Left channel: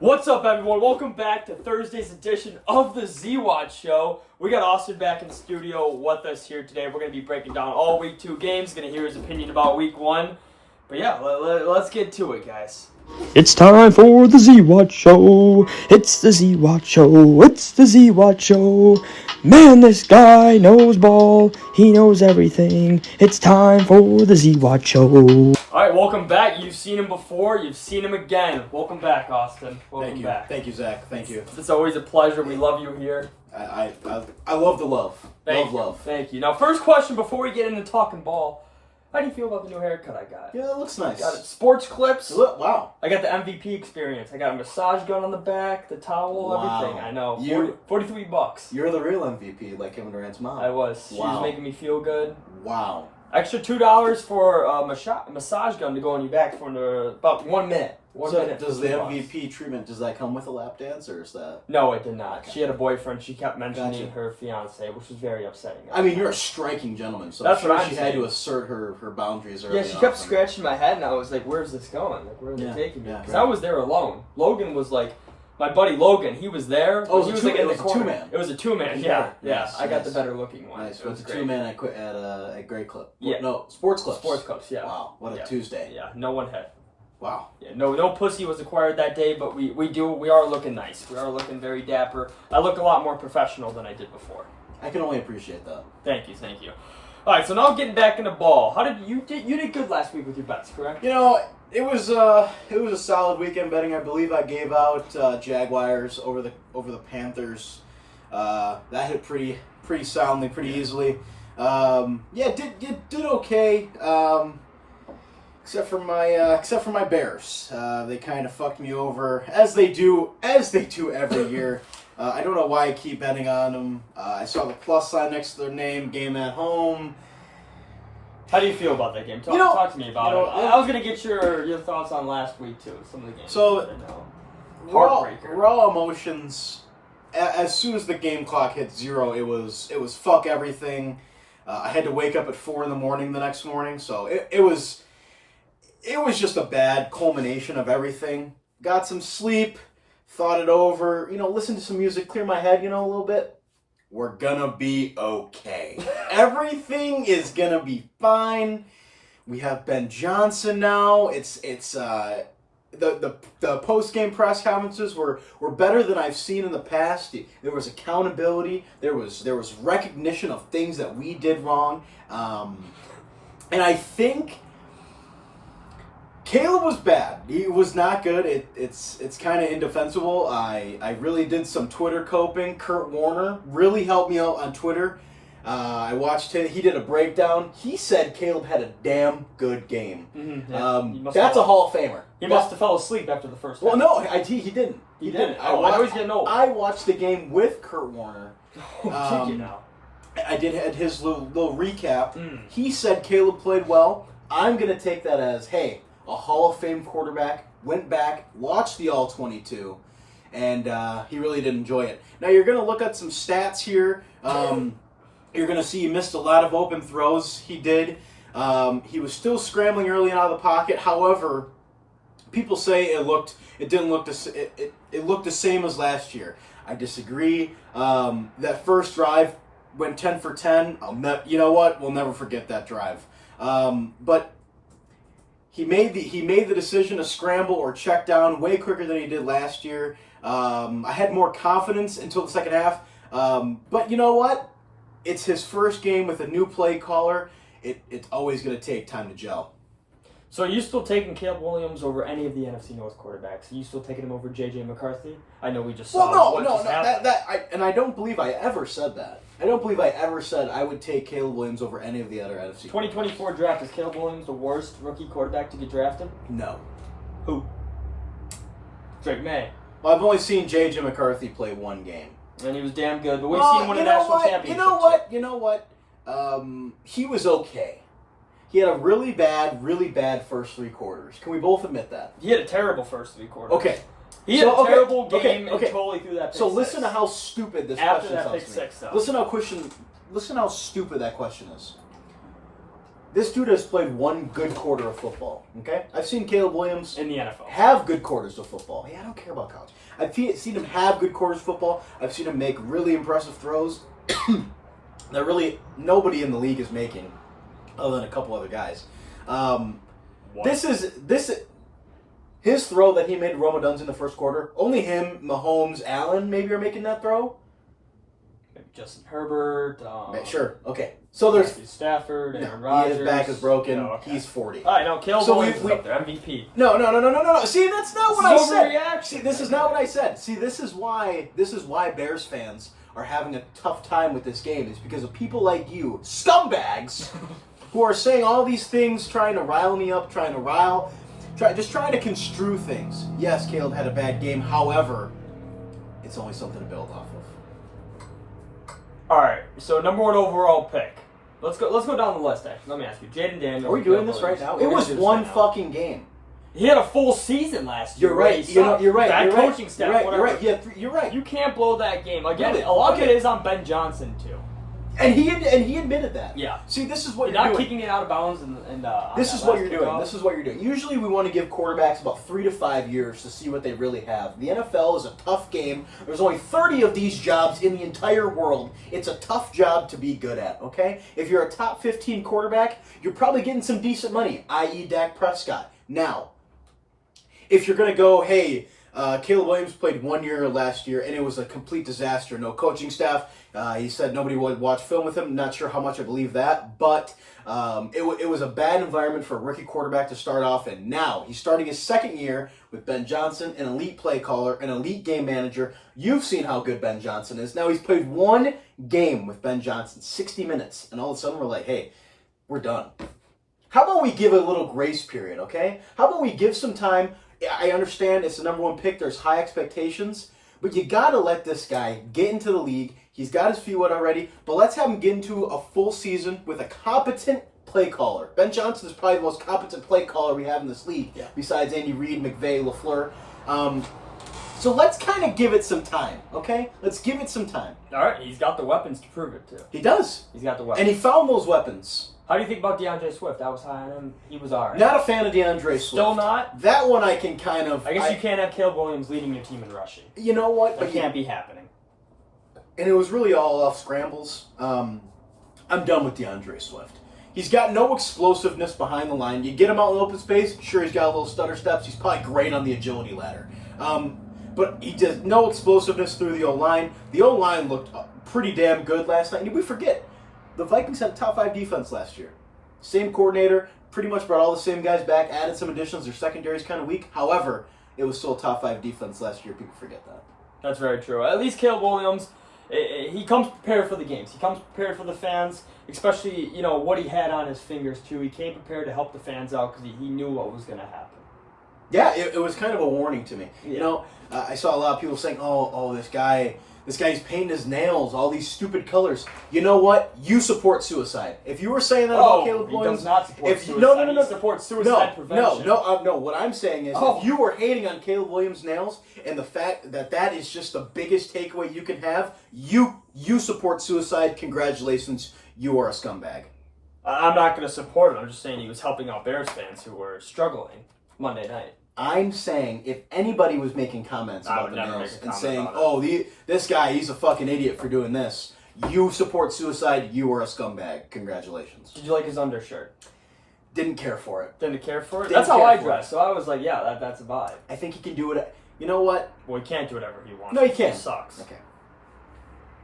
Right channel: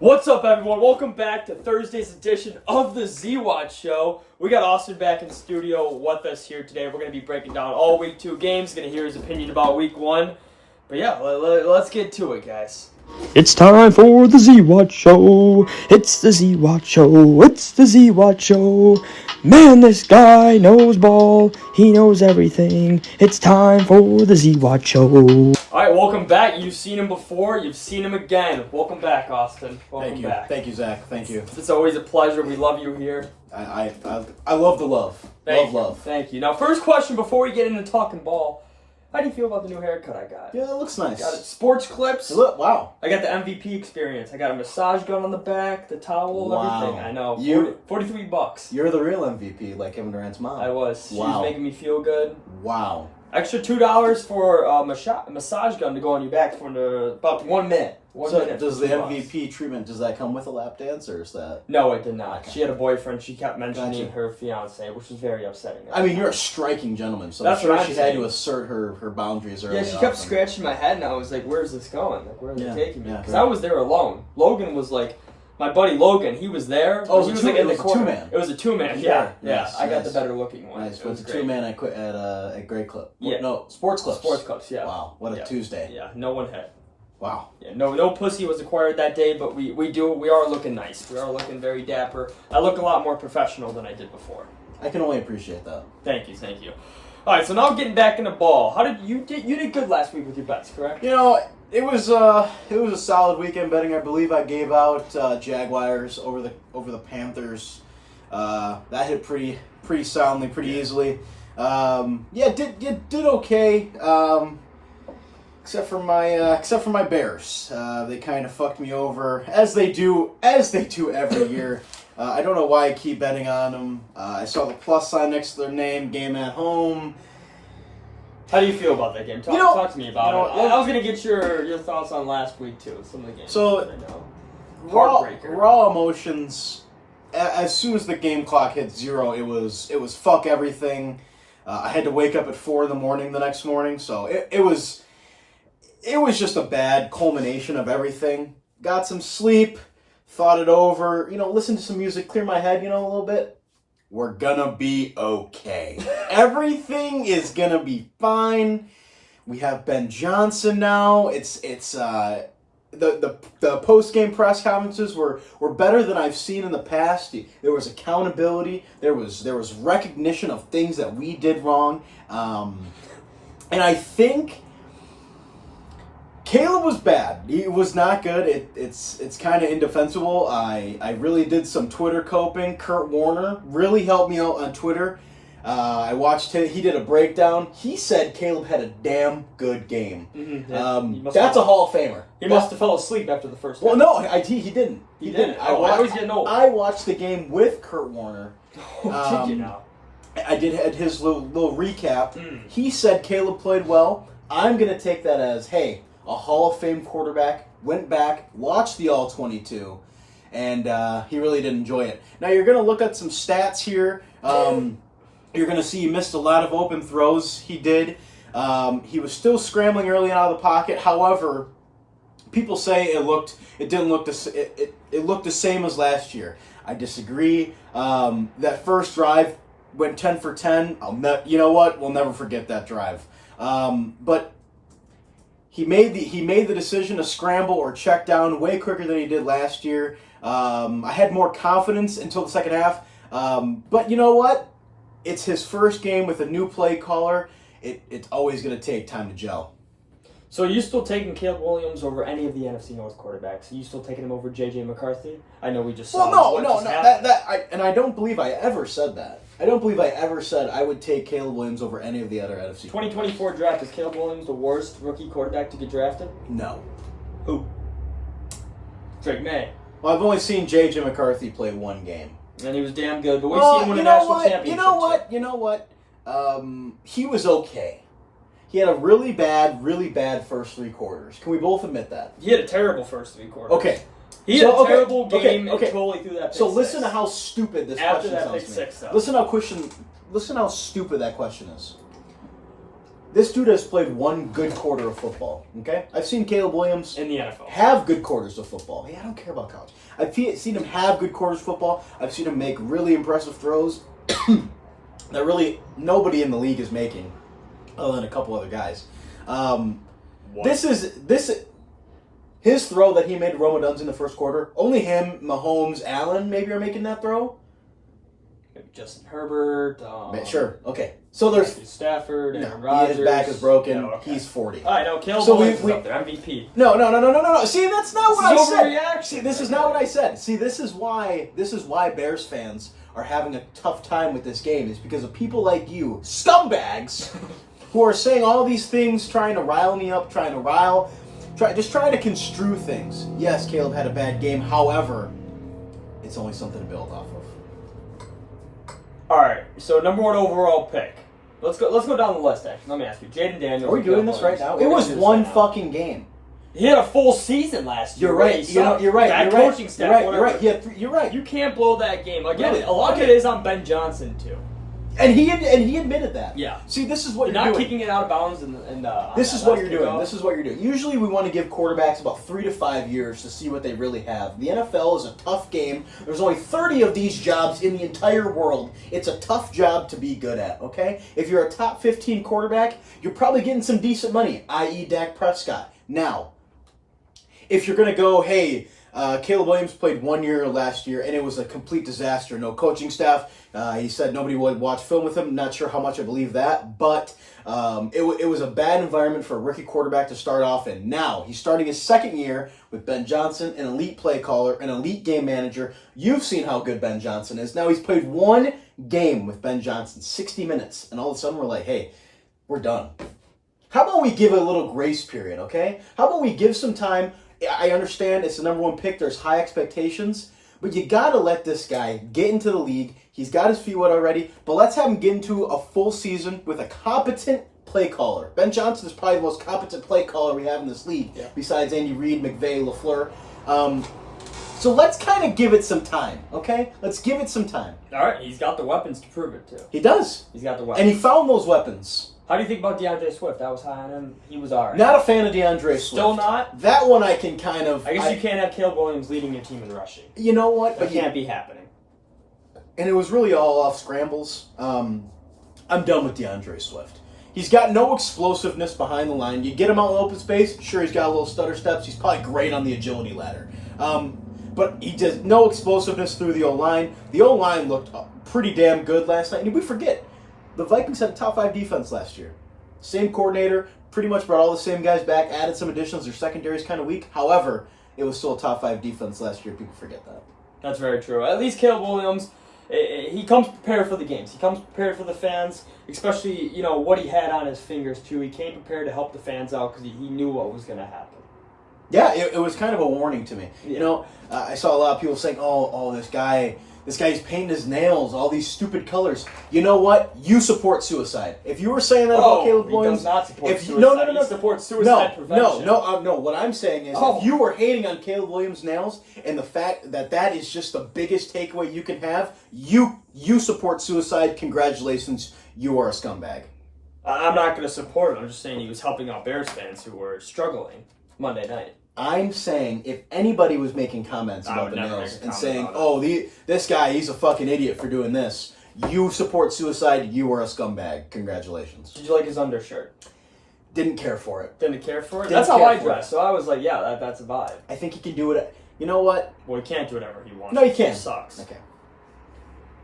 What's up, everyone? Welcome back to Thursday's edition of the Zwat Show. We got Austin back in the studio with us here today. We're going to be breaking down all Week 2 games. Going to hear his opinion about Week 1. But yeah, let's get to it, guys. It's time for the Zwat Show. It's the Zwat Show. It's the Zwat Show. Man, this guy knows ball. He knows everything. It's time for the Zwat Show. All right, welcome back. You've seen him before. You've seen him again. Welcome back, Austin. Welcome back. Thank you, Zach. Thank you. It's always a pleasure. We love you here. I love the love. Love. Thank you. Now, first question before we get into talking ball. How do you feel about the new haircut I got? Yeah, it looks nice. Got it. Sports clips. Wow. I got the MVP experience. I got a massage gun on the back, the towel, everything. I know. $43. You're the real MVP, like Kevin Durant's mom. I was. She Wow. was making me feel good. Wow. Extra $2 for a massage gun to go on your back for about 1 minute. Does the MVP treatment, does that come with a lap dance, or is that? No, it did not. Okay. She had a boyfriend. She kept mentioning Gotcha. her fiance, which was very upsetting. I mean, you're a striking gentleman, so That's I'm sure what I'm she saying. had to assert her boundaries early Yeah, she kept on. scratching my head, and I was like, where's this going? Like, where is it taking me? Yeah, Because right. I was there alone. Logan was like, my buddy Logan, he was there. Oh, he was like in the corner. two-man. It was a two-man, Sure. yeah. Nice, I got the nice. better looking one. Nice. It With was the great. two-man I quit at Great Clip. Yeah. No, Sports Clips. Sports Clips, yeah. Wow, what a Yeah. Tuesday. Yeah, no one had. Wow. Yeah, no pussy was acquired that day, but we are looking nice. We are looking very dapper. I look a lot more professional than I did before. I can only appreciate that. Thank you. All right, so now getting back into ball. How did you did good last week with your bets, correct? You know, it was a solid weekend betting. I believe I gave out Jaguars over the Panthers. That hit pretty soundly, pretty easily. Did okay. Except for my Bears. They kind of fucked me over as they do every year. I don't know why I keep betting on them. I saw the plus sign next to their name, game at home. How do you feel about that game? Talk to me about it. I was gonna get your thoughts on last week too. Some of the games. So, that I know. Heartbreaker. Raw emotions. As soon as the game clock hit 0, it was fuck everything. I had to wake up at 4 a.m. the next morning, so it was just a bad culmination of everything. Got some sleep, thought it over, listened to some music, clear my head, a little bit. We're gonna be okay. Everything is gonna be fine. We have Ben Johnson now. It's the post-game press conferences were better than I've seen in the past. There was accountability. There was recognition of things that we did wrong. And I think Caleb was bad. He was not good. It's kind of indefensible. I really did some Twitter coping. Kurt Warner really helped me out on Twitter. I watched it. He did a breakdown. He said Caleb had a damn good game. Mm-hmm, yeah. That's a Hall of Famer. He must have fell asleep after the first Well, half. no, he didn't. He didn't. I know he's getting old. I watched the game with Kurt Warner. Did you now? I did his little recap. Mm. He said Caleb played well. I'm going to take that as, hey, a Hall of Fame quarterback went back, watched the All-22, and he really did enjoy it. Now, you're going to look at some stats here. You're going to see he missed a lot of open throws. He did. He was still scrambling early out of the pocket. However, people say it looked the same as last year. I disagree. That first drive went 10 for 10. You know what? We'll never forget that drive. But he made the decision to scramble or check down way quicker than he did last year. I had more confidence until the second half. But you know what? It's his first game with a new play caller. It's always going to take time to gel. So are you still taking Caleb Williams over any of the NFC North quarterbacks? Are you still taking him over J.J. McCarthy? I know we just saw I don't believe I ever said that. I don't believe I ever said I would take Caleb Williams over any of the other NFC. 2024 draft, is Caleb Williams the worst rookie quarterback to get drafted? No. Who? Drake May. Well, I've only seen J.J. McCarthy play one game. And he was damn good, but we've seen him win a national championship. You know what? He was okay. He had a really bad first 3 quarters. Can we both admit that? He had a terrible first 3 quarters. Okay. He had a terrible game until he threw that pick So six. listen to how stupid this After question that sounds pick to me. six, though. Listen how stupid that question is. This dude has played one good quarter of football, okay? I've seen Caleb Williams in the NFL have good quarters of football. Hey, I don't care about college. I've seen him have good quarters of football. I've seen him make really impressive throws that really nobody in the league is making, other than a couple other guys. His throw that he made to Roma Duns in the first quarter, only him, Mahomes, Allen maybe are making that throw. Maybe Justin Herbert. Sure, okay. So there's Stafford, Aaron Rodgers. His back is broken. No, okay. He's 40. All right, no, Caleb Williams is up there, MVP. No. See, that's not what I said. Overreaction. See, this is not what I said. See, this is why Bears fans are having a tough time with this game, is because of people like you, scumbags, who are saying all these things, trying to rile me up, trying to construe things. Yes, Caleb had a bad game. However, it's only something to build off of. All right, so number 1 overall pick. Let's go down the list. Actually, let me ask you, Jaden Daniels. Are we doing this right now? It was one fucking game. He had a full season last year. You're right. You're right. Bad coaching staff. You're right. Yeah, you're right. You can't blow that game. Again, Really? a lot of it is on Ben Johnson too. And he admitted that. Yeah. See, this is what you're you're not doing. kicking it out of bounds. This is what you're doing. This is what you're doing. Usually, we want to give quarterbacks about 3 to 5 years to see what they really have. The NFL is a tough game. There's only 30 of these jobs in the entire world. It's a tough job to be good at. Okay, if you're a top 15 quarterback, you're probably getting some decent money, i.e., Dak Prescott. Now, if you're going to go, hey, Caleb Williams played 1 year last year, and it was a complete disaster. No coaching staff. He said nobody would watch film with him. Not sure how much I believe that, but it was a bad environment for a rookie quarterback to start off in. Now, he's starting his second year with Ben Johnson, an elite play caller, an elite game manager. You've seen how good Ben Johnson is. Now, he's played one game with Ben Johnson, 60 minutes, and all of a sudden we're like, hey, we're done. How about we give a little grace period, okay? How about we give some time? I understand it's the number 1 pick. There's high expectations. But you got to let this guy get into the league. He's got his feet wet already. But let's have him get into a full season with a competent play caller. Ben Johnson is probably the most competent play caller we have in this league, besides Andy Reid, McVay, LaFleur. So let's kind of give it some time, okay? Let's give it some time. All right, he's got the weapons to prove it, too. He does. He's got the weapons. And he found those weapons. How do you think about DeAndre Swift? I was high on him. He was all right. Not a fan of DeAndre Swift. Still not? That one I can kind of... I guess you can't have Caleb Williams leading your team in rushing. You know what? That can't be happening. And it was really all off scrambles. I'm done with DeAndre Swift. He's got no explosiveness behind the line. You get him out in open space, sure, he's got a little stutter steps. He's probably great on the agility ladder. But he does no explosiveness through the O-line. The O-line looked pretty damn good last night. And we forget, the Vikings had a top 5 defense last year. Same coordinator, pretty much brought all the same guys back, added some additions. Their secondary's kind of weak. However, it was still a top 5 defense last year. People forget that. That's very true. At least Caleb Williams, he comes prepared for the games. He comes prepared for the fans, especially, what he had on his fingers, too. He came prepared to help the fans out because he knew what was going to happen. Yeah, it was kind of a warning to me. Yeah. I saw a lot of people saying, oh, this guy's painting his nails, all these stupid colors. You know what? You support suicide. If you were saying that about Caleb Williams... he does not support suicide. No. He supports suicide prevention. No. What I'm saying is, if you were hating on Caleb Williams' nails, and the fact that is just the biggest takeaway you can have, you support suicide. Congratulations, you are a scumbag. I'm not going to support him. I'm just saying he was helping out Bears fans who were struggling Monday night. I'm saying if anybody was making comments about the nails and saying, this guy, he's a fucking idiot for doing this, you support suicide, you are a scumbag. Congratulations. Did you like his undershirt? Didn't care for it. Didn't care for it? That's how I dress, so I was like, yeah, that's a vibe. I think he can do it. You know what? Well, he can't do whatever he wants. No, he can't. It sucks. Okay.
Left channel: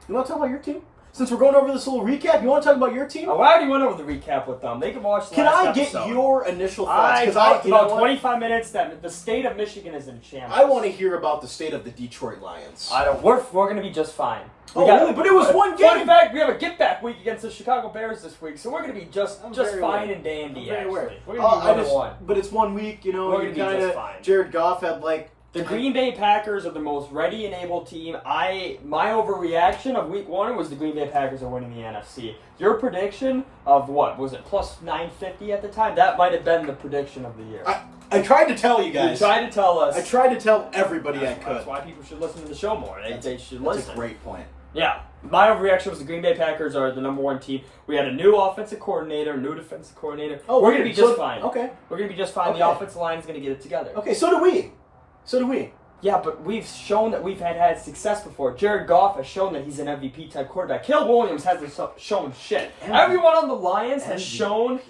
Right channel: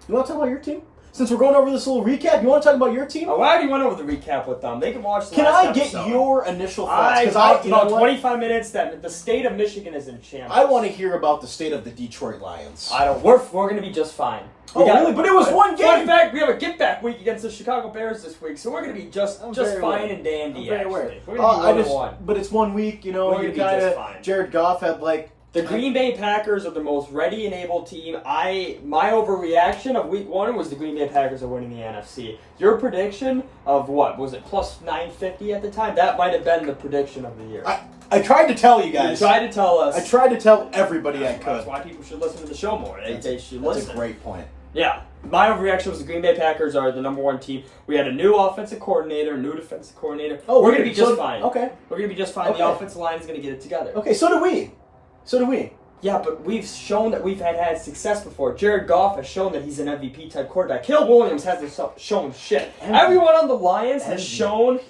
You want to talk about your team? Since we're going over this little recap, you want to talk about your team? I already went over the recap with them. They can watch the last episode. Can I get your initial thoughts? I talked about 25 minutes that the state of Michigan is in shambles. I want to hear about the state of the Detroit Lions. We're going to be just fine. Really? But it was one game. In fact, we have a get-back week against the Chicago Bears this week, so we're going to be just fine and dandy, actually. We're going to be 1-1. But it's 1 week, We're going to be just fine. Jared Goff had The Green Bay Packers are the most ready and able team. My overreaction of week 1 was the Green Bay Packers are winning the NFC. Your prediction of what? Was it plus 950 at the time? That might have been the prediction of the year. I tried to tell you guys. You tried to tell us. I tried to tell everybody I could. That's why people should listen to the show more. They should listen. That's a great point. Yeah. My overreaction was the Green Bay Packers are the number one team. We had a new offensive coordinator, new defensive coordinator. Oh, we're going to be just fine. Okay. We're going to be just fine. Okay. The offensive line is going to get it together. Okay, so do we. Yeah, but we've shown that we've had success before. Jared Goff has shown that he's an MVP type quarterback. Caleb Williams hasn't shown shit. Everyone on the Lions has shown.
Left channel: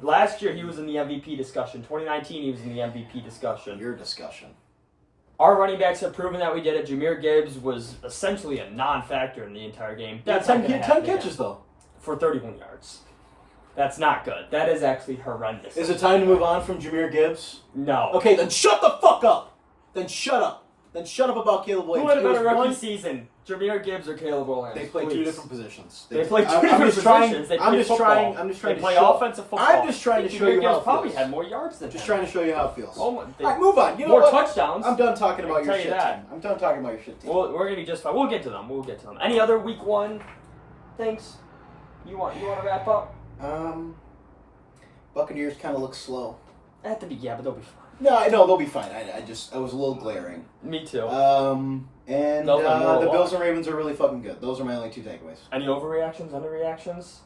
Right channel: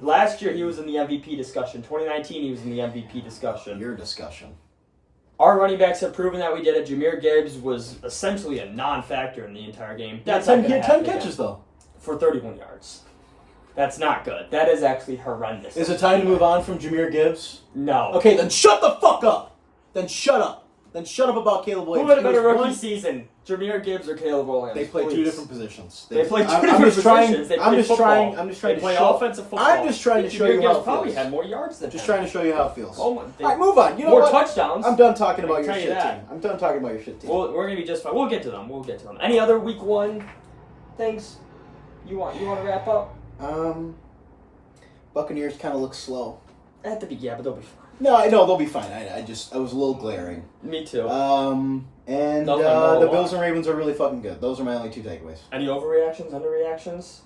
Last year he was in the MVP discussion. 2019 he was in the MVP discussion. Your discussion. Our running backs have proven that we did it. Jameer Gibbs was essentially a non-factor in the entire game. That's not going to happen 10 catches, though. For 31 yards. That's not good. That is actually horrendous. Is it time to move on from Jameer Gibbs? No. Okay, then shut the fuck up. Then shut up about Caleb Williams. Who had a better rookie season? Jameer Gibbs or Caleb Williams? They play two different positions. They play two different positions. They play football. They play offensive football. I'm just trying to show you how it feels. Probably had more yards than him. Just trying to show you how it feels. Oh, all right, move on. You know more what? Touchdowns. I'm done talking about your shit team. I'm done talking about your shit team. Well, we're gonna be just fine. We'll get to them. Any other week one things you want to wrap up? Buccaneers kind of look slow. At the beginning, but they'll be fine. No, I know they'll be fine. I was a little glaring. Me too. And the Bills and Ravens are really fucking good. Those are my only two takeaways. Any overreactions, underreactions?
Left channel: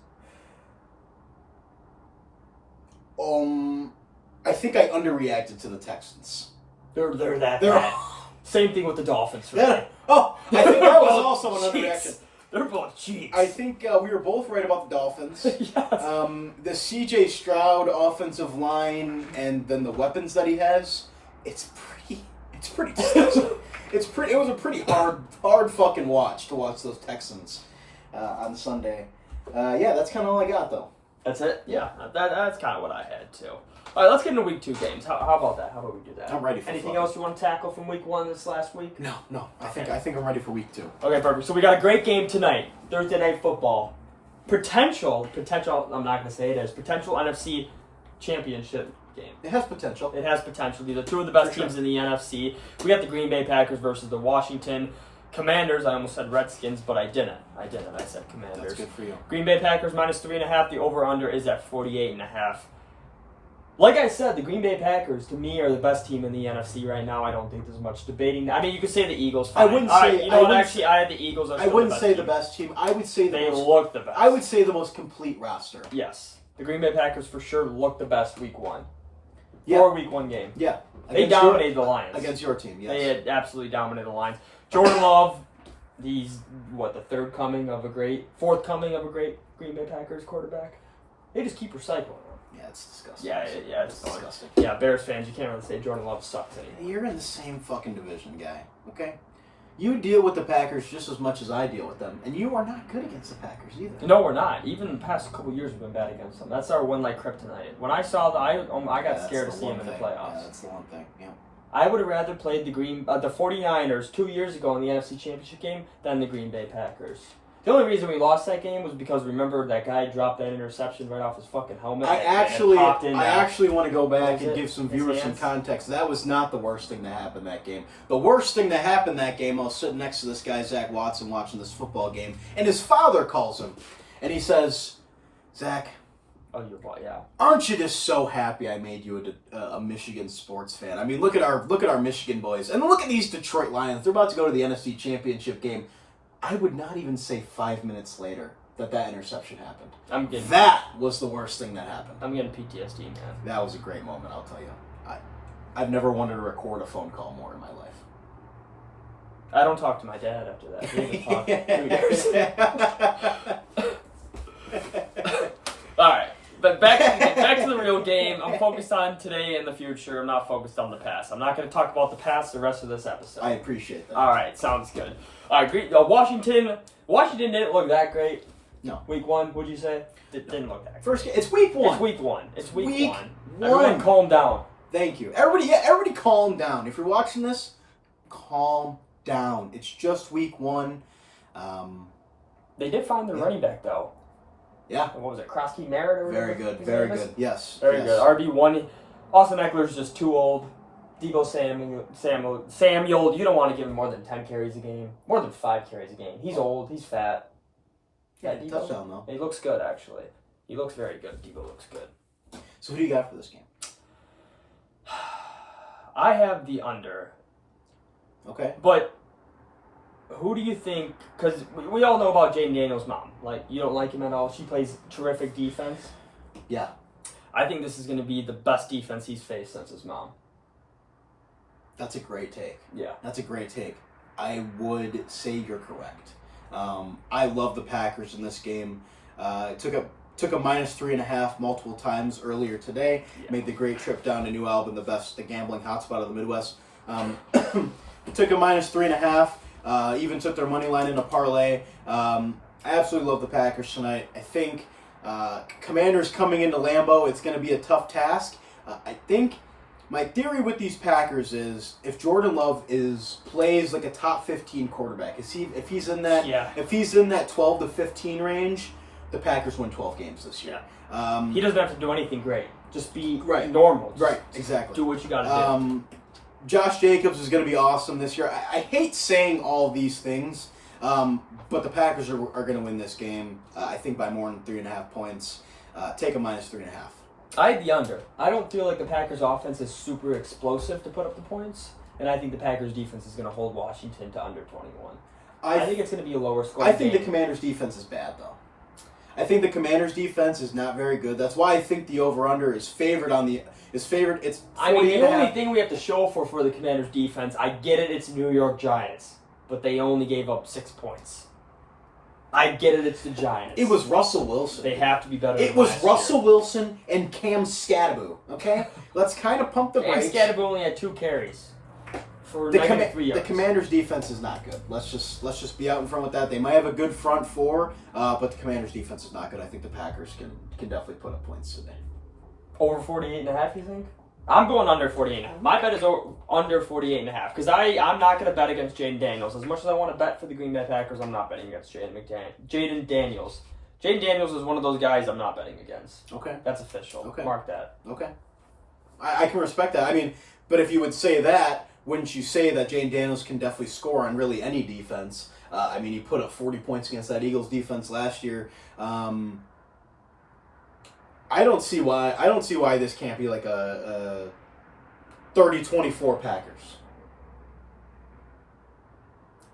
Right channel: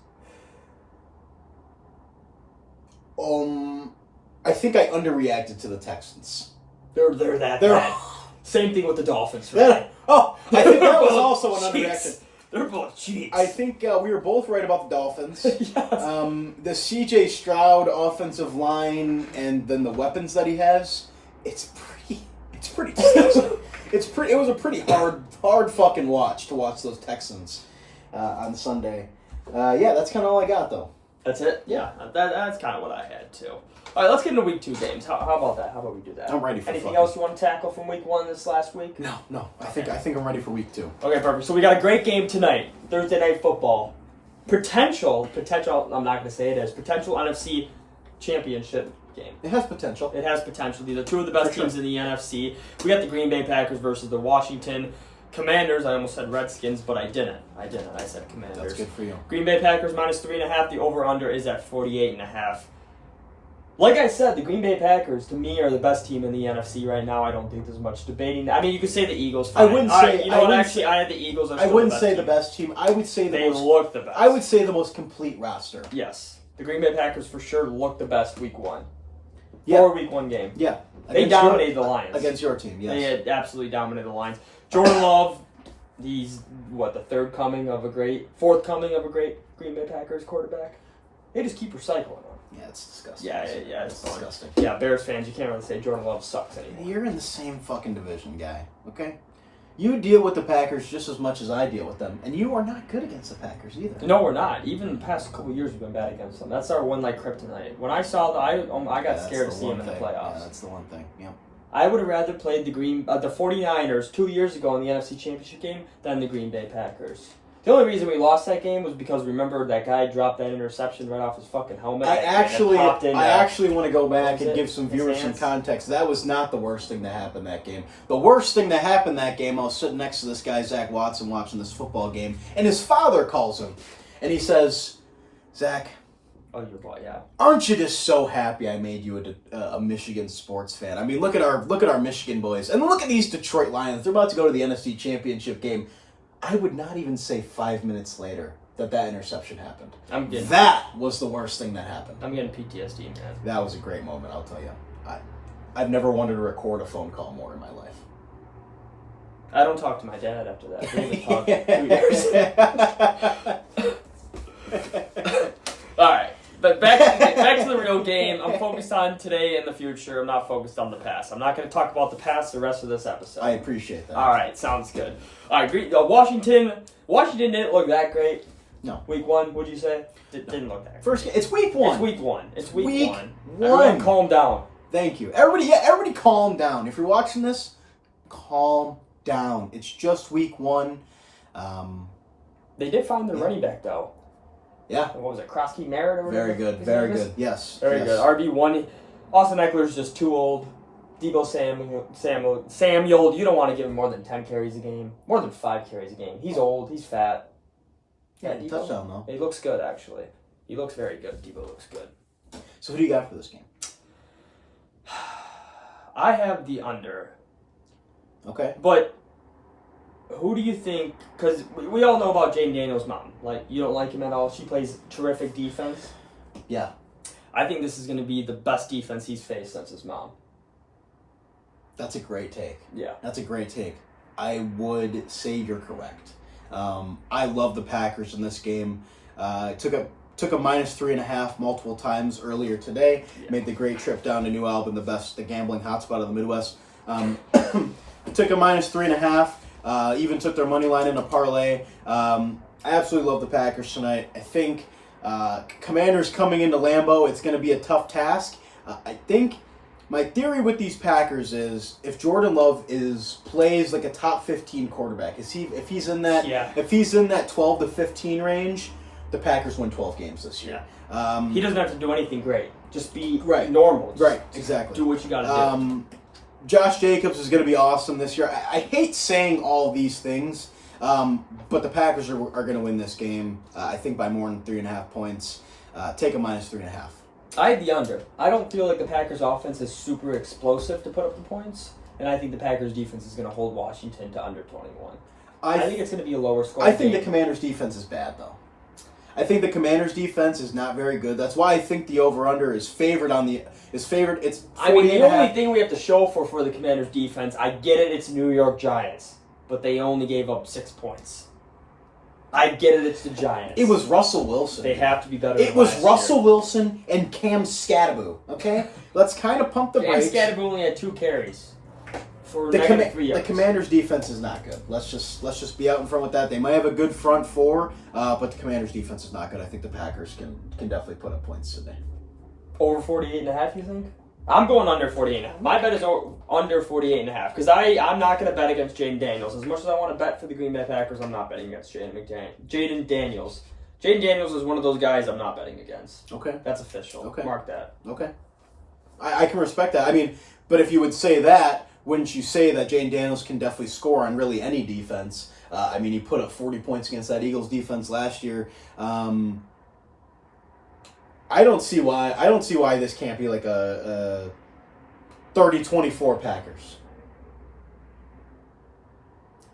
I think I underreacted to the Texans. They're that bad. Same thing with the Dolphins, right? Yeah. Oh, I think that was also an underreaction. They're both cheats. I think we were both right about the Dolphins. Yes. The C.J. Stroud offensive line and then the weapons that he has, it's pretty disgusting. It was a pretty hard fucking watch to watch those Texans on Sunday. Yeah, that's kind of all I got though. That's it? Yeah, that's kind of what I had too. All right, let's get into week 2 games. How about that? How about we do that? I'm ready for anything else you want to tackle from week 1 this last week? No. I think I'm ready for week 2. Okay, perfect. So we got a great game tonight. Thursday Night Football. Potential, I'm not going to say it is, potential NFC championship game. It has potential. These are two of the best teams in the NFC. We got the Green Bay Packers versus the Washington Commanders. I almost said Redskins, but I didn't. I said Commanders. That's good for you. Green Bay Packers -3.5. The over-under is at 48.5. Like I said, the Green Bay Packers, to me, are the best team in the NFC right now. I don't think there's much debating. I mean, you could say the Eagles. Fine. I wouldn't say. I had the Eagles. I wouldn't say the best team. I would say they look the best. I would say the most complete roster. Yes, the Green Bay Packers for sure look the best week 1. Yeah. For a week 1 game. Yeah, they dominated the Lions against your team. Yes, they had absolutely dominated the Lions. Jordan Love, he's the fourth coming of a great Green Bay Packers quarterback. They just keep recycling him. Yeah, it's disgusting. Yeah, it's disgusting. Yeah, Bears fans, you can't really say Jordan Love sucks anymore. You're in the same fucking division, guy. Okay? You deal with the Packers just as much as I deal with them, and you are not good against the Packers either. No, we're not. Even the past couple of years, we've been bad against them. That's our one like kryptonite. When I saw I got scared to see him in the playoffs. Yeah, that's the one thing. Yeah. I would have rather played the 49ers 2 years ago in the NFC Championship game than the Green Bay Packers. The only reason we lost that game was because, remember, that guy dropped that interception right off his fucking helmet. I actually want to go back and give some viewers some context. That was not the worst thing that happened that game. The worst thing that happened that game, I was sitting next to this guy, Zach Watson, watching this football game, and his father calls him, and he says, Zach, oh, your boy, yeah. Aren't you just so happy I made you a Michigan sports fan? I mean, look at our Michigan boys, and look at these Detroit Lions. They're about to go to the NFC Championship game. I would not even say 5 minutes later that interception happened. That was the worst thing that happened. I'm getting PTSD, man. That was a great moment, I'll tell you. I've never wanted to record a phone call more in my life. I don't talk to my dad after that. We haven't talked 2 years. All right. But back to the real game. I'm focused on today and the future. I'm not focused on the past. I'm not going to talk about the past the rest of this episode. I appreciate that. All right, sounds good. All right, Washington didn't look that great. No. Week 1, would you say? It didn't look that great. First, it's week 1. It's week 1. 1. Everyone calm down. Thank you. Everybody calm down. If you're watching this, calm down. It's just week 1. They did find their running back, though. Yeah. What was it, Krosky Merritt or whatever? Very good. Yes. Very good. RB1. Austin Eckler's just too old. Debo Samuel, you don't want to give him more than 10 carries a game. More than 5 carries a game. He's old. He's fat. Yeah, touchdown, though. He looks good, actually. He looks very good. Debo looks good. So who do you got for this game? I have the under. Okay. But who do you think? Because we all know about Jaden Daniels' mom. Like, you don't like him at all. She plays terrific defense. Yeah. I think this is going to be the best defense he's faced since his mom. That's a great take. Yeah. That's a great take. I would say you're correct. I love the Packers in this game. Took a -3.5 multiple times earlier today. Yeah. Made the great trip down to New Albany, the gambling hotspot of the Midwest. Took a -3.5. Even took their money line in a parlay. I absolutely love the Packers tonight. I think Commanders coming into Lambeau, it's going to be a tough task. I think my theory with these Packers is if Jordan Love plays like a top 15 quarterback, if he's in that 12 to 15 range, the Packers win 12 games this year. Yeah. He doesn't have to do anything great. Just be right. normal. Just right, exactly. Do what you got to do. Josh Jacobs is going to be awesome this year. I hate saying all these things, but the Packers are going to win this game, I think, by more than 3.5 points. Take a -3.5. I had the under. I don't feel like the Packers' offense is super explosive to put up the points, and I think the Packers' defense is going to hold Washington to under 21. I think it's going to be a lower score. I think the Commanders' defense is bad, though. I think the Commanders' defense is not very good. That's why I think the over/under is favored It's 40. The only thing we have to show for the Commanders' defense, I get it, it's New York Giants, but they only gave up 6 points. I get it, it's the Giants. It was Russell Wilson. They have to be better. It was Russell Wilson and Cam Scatterbo. Okay, let's kind of pump the brakes. Cam Scatterbo only had 2 carries for the -3 yards. The Commanders' defense is not good. Let's just be out in front with that. They might have a good front four, but the Commanders' defense is not good. I think the Packers can definitely put up points today. Over 48.5, you think? I'm going under 48.5. My bet is under 48.5 because I'm not going to bet against Jaden Daniels. As much as I want to bet for the Green Bay Packers, I'm not betting against Jaden Daniels. Jaden Daniels is one of those guys I'm not betting against. Okay. That's official. Okay. Mark that. Okay. I can respect that. I mean, but if you would say that, wouldn't you say that Jaden Daniels can definitely score on really any defense? I mean, he put up 40 points against that Eagles defense last year. I don't see why this can't be like a 30-24 Packers.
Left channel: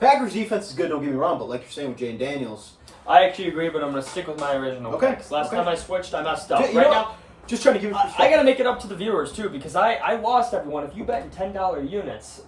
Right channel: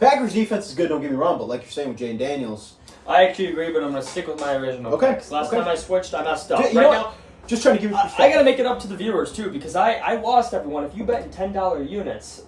Packers defense is good, don't get me wrong, but like you're saying with Jaden Daniels, I actually agree, but I'm going to stick with my original picks. Last time I switched, I messed up. Now, just trying to give you perspective. I got to make it up to the viewers too because I lost everyone. If you bet in $10 units,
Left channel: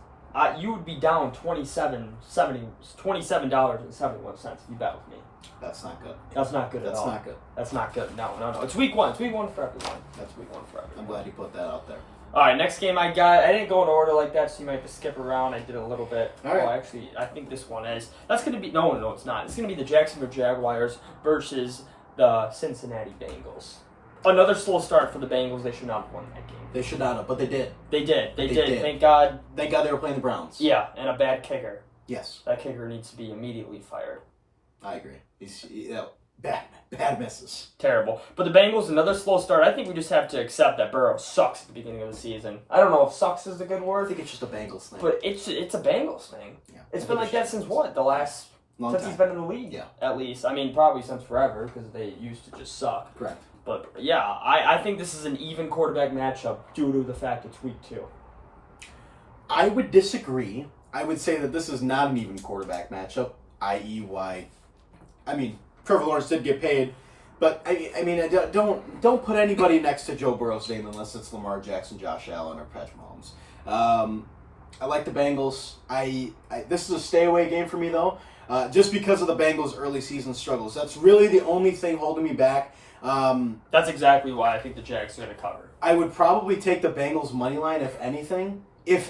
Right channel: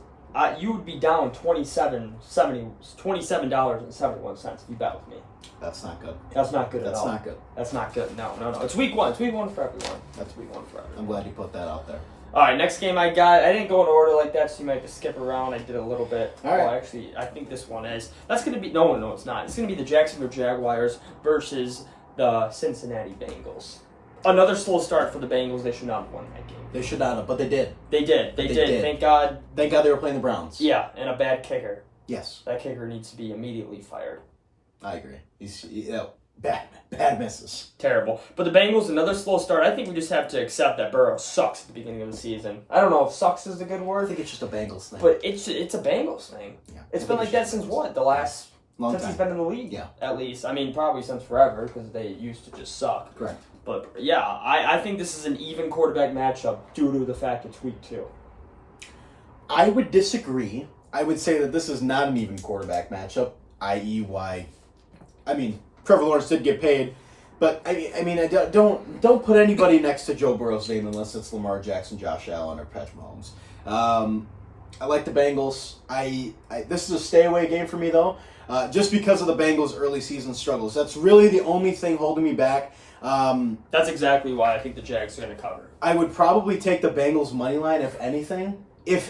you would be down $27.71 if you bet with me. That's not good. That's not good at all. That's not good. That's not good. No. It's week 1. It's week 1 for everyone. That's week 1 for everyone. I'm glad you put that out there. All right, next game I didn't go in order like that, so you might have to skip around. I did a little bit. All right. Well, actually, I think this one is. That's going to be, no, it's not. It's going to be the Jacksonville Jaguars versus the Cincinnati Bengals. Another slow start for the Bengals. They should not have won that game. They should not have, but they did. They did. Thank God. Thank God they were playing the Browns. Yeah, and a bad kicker. Yes. That kicker needs to be immediately fired. I agree. He's bad misses. Terrible. But the Bengals, another slow start. I think we just have to accept that Burrow sucks at the beginning of the season. I don't know if sucks is the good word. I think it's just a Bengals thing. But it's a Bengals thing. Yeah. It's been like that since what? The last... Long since time. He's been in the league, yeah. At least. I mean, probably since forever, because they used to just suck. Correct. But, yeah, I think this is an even quarterback matchup due to the fact it's week 2. I would disagree. I would say that this is not an even quarterback matchup, i.e. why... I mean, Trevor Lawrence did get paid, but, I mean, don't put anybody next to Joe Burrow's name unless it's Lamar Jackson, Josh Allen, or Patrick Mahomes. I like the Bengals. This is a stay-away game for me, though, just because of the Bengals' early season struggles. That's really the only thing holding me back. That's exactly why I think the Jags are going to cover. I would probably take the Bengals' money line, if anything. Maybe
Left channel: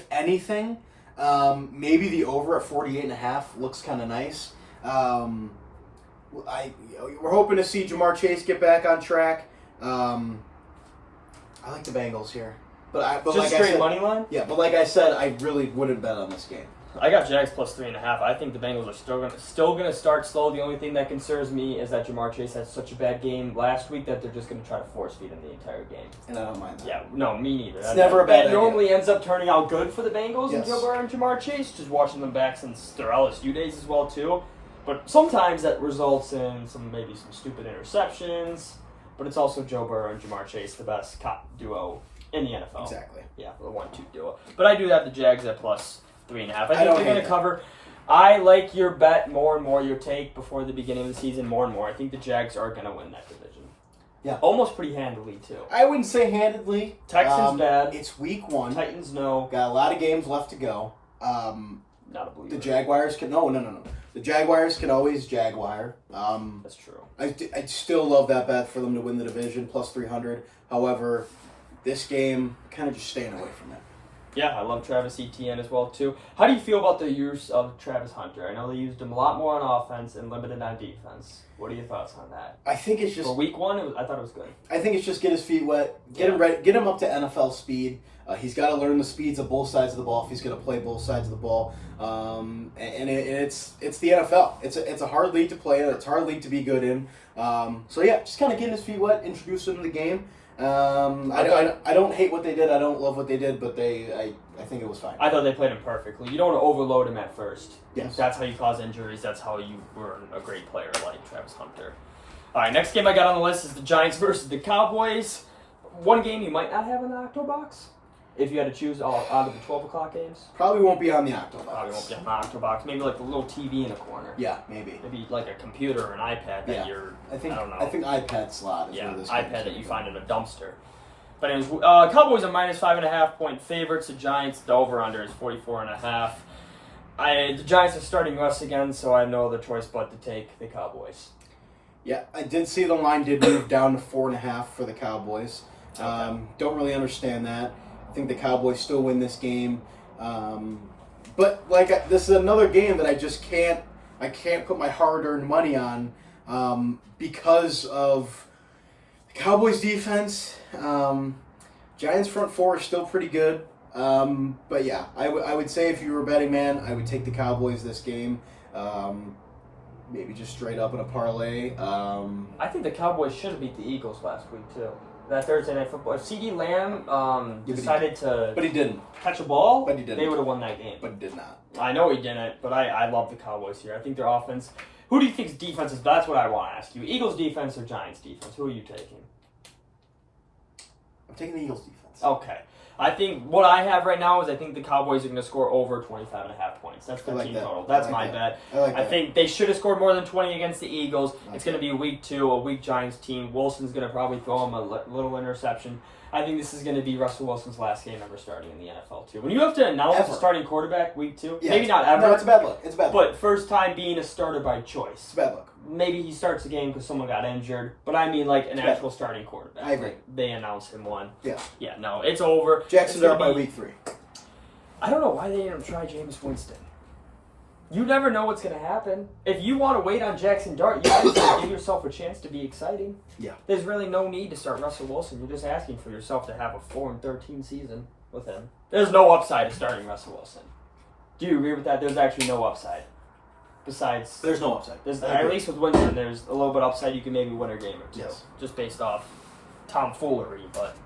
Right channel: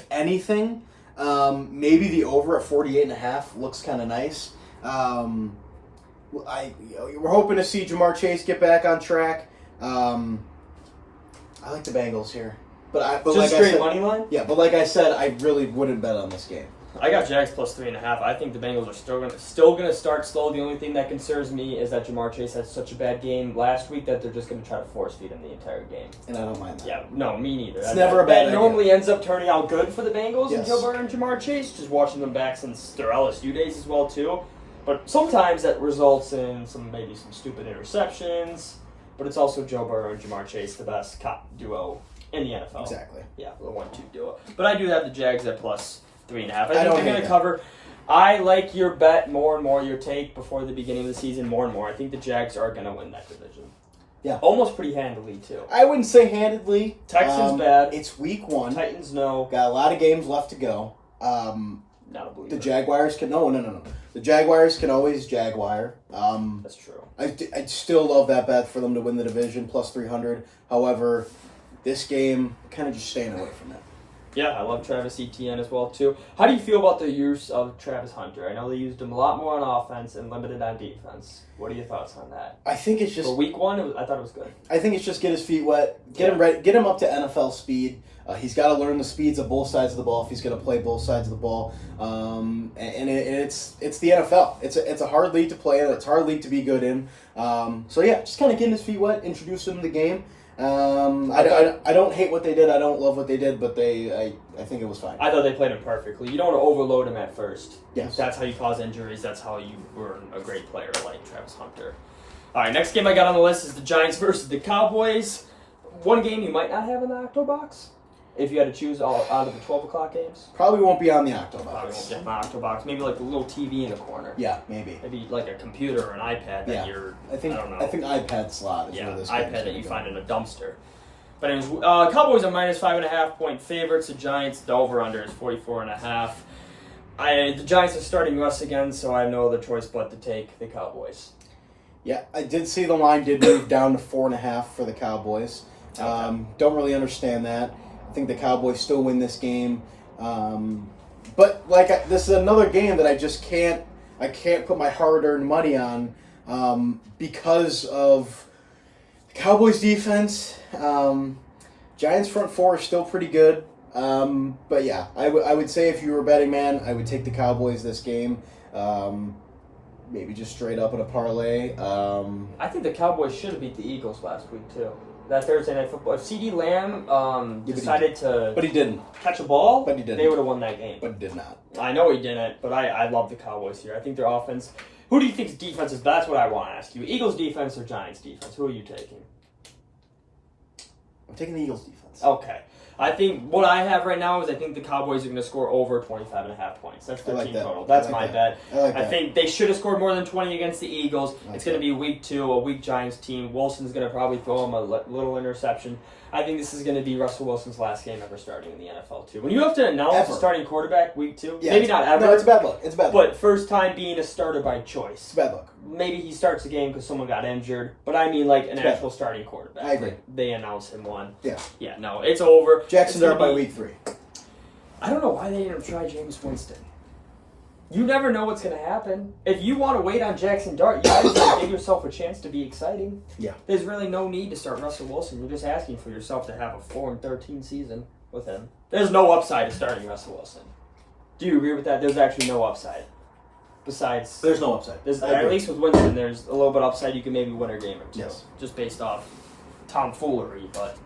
the over at 48.5 looks kind of nice. We're hoping to see Jamar Chase get back on track. I like the Bengals here. But just like straight I said, money line? Yeah, but like I said, I really wouldn't bet on this game. I got Jags plus 3.5. I think the Bengals are still gonna start slow. The only thing that concerns me is that Jamar Chase had such a bad game last week that they're just gonna try to force feed him the entire game. And I don't mind that. Yeah, no, me neither. It's never a bad idea. Normally ends up turning out good for the Bengals and Yes. Joe Burrow and Jamar Chase. Just watching them back since their LSU days as well too. But sometimes that results in maybe some stupid interceptions. But it's also Joe Burrow and Jamar Chase, the best duo in the NFL. Exactly. Yeah, the 1-2 duo. But I do have the Jags at plus 3.5. I think they're going to cover. I like your bet more and more, your take before the beginning of the season more and more. I think the Jags are going to win that division. Yeah. Almost pretty handily, too. I wouldn't say handedly. Texans bad. It's week 1. Titans no. Got a lot of games left to go. Not a believer. The Jaguars can... No. The Jaguars can always Jaguar. That's true. I still love that bet for them to win the division, plus 300. However, this game, kind of just staying away from it. Yeah, I love Travis Etienne as well, too. How do you feel about the use of Travis Hunter? I know they used him a lot more on offense and limited on defense. What are your thoughts on that? I think it's just... For week 1, I thought it was good. I think it's just get his feet wet, get him ready, get him up to NFL speed. He's got to learn the speeds of both sides of the ball if he's going to play both sides of the ball. And it's the NFL. It's a hard league to play in. It's a hard league to be good in. So yeah, just kind of getting his feet wet, introduce him to the game. I don't hate what they did. I don't love what they did, but I think it was fine. I thought they played him perfectly. You don't want to overload him at first. Yes. That's how you cause injuries. That's how you burn a great player like Travis Hunter. All right, next game I got on the list is the Giants versus the Cowboys. One game you might not have in the Octobox if you had to choose out of the 12 o'clock games. Probably won't be on the Octobox. Probably won't be on the Octobox. Maybe like a little TV in the corner. Yeah, maybe. Maybe like a computer or an iPad that I don't know. I think iPad slot is where this iPad game's that you gonna find in a dumpster. But anyways, Cowboys are minus 5.5 point favorites. The Giants, the over/under is 44.5. The Giants are starting Russ again, so I have no other choice but to take the Cowboys. Yeah, I did see the line did move down to 4.5 for the Cowboys. Okay. Don't really understand that. I think the Cowboys still win this game. But this is another game that I just can't put my hard-earned money on because of the Cowboys defense. Giants front four are still pretty good. But yeah, I would say if you were a betting man, I would take the Cowboys this game. Maybe just straight up in a parlay. I think the Cowboys should have beat the Eagles last week too. That Thursday Night Football. If CeeDee Lamb decided to but he didn't catch a ball, but he didn't. They would have won that game. But he did not. I know he didn't, but I love the Cowboys here. I think their offense. Who do you think's defense is? That's what I want to ask you. Eagles defense or Giants defense? Who are you taking? I'm taking the Eagles defense. Okay. I think what I have right now is I think the Cowboys are going to score over 25.5 points. That's their team total. That's my bet. I think they should have scored more than 20 against the Eagles. It's going to be week 2, a weak Giants team. Wilson's going to probably throw him a little interception. I think this is going to be Russell Wilson's last game ever starting in the NFL, too. When you have to announce a starting quarterback week 2, maybe not ever. No, it's a bad look. It's a bad look. But first time being a starter by choice. It's a bad look. Maybe he starts the game because someone got injured. But I mean like an actual starting quarterback. I agree. Like they announce him one. Yeah. Yeah, no, it's over. Jackson's up by week 3. I don't know why they didn't try Jameis Winston. You never know what's going to happen. If you want to wait on Jackson Dart, you got to give yourself a chance to be exciting. Yeah. There's really no need to start Russell Wilson. You're just asking for yourself to have a 4-13 season with him. There's no upside to starting Russell Wilson. Do you agree with that? There's actually no upside. Besides... There's no upside. At least with Winston, there's a little bit upside. You can maybe win a game or two. Yes. Just based off tomfoolery, but...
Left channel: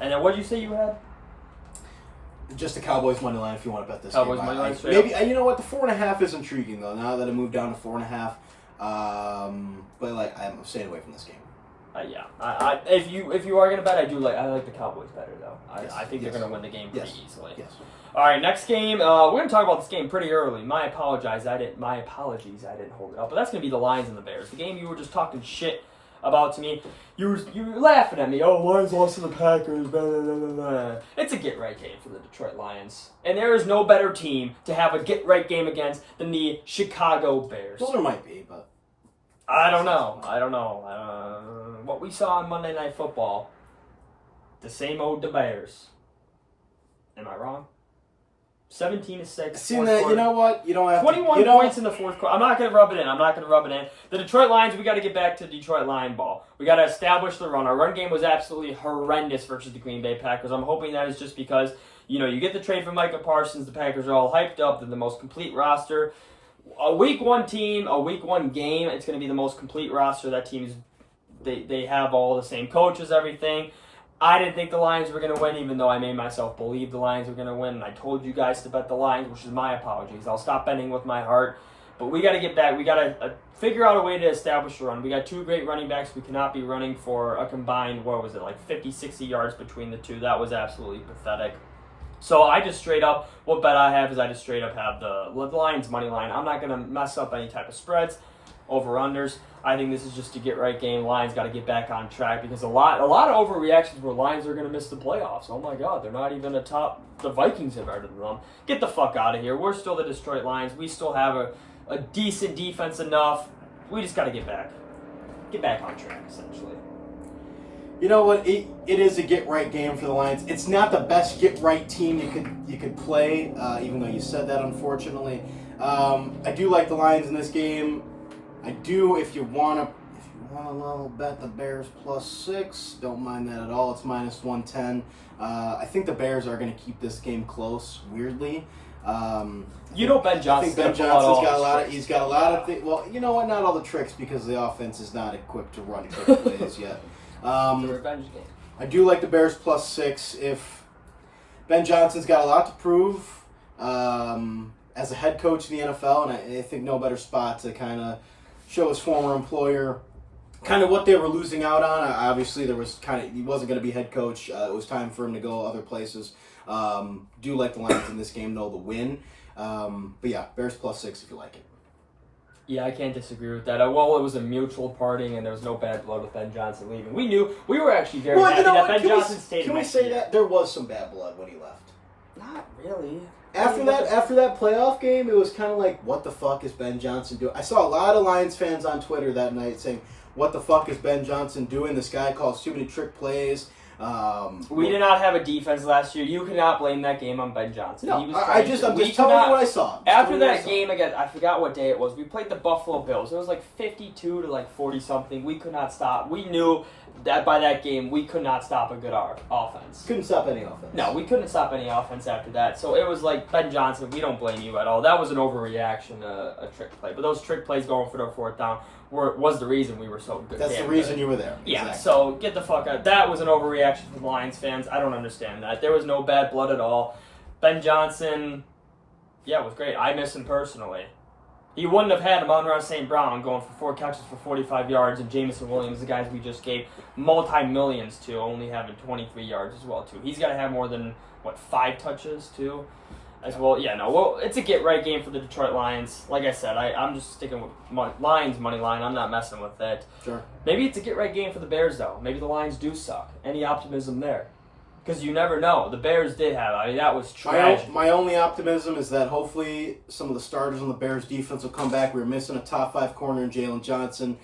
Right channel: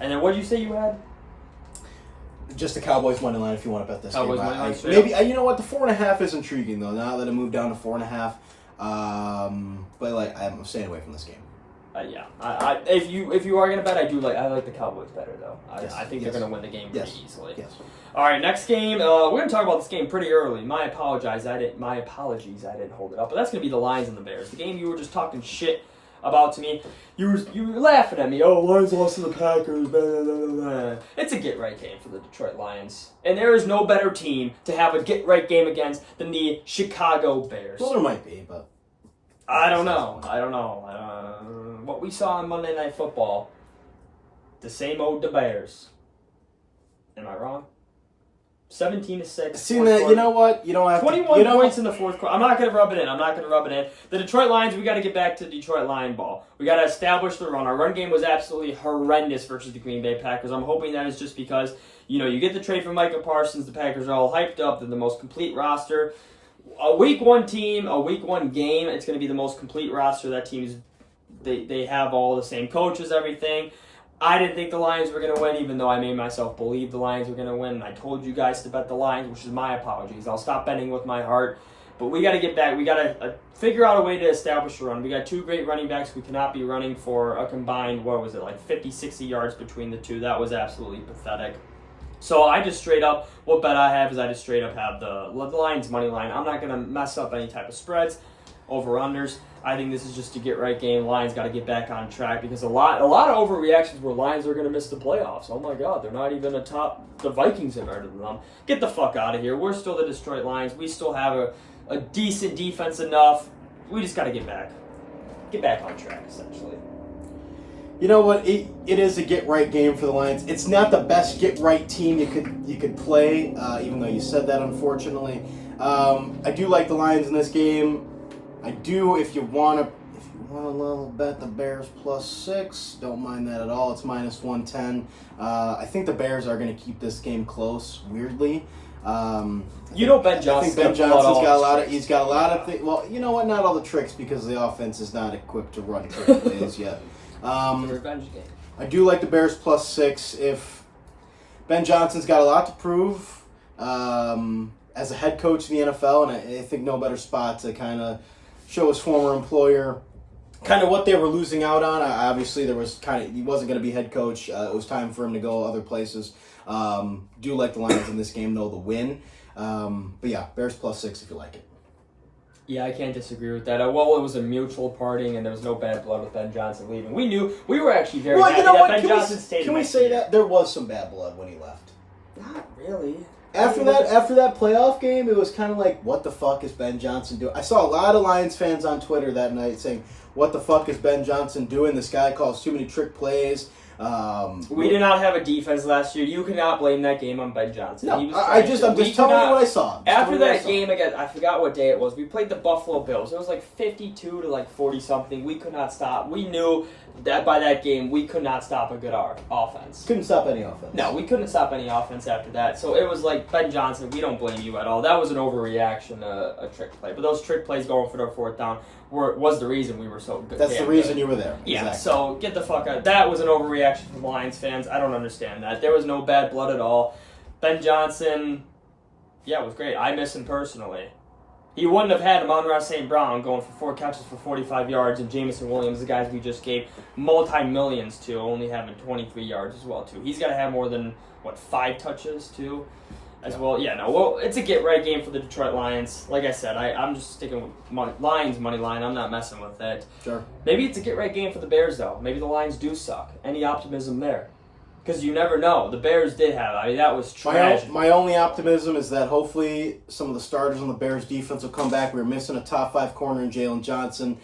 And then what did you say you had? Just the Cowboys money line if you want to bet this Cowboys game. money line, Maybe you know what, the 4.5 is intriguing though. Now that it moved down to 4.5, but I'm staying away from this game. Yeah. If you are gonna bet, I like the Cowboys better though. Yes. I think they're gonna win the game pretty easily. Yes. All right, next game. We're gonna talk about this game pretty early. My apologies, I didn't hold it up. But that's gonna be the Lions and the Bears. The game you were just talking shit about to me. You were laughing at me. Oh, Lions lost to the Packers. Blah, blah, blah, blah. It's a get-right game for the Detroit Lions. And there is no better team to have a get-right game against than the Chicago Bears. Well, there might be, but... I don't know. What we saw on Monday Night Football, the same old the Bears. Am I wrong? 17-6. See that? You know what? You don't have 21 points in the fourth quarter. I'm not going to rub it in. The Detroit Lions, we got to get back to Detroit Lion ball. We got to establish the run. Our run game was absolutely horrendous versus the Green Bay Packers. I'm hoping that is just because, you get the trade for Micah Parsons. The Packers are all hyped up. They're the most complete roster. A week 1 team, a week 1 game, it's going to be the most complete roster. That team is, they have all the same coaches, everything. I didn't think the Lions were going to win, even though I made myself believe the Lions were going to win. And I told you guys to bet the Lions, which is my apologies. I'll stop betting with my heart. But we got to get back. We got to figure out a way to establish a run. We got 2 great running backs. We cannot be running for a combined, 50, 60 yards between the two. That was absolutely pathetic. So I just straight up, what bet I have is I just straight up have the Lions money line. I'm not going to mess up any type of spreads, over-unders. I think this is just a get-right game. Lions got to get back on track because a lot of overreactions where Lions are going to miss the playoffs. Oh, my God, they're not even the Vikings are better than them. Get the fuck out of here. We're still the Detroit Lions. We still have a decent defense enough. We just got to get back on track, essentially. You know what? It is a get-right game for the Lions. It's not the best get-right team you could play, even though you said that, unfortunately. I do like the Lions in this game. I do, if you want to level bet the Bears +6, don't mind that at all. It's -110. I think the Bears are going to keep this game close, weirdly. Ben Johnson's I think Ben Johnson's got a lot of things. Well, you know what? Not all the tricks because the offense is not equipped to run trick plays yet. The revenge game. I do like the Bears +6. If Ben Johnson's got a lot to prove as a head coach in the NFL, and I think no better spot to kind of show his former employer kind of what they were losing out on. Obviously, he wasn't going to be head coach. It was time for him to go other places. Do like the Lions in this game, though, the win. But yeah, Bears +6 if you like it. Yeah, I can't disagree with that. Well, it was a mutual parting, and there was no bad blood with Ben Johnson leaving. We were actually very happy that Ben Johnson stayed. Can we say that there was some bad blood when he left? Not really. After that playoff game, it was kind of like, what the fuck is Ben Johnson doing? I saw a lot of Lions fans on Twitter that night saying, what the fuck is Ben Johnson doing? This guy calls too many trick plays. We did not have a defense last year. You cannot blame that game on Ben Johnson. No, I'm just telling you what I saw. After that game again, I forgot what day it was. We played the Buffalo Bills. It was like 52 to like 40 something. We could not stop. We knew that by that game we could not stop a good offense. Couldn't stop any offense. No, we couldn't stop any offense after that. So it was like, Ben Johnson, we don't blame you at all. That was an overreaction, a trick play. But those trick plays going for their fourth down was the reason we were so good. That's the reason you were there. Yeah, exactly. So get the fuck out. That was an overreaction from Lions fans. I don't understand that. There was no bad blood at all. Ben Johnson, yeah, it was great. I miss him personally. He wouldn't have had Amon-Ra St. Brown going for 4 catches for 45 yards and Jameson Williams, the guys we just gave multi-millions to, only having 23 yards as well, too. He's got to have more than, 5 touches, too, as well. Yeah, no, well, it's a get-right game for the Detroit Lions. Like I said, I'm just sticking with Lions money line. I'm not messing with it. Sure. Maybe it's a get-right game for the Bears, though. Maybe the Lions do suck. Any optimism there? Because you never know. The Bears did have. I mean, that was tragic. My only optimism is that hopefully some of the starters on the Bears defense will come back. We were missing a top 5 corner in Jalen Johnson.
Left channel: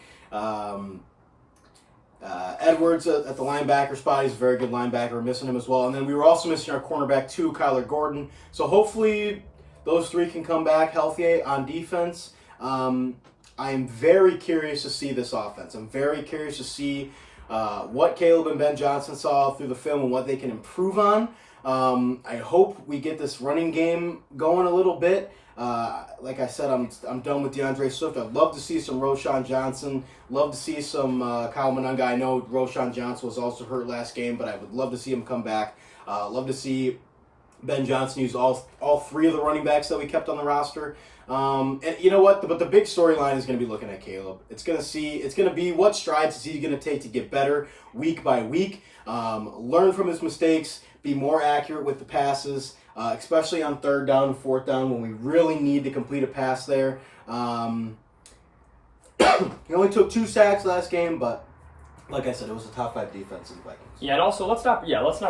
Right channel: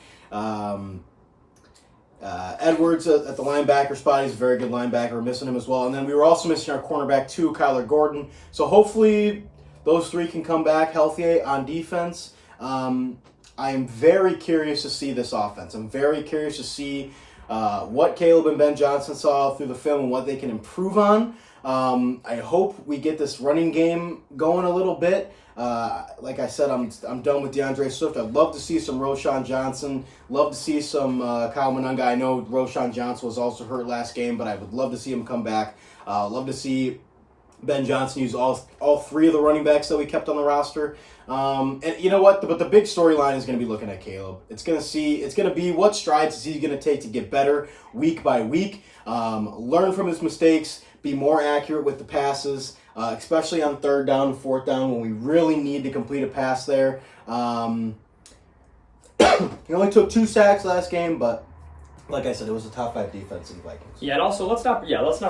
Edwards at the linebacker spot. He's a very good linebacker. We're missing him as well. And then we were also missing our cornerback too, Kyler Gordon. So hopefully those 3 can come back healthy on defense. I am very curious to see this offense. I'm very curious to see what Caleb and Ben Johnson saw through the film and what they can improve on. I hope we get this running game going a little bit. Like I said, I'm done with DeAndre Swift. I'd love to see some Roschon Johnson. Love to see some Kyle Monunga. I know Roschon Johnson was also hurt last game, but I would love to see him come back. Love to see Ben Johnson use all 3 of the running backs that we kept on the roster. And you know what? But the big storyline is going to be looking at Caleb. It's going to be what strides is he going to take to get better week by week. Learn from his mistakes. Be more accurate with the passes, especially on 3rd down and 4th down when we really need to complete a pass there. He only took 2 sacks last game, but like I said, it was a top 5 defense in the Vikings. Yeah, and also let's not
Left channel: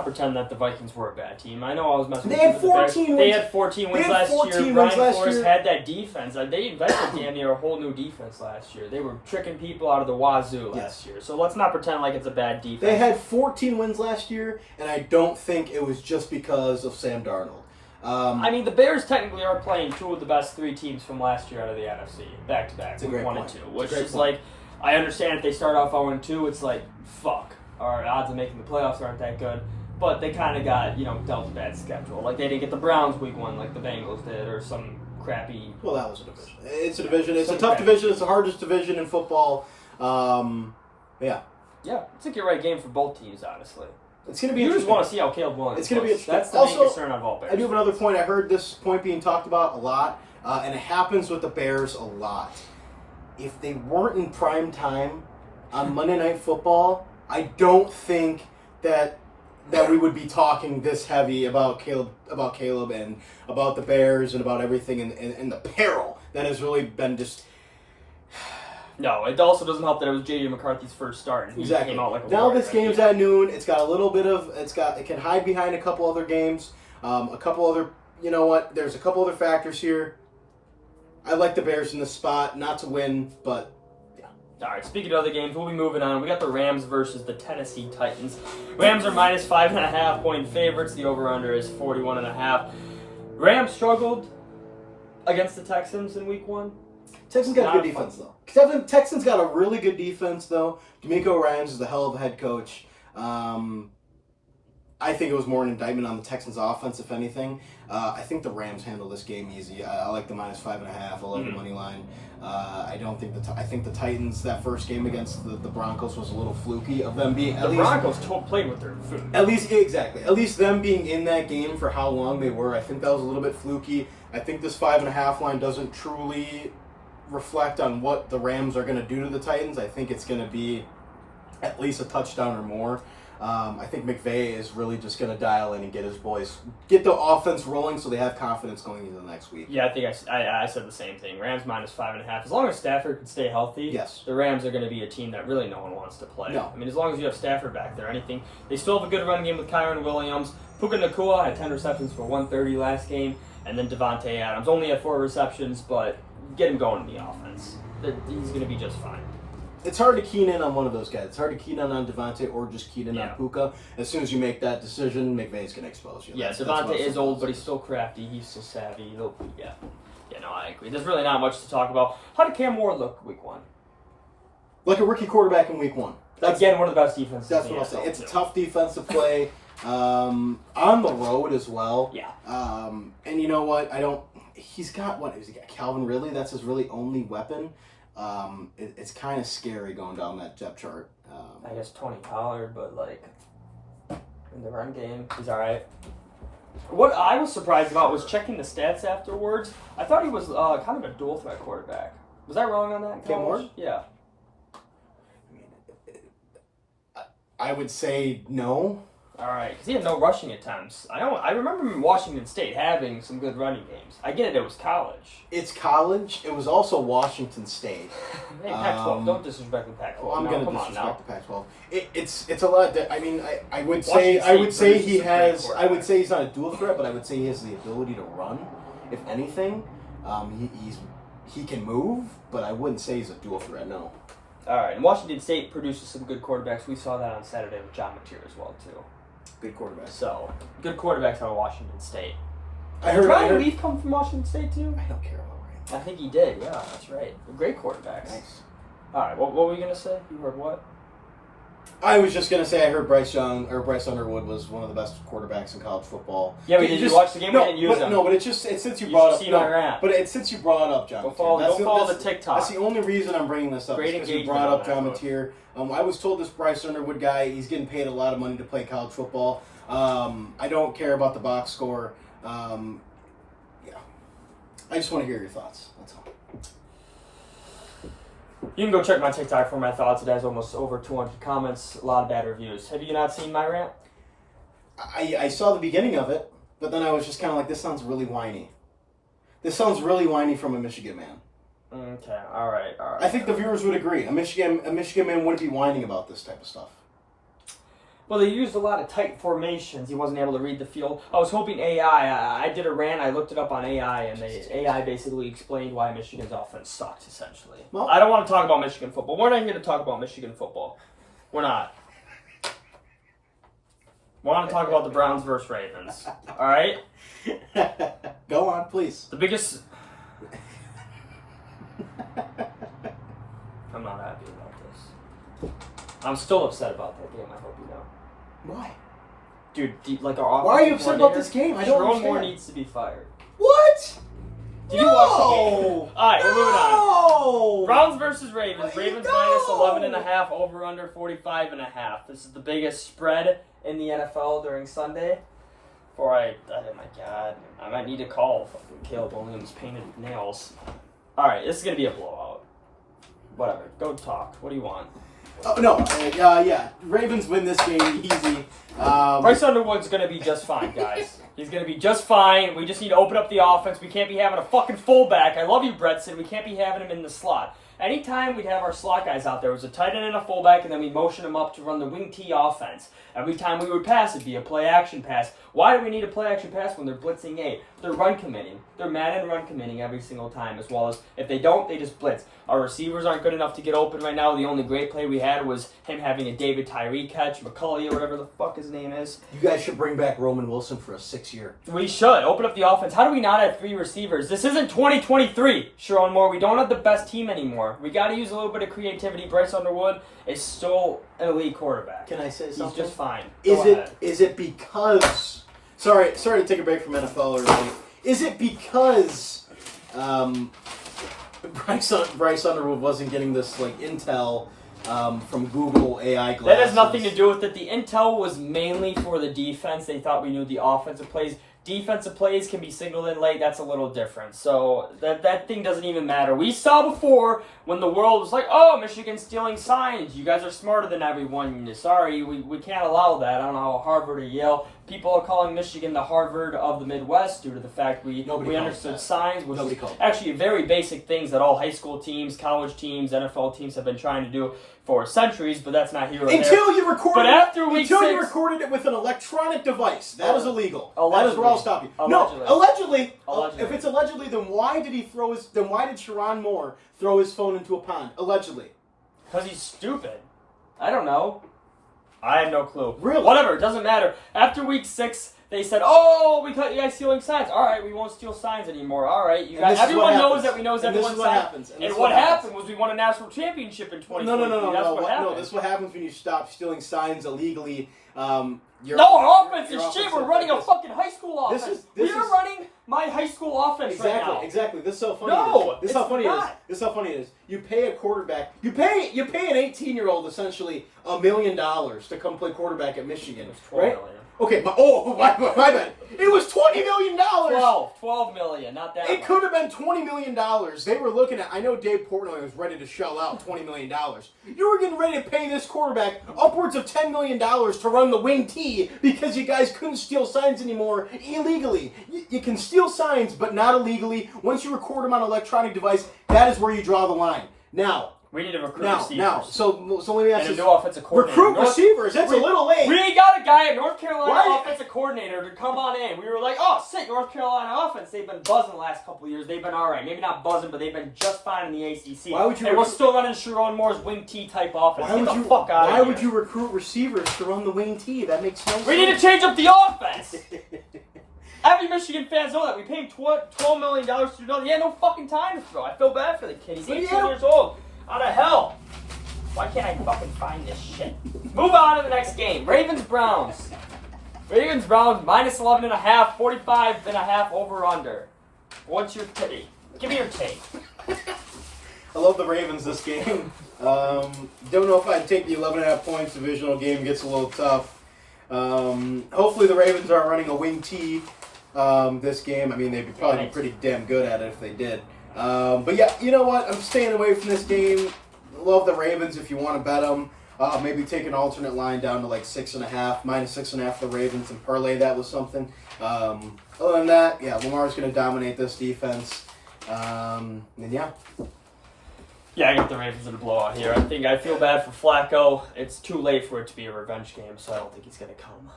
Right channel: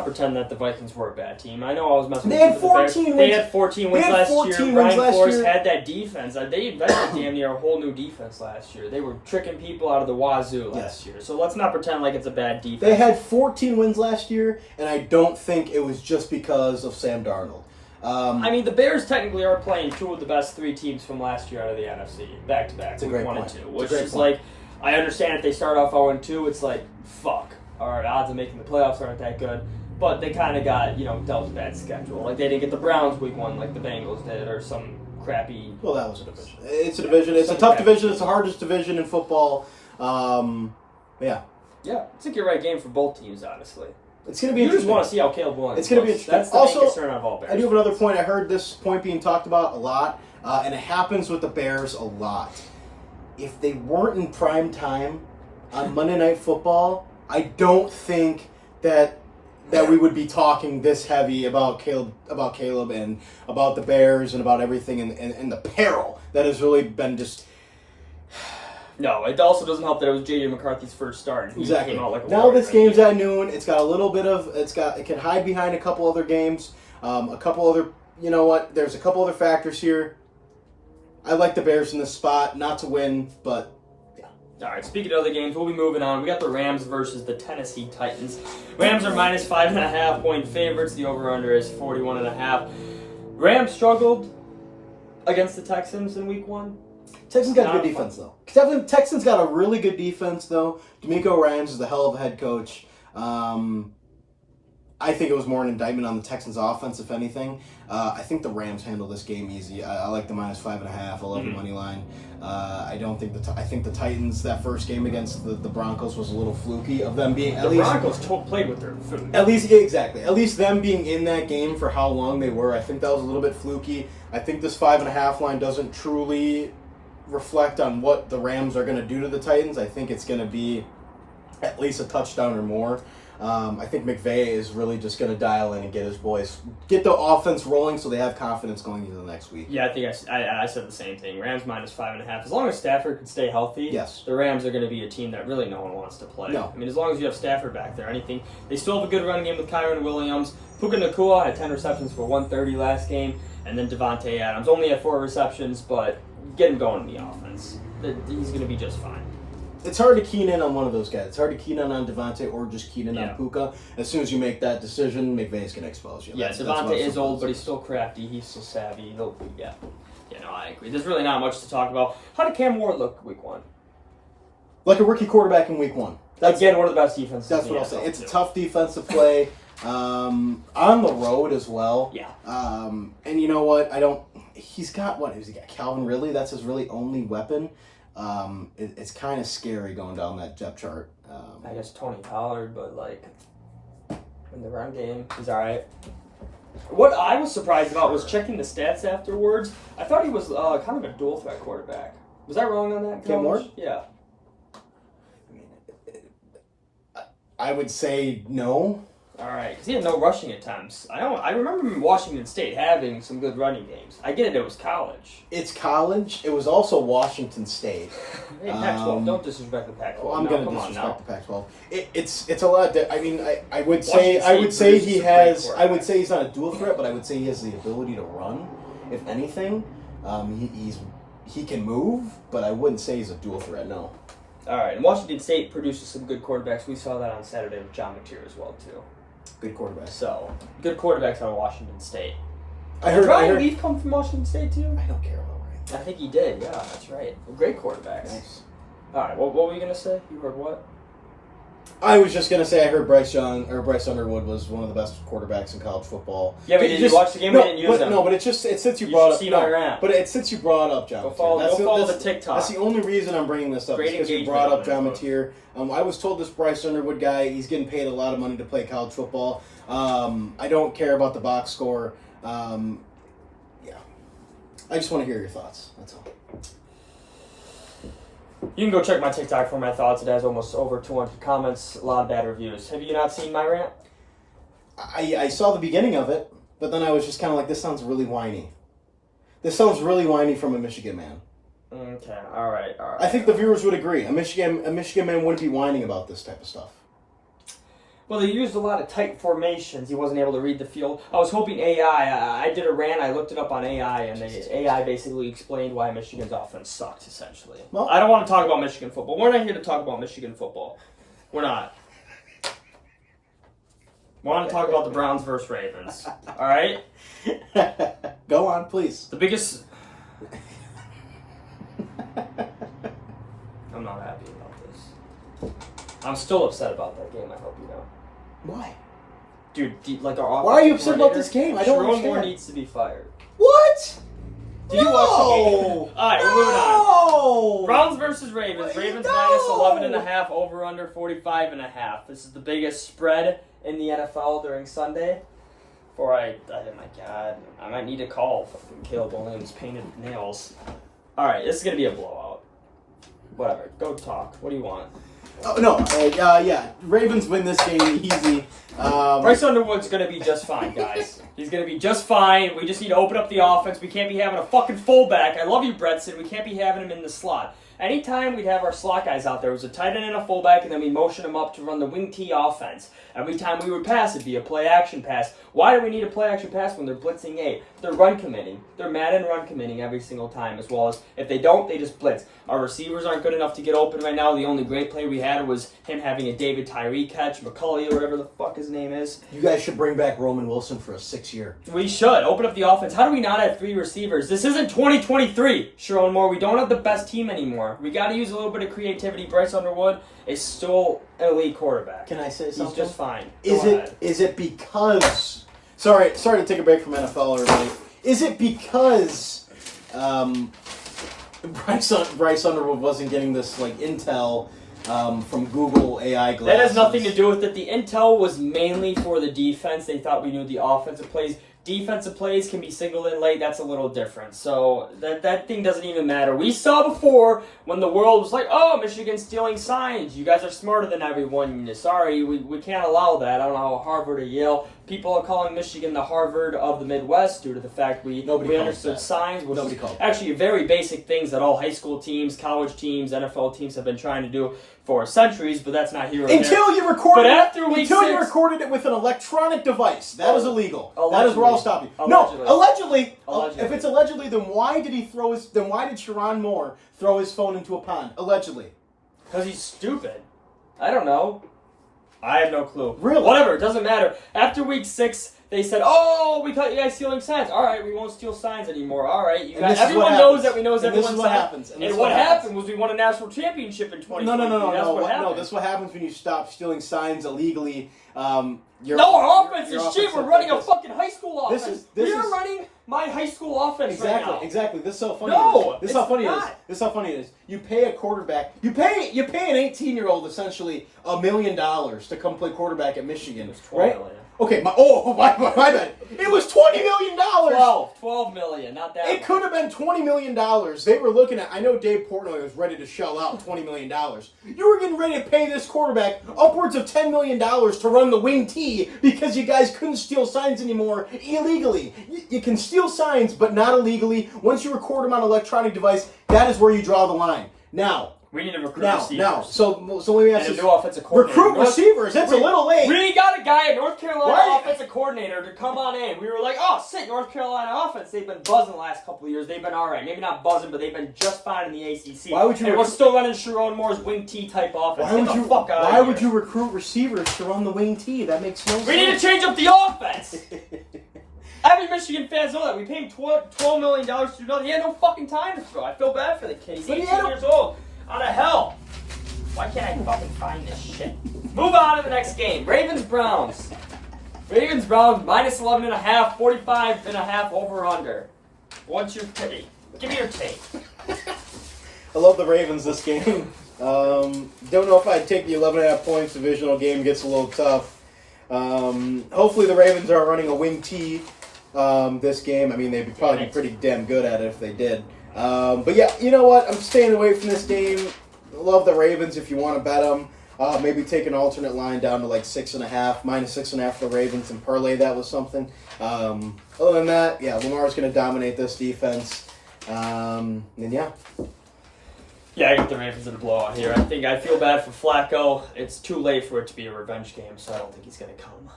pretend that the Vikings were a bad team. I know I was messing They with had 14 wins. They had 14 wins last year. Brian Flores year. had that defense. They invented damn near a whole new defense last year. They were tricking people out of the wazoo last year. So let's not pretend like it's a bad defense. They had 14 wins last year, and I don't think it was just because of Sam Darnold. I mean, the Bears technically are playing 2 of the best 3 teams from last year out of the NFC, back-to-back, week 1 and 2, which is like, I understand if they start off 0-2, it's like, fuck, our odds of making the playoffs aren't that good, but they kind of got, dealt a bad schedule. Like, they didn't get the Browns week 1 like the Bengals did, or some crappy... Well, that was a division. It's a division. It's a tough division. It's the hardest division in football. Yeah. Yeah, it's a get-right game for both teams, honestly. It's going to be You just want to see how Caleb Williams It's going to be looks. That's the main concern of all Bears. I do have another point. I heard this point being talked about a lot, and it happens with the Bears a lot. If they weren't in prime time on Monday Night Football, I don't think that that we would be talking this heavy about Caleb and about the Bears and about everything and the peril that has really been just. No, it also doesn't help that it was J.J. McCarthy's first start. And he Exactly. came out like a now warrior. this game's at noon. It's got a little bit of it can hide behind a couple other games, a couple other. You know what? There's a couple other factors here. I like the Bears in this spot, not to win, but. All right, speaking of other games, we'll be moving on. We got the Rams versus the Tennessee Titans. Rams are minus 5.5 point favorites. The over-under is 41.5. Rams struggled against the Texans in week 1. Texans got Not a good defense, though. Texans got a really good defense, though. D'Amico Ryans is a hell of a head coach. I think it was more an indictment on the Texans' offense, if anything. I think the Rams handle this game easy. I like the minus 5.5. I love the money line. I don't think I think the Titans, that first game against the Broncos was a little fluky of them being. The Broncos played with their food. At least them being in that game for how long they were. I think that was a little bit fluky. I think this 5.5 line doesn't truly reflect on what the Rams are going to do to the Titans. I think it's going to be at least a touchdown or more. I think McVay is really just going to dial in and get his boys, get the offense rolling so they have confidence going into the next week. Yeah, I think I said the same thing. Rams minus 5.5. As long as Stafford can stay healthy, yes, the Rams are going to be a team that really no one wants to play. No. I mean, as long as you have Stafford back there, anything. They still have a good running game with Kyron Williams. Puka Nacua had 10 receptions for 130 last game, and then Devontae Adams only had 4 receptions, but get him going in the offense. He's going to be just fine. It's hard to keen in on one of those guys. It's hard to keen in on Devontae or just keen in on Puka. As soon as you make that decision, McVay's going to expose you. Yeah, Devontae is old, but he's still crafty. He's still savvy. Yeah, no, I agree. There's really not much to talk about. How did Cam Ward look week 1? Like a rookie quarterback in week 1. Again, one of the best defenses. That's what I'll say. It's a tough defense to play on the road as well. Yeah. And you know what? He's got Calvin Ridley. That's his really only weapon. It's kind of scary going down that depth chart. I guess Tony Pollard, but in the run game, he's all right. What I was surprised about was checking the stats afterwards. I thought he was kind of a dual threat quarterback. Was I wrong on that? Cam Ward? Yeah. I would say no. All right, because he had no rushing attempts. I remember Washington State having some good running games. I get it was college. It's college. It was also Washington State. Hey, Pac-12, don't disrespect the Pac-12. I'm going to disrespect the Pac-12. It's a lot. I would say he's not a dual threat, but I would say he has the ability to run. If anything, he can move, but I wouldn't say he's a dual threat. No. All right, and Washington State produces some good quarterbacks. We saw that on Saturday with John Mateer as well too. Good quarterback. So, good quarterbacks on Washington State. I Did Ryan Leaf come from Washington State too? I don't care about Ryan. I think he did. Yeah, that's right. Great quarterbacks. Nice. All right, what were you gonna say? You heard what? I was just gonna say I heard Bryce Underwood was one of the best quarterbacks in college football. Yeah, but did you watch the game? We didn't use him. No, but it's since you brought up. But it's since you brought up John. Go follow the TikTok. That's the only reason I'm bringing this up. Great because you brought up John Mateer. I was told this Bryce Underwood guy, he's getting paid a lot of money to play college football. I don't care about the box score. I just want to hear your thoughts. That's all. You can go check my TikTok for my thoughts. It has almost over 200 comments, a lot of bad reviews. Have you not seen my rant? I saw the beginning of it, but then I was just kind of like, this sounds really whiny. This sounds really whiny from a Michigan man. Okay, all right. I think the viewers would agree. A Michigan man wouldn't be whining about this type of stuff. Well, they used a lot of tight formations. He wasn't able to read the field. I was hoping AI. I did a rant. I looked it up on AI, and AI basically explained why Michigan's offense sucked, essentially. Well, I don't want to talk about Michigan football. We're not here to talk about Michigan football. We're not. We want to talk about the Browns versus Ravens. All right? Go on, please. The biggest... I'm not happy about this. I'm still upset about that game, I hope you know. Why? Dude, like our why are you upset about this game? I don't understand. Moore needs to be fired. What? Did you watch the game? All right, we're moving on. Browns versus Ravens. Ravens minus 11.5, over under 45.5. This is the biggest spread in the NFL during Sunday. Oh my God, I might need to call fucking Caleb Williams painted nails. All right, this is gonna be a blowout. Whatever, go talk. What do you want? Oh, no. Yeah. Ravens win this game easy. Bryce Underwood's going to be just fine, guys. He's going to be just fine. We just need to open up the offense. We can't be having a fucking fullback. I love you, Bretson. We can't be having him in the slot. Anytime we'd have our slot guys out there, it was a tight end and a fullback, and then we motion them up to run the wing T offense. Every time we would pass, it'd be a play-action pass. Why do we need a play-action pass when they're blitzing 8? They're run committing. They're mad and run committing every single time, as well as if they don't, they just blitz. Our receivers aren't good enough to get open right now. The only great play we had was him having a David Tyree catch, McCulley or whatever the fuck his name is. You guys should bring back Roman Wilson for a 6-year. We should. Open up the offense. How do we not have 3 receivers? This isn't 2023, Sharon Moore. We don't have the best team anymore. We got to use a little bit of creativity. Bryce Underwood is still an elite quarterback. Can I say something? He's just fine. Is it because... Sorry to take a break from NFL early. Is it because Bryce Underwood wasn't getting this like intel from Google AI glasses? That has nothing to do with it. The intel was mainly for the defense. They thought we knew the offensive plays. Defensive plays can be signaled in late. That's a little different. So that thing doesn't even matter. We saw before when the world was like, oh, Michigan's stealing signs. You guys are smarter than everyone. Sorry, we can't allow that. I don't know how Harvard or Yale. People are calling Michigan the Harvard of the Midwest due to the fact we understood signs, which is actually very basic things that all high school teams, college teams, NFL teams have been trying to do for centuries, but that's not here or until there. You recorded but after week until 6, you recorded it with an electronic device. That is illegal. Allegedly. That is where I'll stop you. Allegedly. No, allegedly. Allegedly. If it's allegedly, then why did Sharon Moore throw his phone into a pond? Allegedly. Because he's stupid. I don't know. I have no clue. Really? Whatever, it doesn't matter. After week 6, they said, "Oh, we caught you guys stealing signs. All right, we won't steal signs anymore. All right, you guys." Everyone knows that we knows everyone's signs. And what happened was we won a national championship in 2020. No. That's what happened. No, this is what happens when you stop stealing signs illegally. Our offense is shit. We're running a fucking high school offense. We are running my high school offense right now. Exactly. This is so funny. No, this is how funny it is. This is how funny it is. You pay a quarterback. You pay an 18-year-old essentially $1 million to come play quarterback at Michigan. It was $12 right? million. Okay, my bad. It was $20 million. $12 million, not that. It could have been $20 million. They were looking at. I know Dave Portnoy was ready to shell out $20 million. You were getting ready to pay this quarterback upwards of $10 million to run the wing T because you guys couldn't steal signs anymore illegally. You can steal signs, but not illegally. Once you record them on an electronic device, that is where you draw the line. Now. We need to recruit receivers. So let me ask you. And a new offensive coordinator. Recruit receivers. It's a little late. We got a guy at North Carolina offensive coordinator to come on in. We were like, oh, sick, North Carolina offense. They've been buzzing the last couple of years. They've been all right. Maybe not buzzing, but they've been just fine in the ACC. Why would you? And we're still running Sharon Moore's wing T type offense. Why would you recruit receivers to run the wing T? That makes no sense. We need to change up the offense. Every Michigan fans know that. We pay him $12 million to do nothing. He had no fucking time to throw. I feel bad for the kid. He's 18 years old. Out of hell. Why can't I fucking find this shit? Move on to the next game. Ravens-Browns. Ravens-Browns, minus 11.5, 45.5 over-under. What's your take? Give me your take. I love the Ravens this game. Don't know if I'd take the 11.5 points. Divisional game gets a little tough. Hopefully the Ravens are running a wing T this game. I mean, they'd probably be pretty damn good at it if they did. But yeah, you know what? I'm staying away from this game. Love the Ravens if you want to bet them. Maybe take an alternate line down to like 6.5, minus 6.5 for the Ravens and parlay that with something. Other than that, yeah, Lamar's going to dominate this defense. And yeah. Yeah, I think the Ravens are the blowout here. I feel bad for Flacco. It's too late for it to be a revenge game, so I don't think he's going to come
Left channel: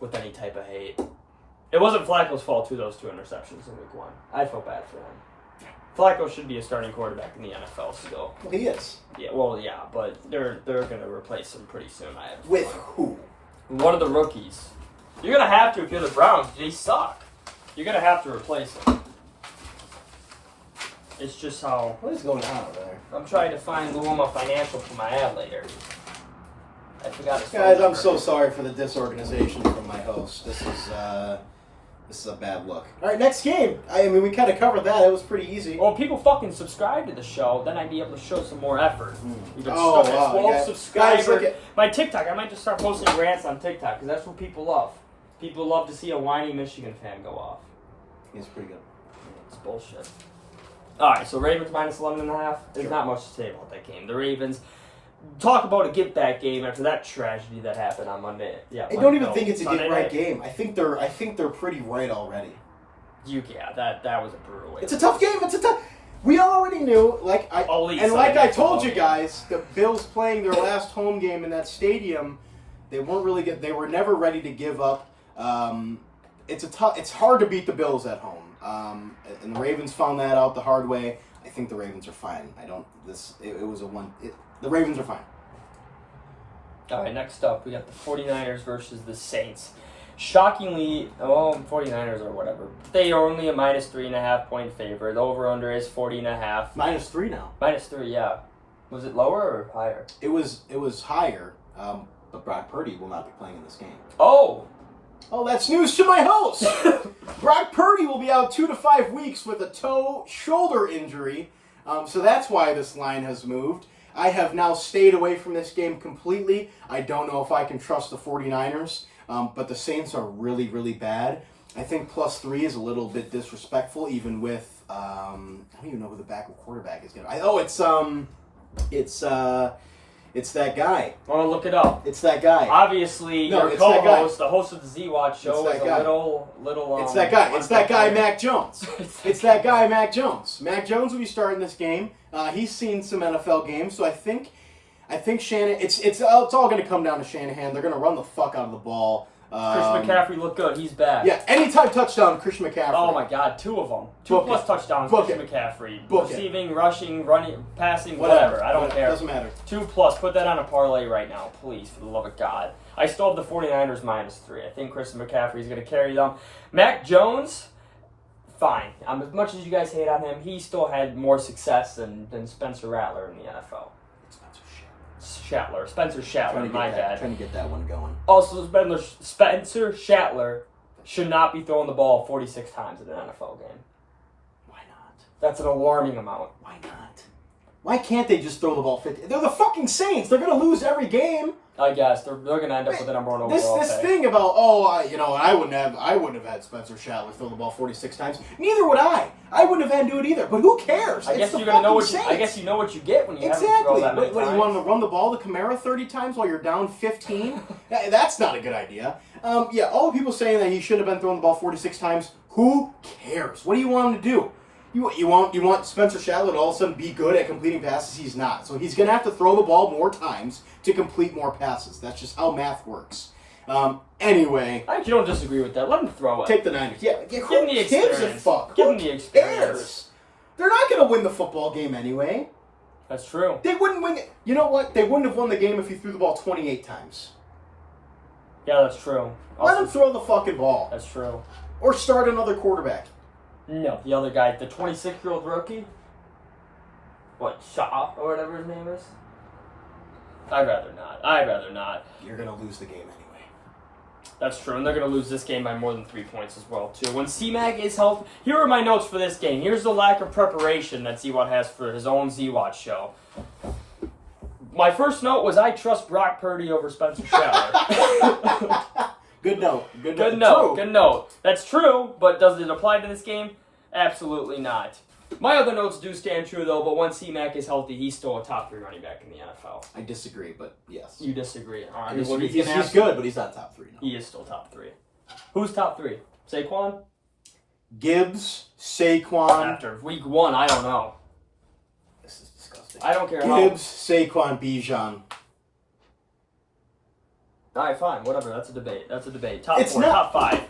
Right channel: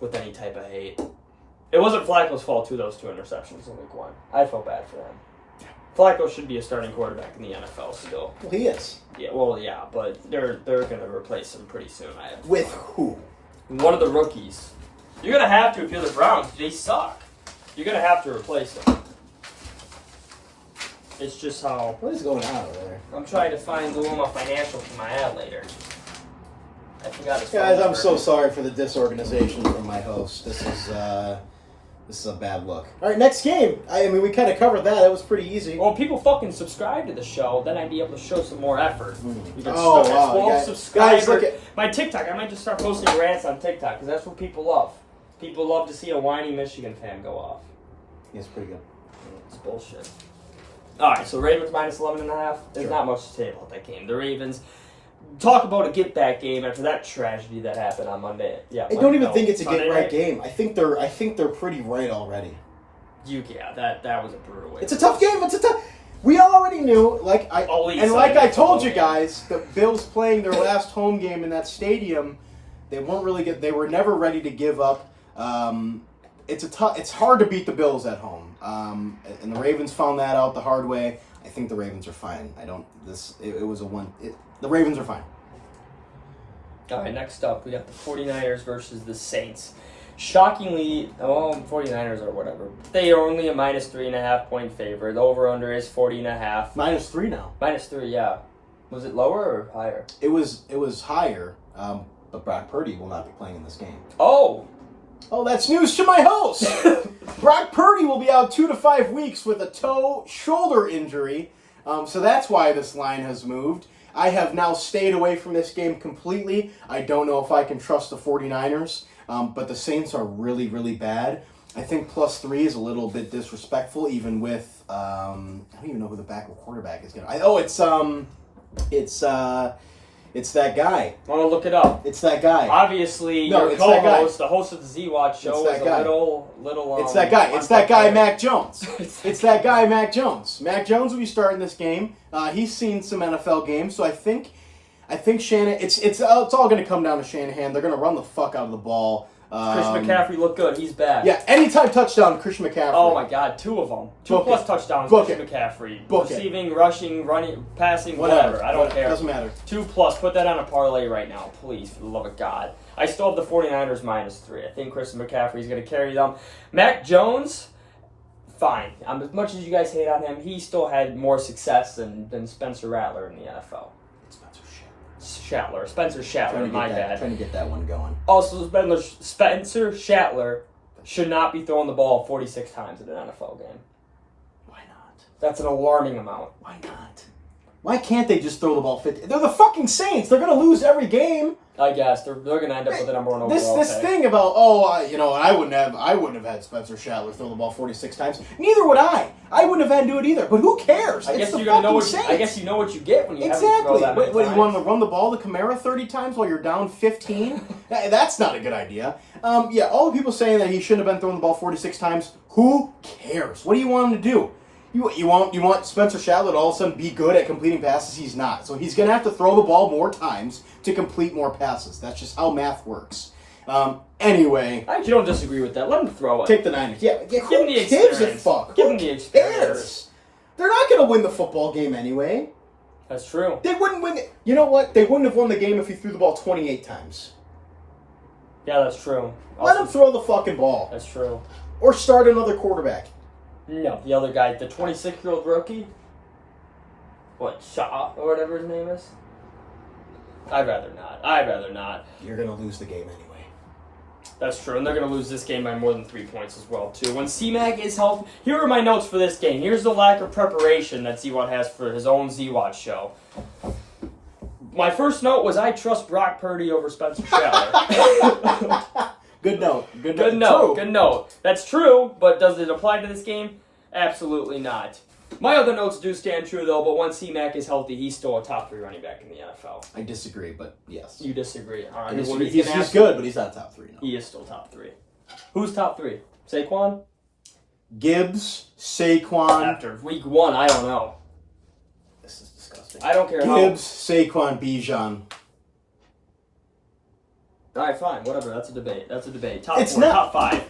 with any type of hate. It wasn't Flacco's fault, too, those 2 interceptions in week 1. I feel bad for them. Flacco should be a starting quarterback in the NFL still. Well, he is. Yeah, but they're going to replace him pretty soon. With who? One of the rookies. You're going to have to if you're the Browns. They suck. You're going to have to replace him. It's just how... What is going on over there? I'm trying to find Luma Financial for my ad later. I forgot his Guys, I'm so sorry for the disorganization from my host. This is a bad look. All right, next game. I mean, we kind of covered that. It was pretty easy. Well, if people fucking subscribe to the show, then I'd be able to show some more effort. You can wow. start at 12 subscribers. Guys, my TikTok, I might just start posting rants on TikTok because that's what people love. People love to see a whiny Michigan fan go off. It's pretty good. It's bullshit. All right, so Ravens minus 11.5. There's not much to say about that game. The Ravens, talk about a get-back game after that tragedy that happened on Monday. Yeah, I don't even think it's a Sunday get-right night. game. I think they're pretty right already. That was a brutal way. It's a tough game. We already knew, I told you game. guys, the Bills playing their last home game in that stadium, they were never ready to give up. It's hard to beat the Bills at home. And the Ravens found that out the hard way. I think the Ravens are fine. The Ravens are fine. All right, next up, we got the 49ers versus the Saints. Shockingly, 49ers or whatever. They are only a -3.5 point favorite. The over/under is 40.5. -3 now. -3, yeah. Was it lower or higher? It was higher, but Brock Purdy will not be playing in this game. Oh, that's news to my host. Brock Purdy will be out 2 to 5 weeks with a toe-shoulder injury, so that's why this line has moved. I have now stayed away from this game completely. I don't know if I can trust the 49ers, but the Saints are really, really bad. I think +3 is a little bit disrespectful, even with I don't even know who the backup quarterback is going to. It's that guy. I want to look it up. It's that guy. Obviously, No, your it's that guy. co-host, the host of the Z-Watch show, It's is a that guy. little. It's that guy. It's that guy, Mac Jones. It's that guy, Mac Jones. Mac Jones will be starting this game. He's seen some NFL games, so I think Shanahan. It's all going to come down to Shanahan. They're going to run the fuck out of the ball. Christian McCaffrey looked good. He's back. Yeah, anytime touchdown, Christian McCaffrey. Oh my God, 2 of them. 2 Book plus it. touchdowns, Book Christian it. McCaffrey. Book it. Receiving, rushing, running, passing, whatever. I don't care. Doesn't matter. 2 plus. Put that on a parlay right now, please, for the love of God. I still have the 49ers -3. I think Christian McCaffrey is going to carry them. Mac Jones, fine. As much as you guys hate on him, he still had more success than Spencer Rattler in the NFL. Spencer Shattler, my bad. Trying to get that one going. Also, Spencer Shattler should not be throwing the ball 46 times in an NFL game. Why not? That's an alarming amount. Why not? Why can't they just throw the ball 50? They're the fucking Saints. They're going to lose every game. I guess they're going to end up with the number 1 overall This pick. thing about I wouldn't have had Spencer Shattler throw the ball 46 times. Neither would I. I wouldn't have had to do it either. But who cares? I guess It's the you're gonna know fucking what I guess you know what you get when you have to exactly. throw that many What, times. you want to run the ball to Kamara 30 times while you're down 15? That's not a good idea. All the people saying that he shouldn't have been throwing the ball 46 times. Who cares? What do you want him to do? You want Spencer Shattler to all of a sudden be good at completing passes? He's not. So he's going to have to throw the ball more times to complete more passes. That's just how math works. Anyway. I actually don't disagree with that. Let him throw it. Take the Niners. Yeah, Give him the experience. Gives a fuck? Give Who him the experience. cares? They're not going to win the football game anyway. That's true. They wouldn't win it. You know what? They wouldn't have won the game if he threw the ball 28 times. Yeah, that's true. Let him throw the fucking ball. That's true. Or start another quarterback. No, the other guy, the 26-year-old rookie. What, Shaw or whatever his name is? I'd rather not. You're going to lose the game anyway. That's true, and they're going to lose this game by more than 3 points as well, too. When C-Mac is healthy, here are my notes for this game. Here's the lack of preparation that Z-Watt has for his own Z-Watch show. My first note was I trust Brock Purdy over Spencer Shattler. Good note. Good note. That's true, but does it apply to this game? Absolutely not. My other notes do stand true, though, but when C-Mac is healthy, he's still a top 3 running back in the NFL. I disagree, but yes. You disagree. All right. He's good, but he's not top 3. No. He is still top 3. Who's top 3? Saquon? Gibbs, Saquon. After week 1, I don't know. This is disgusting. I don't care Gibbs, Saquon, Bijan. All right, fine. Whatever. That's a debate. Top It's 4, not- top 5.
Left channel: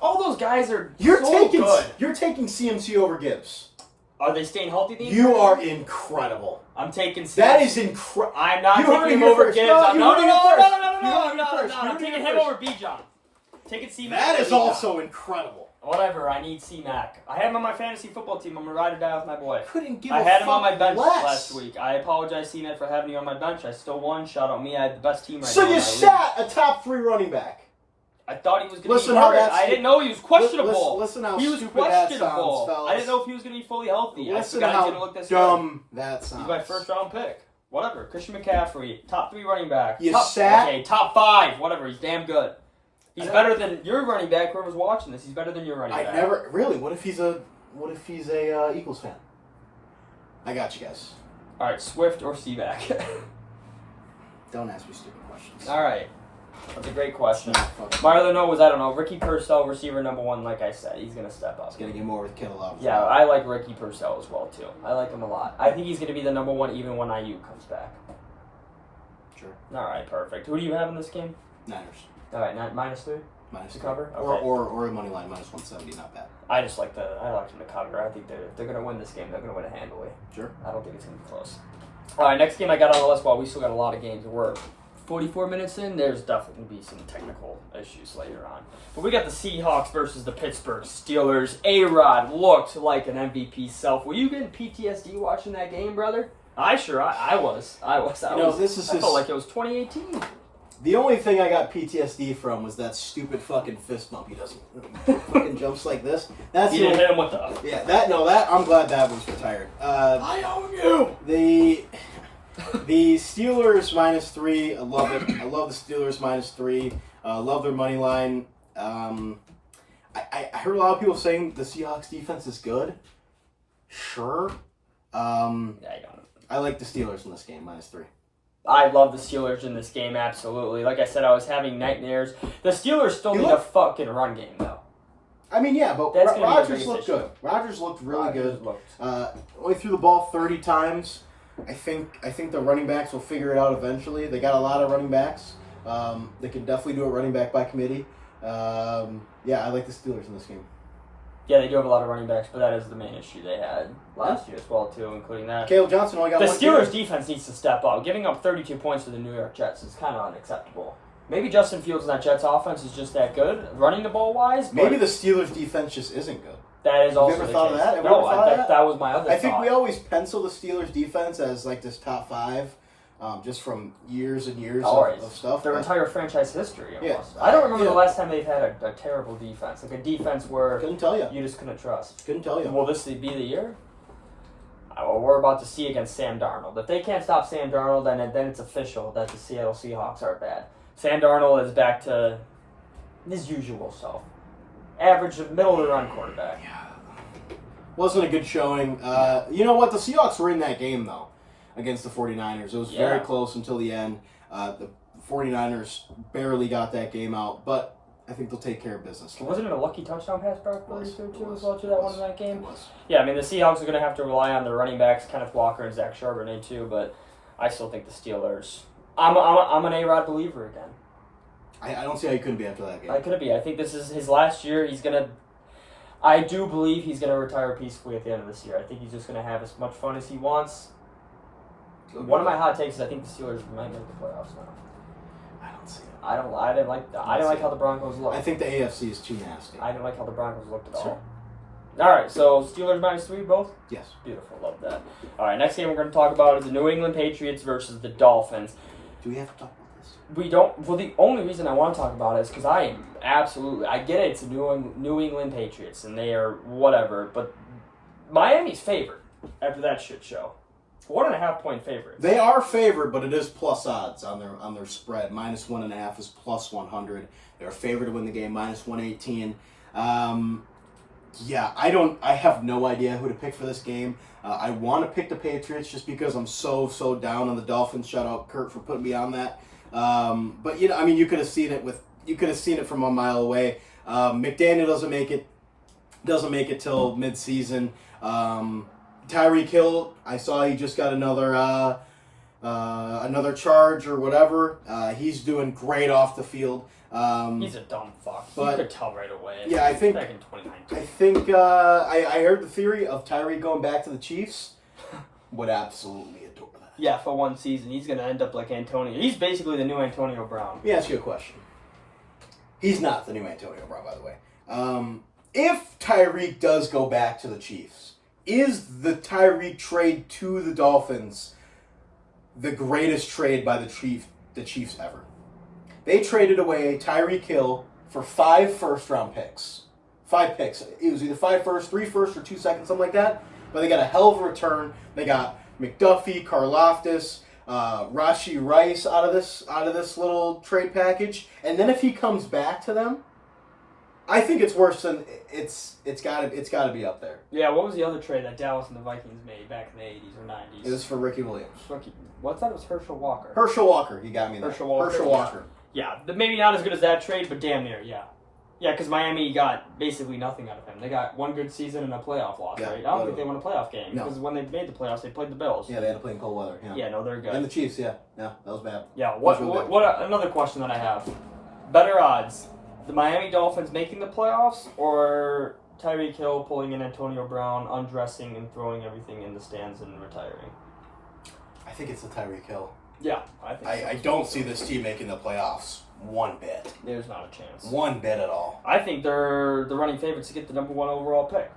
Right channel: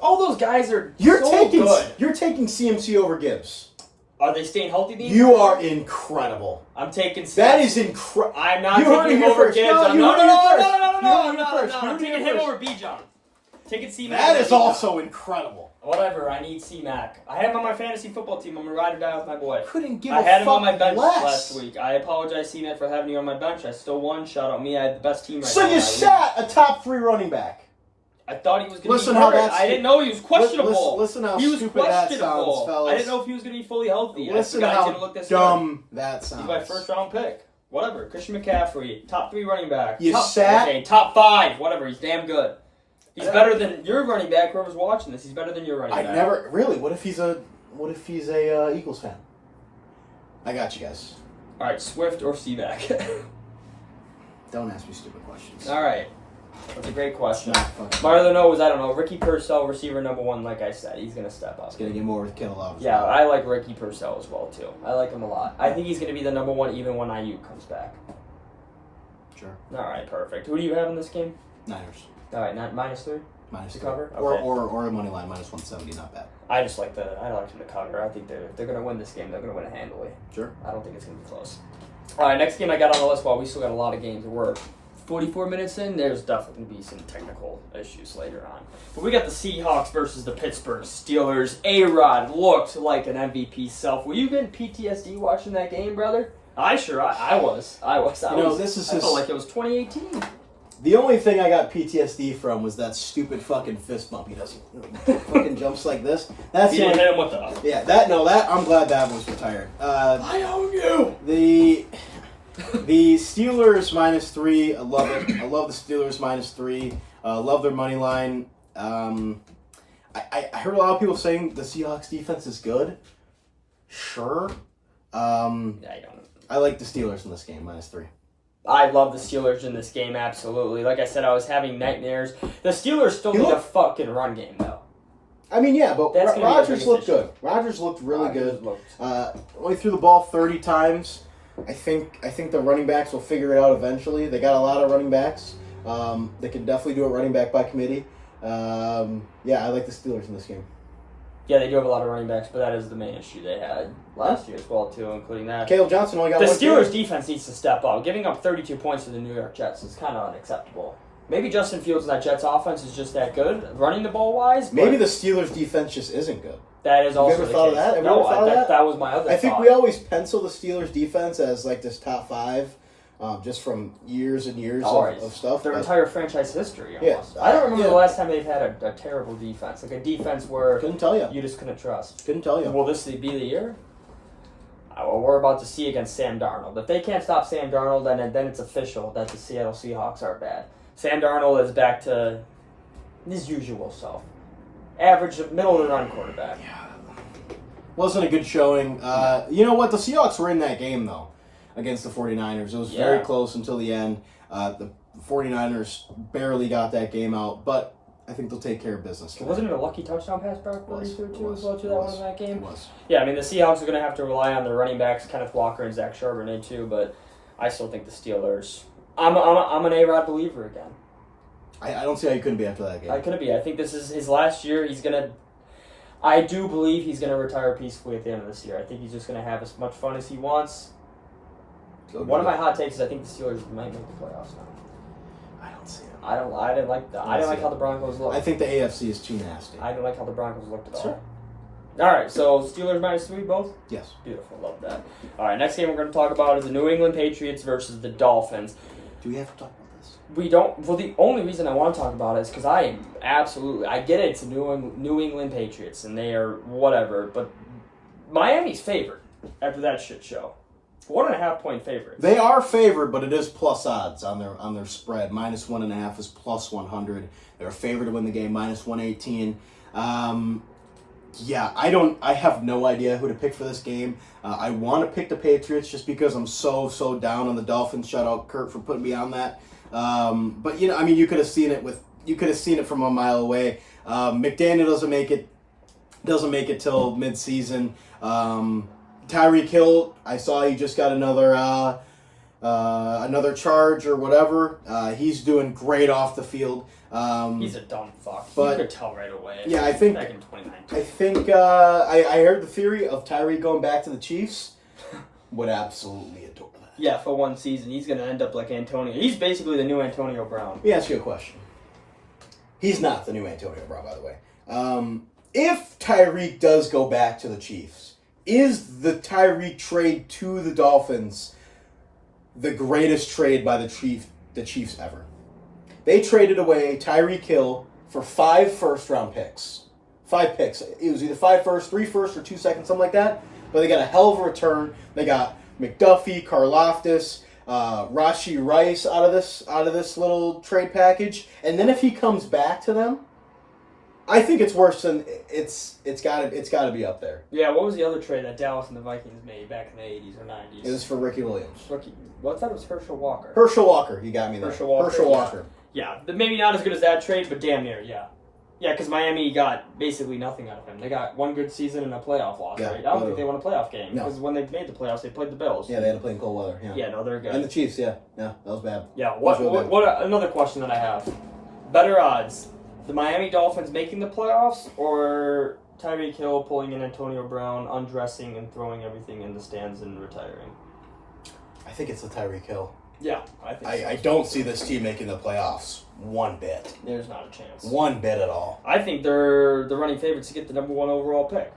All those guys are You're so good. You're taking CMC over Gibbs. Are they staying healthy these You days? are incredible. I'm taking CMC. That is incredible. I'm not You heard taking it him here over first. Gibbs. No, I'm you no, heard it no, here no, first. no, You heard it first. I'm You heard it taking here him first. over Bijan. Taking C-Mac. That over is Bijan. also incredible. Whatever. I need C-Mac. I had him on my fantasy football team. I'm gonna ride or die with my boy. Couldn't give I a had him fuck on my bench less. last week. I apologize, C-Mac, for having you on my bench. I still won. Shout out me. I had the best team right So now. in you my league. sat a top 3 running back. I thought he was going to Listen be how hurt. that's- I didn't know he was questionable. Listen how he was stupid that questionable. sounds, fellas. I didn't know if he was going to be fully healthy. Listen I forgot he's how going to look this dumb that good. sounds. He's my first round pick. Whatever. Christian McCaffrey, top 3 running back. Top 5. Whatever. He's damn good. He's better than your running back. Whoever's watching this, he's better than your running back. What if he's a Eagles fan? I got you guys. All right, Swift or C-Mac? Don't ask me stupid questions. All right. That's a great question. Fucking- My other note was, I don't know, Ricky Purcell, receiver number 1, like I said. He's going to step up. He's going to get more with Kittle out. Yeah, I like Ricky Purcell as well, too. I like him a lot. I think he's going to be the number 1 even when IU comes back. Sure. All right, perfect. Who do you have in this game? Niners. All right, not -3 Minus to 3. cover? Or, Okay. or a money line, -170, not bad. I like them to cover. I think they're going to win this game. They're going to win it handily. Sure. I don't think it's going to be close. All right, next game I got on the list. While we still got a lot of games to work. 44 minutes in, there's definitely going to be some technical issues later on. But we got the Seahawks versus the Pittsburgh Steelers. A-Rod looked like an MVP self. Were you getting PTSD watching that game, brother? I was. This is I felt like it was 2018. The only thing I got PTSD from was that stupid fucking fist bump. He doesn't fucking jumps like this. That's You the didn't only, hit him with the... yeah. That I'm glad that was retired. I own you! The Steelers -3. I love it. I love the Steelers -3. Love their money line. I heard a lot of people saying the Seahawks defense is good. Sure. Yeah, I don't. I like the Steelers in this game -3. I love the Steelers in this game, absolutely. Like I said, I was having nightmares. The Steelers still need a fucking run game, though. I mean, yeah, but That's gonna be the Rodgers biggest looked issue. good. Rodgers looked really good. Looked- Only threw the ball 30 times. I think the running backs will figure it out eventually. They got a lot of running backs. They can definitely do a running back by committee. Yeah, I like the Steelers in this game. Yeah, they do have a lot of running backs, but that is the main issue they had last year as well, too, including that. Caleb Johnson only got The one Steelers' game. defense needs to step up. Giving up 32 points to the New York Jets is kind of unacceptable. Maybe Justin Fields and that Jets offense is just that good, running the ball wise. But Maybe the Steelers' defense just isn't good. that is also ever the thought of case. that? Have you No, ever thought of that? that was my other I think thought. we always pencil the Steelers' defense as like this top 5, just from years and years of stuff. Their but- entire franchise history, almost. Yeah. I don't remember Yeah. the last time they've had a terrible defense, like a defense where Couldn't tell you. you just couldn't trust. Couldn't tell you. Will this be the year? Well, we're about to see against Sam Darnold. If they can't stop Sam Darnold, then it's official that the Seattle Seahawks are bad. Sam Darnold is back to his usual self. Average, middle-of-the-run quarterback. Wasn't a good showing. You know what? The Seahawks were in that game, though, against the 49ers. It was very close until the end. The 49ers barely got that game out, but I think they'll take care of business. Wasn't it a lucky touchdown pass, Brock Purdy, too, as well, to that one in that game? It was. Yeah, I mean, the Seahawks are going to have to rely on their running backs, Kenneth Walker and Zach Charbonnet, too, but I still think the Steelers... I'm an A-Rod believer again. I don't see how you couldn't be after that game. I could be. I think this is his last year. I do believe he's going to retire peacefully at the end of this year. I think he's just going to have as much fun as he wants. One of my hot takes is I think the Steelers might make the playoffs now. I don't see it. I didn't like how the Broncos looked. I think the AFC is too nasty. I didn't like how the Broncos looked at all. Sure. All right, so Steelers -3 both? Yes. Beautiful, love that. All right, next game we're going to talk about is the New England Patriots versus the Dolphins. Do we have to talk about this? We don't. Well, the only reason I want to talk about it is because I get it. It's the New England Patriots, and they are whatever. But Miami's favored after that shit show. 1.5 point favorites. They are favored, but it is plus odds on their spread. -1.5 is +100. They're favored to win the game. -118. Yeah, I have no idea who to pick for this game. I want to pick the Patriots just because I'm so down on the Dolphins. Shout out Kurt for putting me on that. But you know, I mean, you could have seen it from a mile away. McDaniel doesn't make it till midseason. Tyreek Hill, I saw he just got another charge or whatever. He's doing great off the field. He's a dumb fuck. But- You could tell right away. Yeah, I think- back in 2019. I think I heard the theory of Tyreek going back to the Chiefs. Would absolutely adore that. Yeah, for one season, he's gonna end up like Antonio. He's basically the new Antonio Brown. Let me ask you a question. He's not the new Antonio Brown, by the way. If Tyreek does go back to the Chiefs, is the Tyreek trade to the Dolphins the greatest trade by the Chiefs ever? They traded away Tyreek Hill for 5 first-round picks. 5 picks. It was either 5 first, 3 first, or 2 seconds, something like that. But they got a hell of a return. They got McDuffie, Karlaftis, Rashi Rice out of this little trade package. And then if he comes back to them, I think it's worse than it's got to be up there. Yeah, what was the other trade that Dallas and the Vikings made back in the 80s or 90s? It was for Ricky Williams. Well, I thought it was Herschel Walker. Herschel Walker, you got me there. Herschel Walker. Herschel Walker. Yeah, maybe not as good as that trade, but damn near, yeah. Yeah, because Miami got basically nothing out of him. They got one good season and a playoff loss, right? I don't think they won a playoff game. Because when they made the playoffs, they played the Bills. Yeah, they had to play in cold weather. Yeah, no, they're good. And the Chiefs, yeah. Yeah, that was bad. Yeah, another question that I have. Better odds, the Miami Dolphins making the playoffs or Tyreek Hill pulling in Antonio Brown, undressing and throwing everything in the stands and retiring? I think it's the Tyreek Hill. Yeah, I think so. I don't see this team making the playoffs one bit. There's not a chance. One bit at all. I think they're the running favorites to get the number 1 overall pick.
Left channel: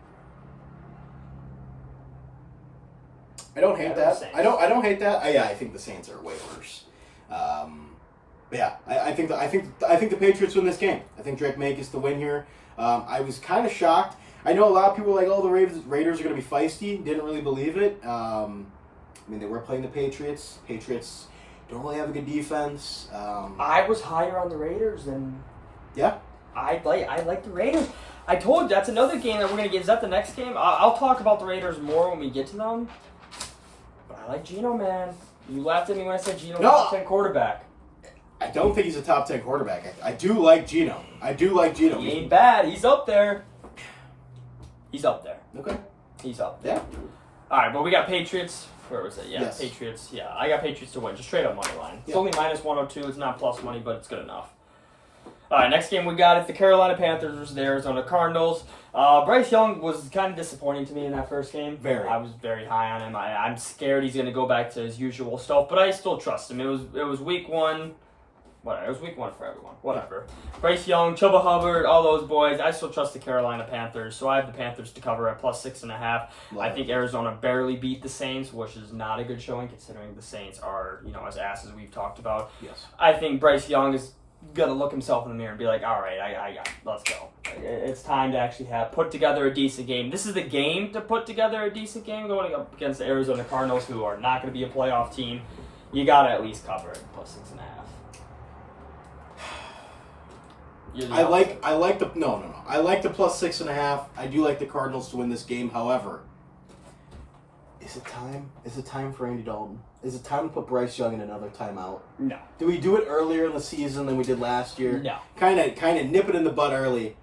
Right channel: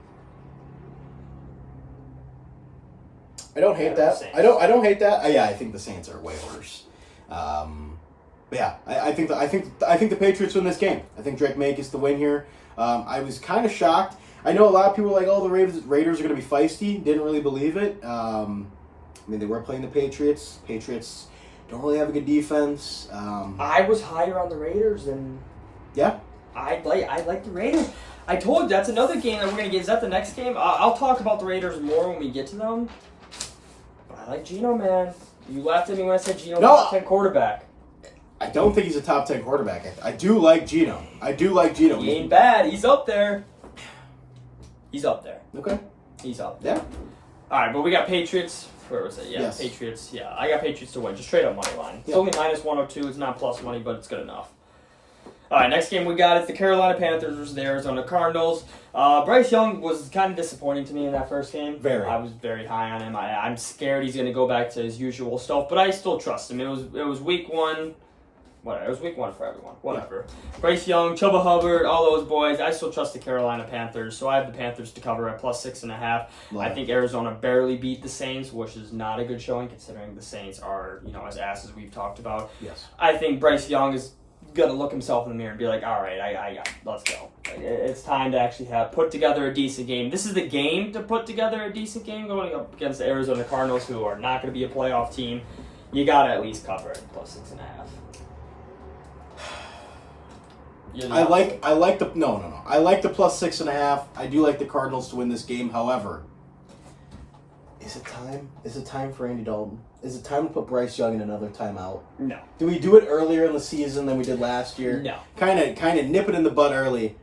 I don't hate that. I don't hate that. I think the Saints are way worse. Yeah, I think the Patriots win this game. I think Drake May gets the win here. I was kind of shocked. I know a lot of people were like, "Oh, the Raiders are going to be feisty." Didn't really believe it. I mean, they were playing the Patriots. Patriots don't really have a good defense. I was higher on the Raiders than. Yeah. I like the Raiders. I told you that's another game that we're gonna get. Is that the next game? I'll talk about the Raiders more when we get to them. But I like Geno, man. You laughed at me when I said Geno was a top 10 quarterback. I don't think he's a top 10 quarterback. I do like Geno. He ain't bad. He's up there. Okay. He's up there. Yeah. All right, but we got Patriots. Where was it? Yeah, yes. Patriots. Yeah, I got Patriots to win. Just straight up money line. It's only minus 102. It's not plus money, but it's good enough. All right, next game we got is the Carolina Panthers versus the Arizona Cardinals. Bryce Young was kind of disappointing to me in that first game. Very. I was very high on him. I'm scared he's going to go back to his usual stuff, but I still trust him. It was week 1. Whatever. It was week 1 for everyone. Whatever. Yeah. Bryce Young, Chuba Hubbard, all those boys. I still trust the Carolina Panthers, so I have the Panthers to cover at plus 6.5. I think Arizona barely beat the Saints, which is not a good showing considering the Saints are, as asses we've talked about. Yes. I think Bryce Young is going to look himself in the mirror and be like, all right, I got it. Let's go. It's time to actually put together a decent game. This is the game to put together a decent game going up against the Arizona Cardinals, who are not going to be a playoff team. You got to at least cover it plus 6.5. I like the plus 6.5. I do like the Cardinals to win this game. However, is it time? Is it time for Andy Dalton? Is it time to put Bryce Young in another timeout? No. Do we do it earlier in the season than we did last year? No. Kind of nip it in the bud early.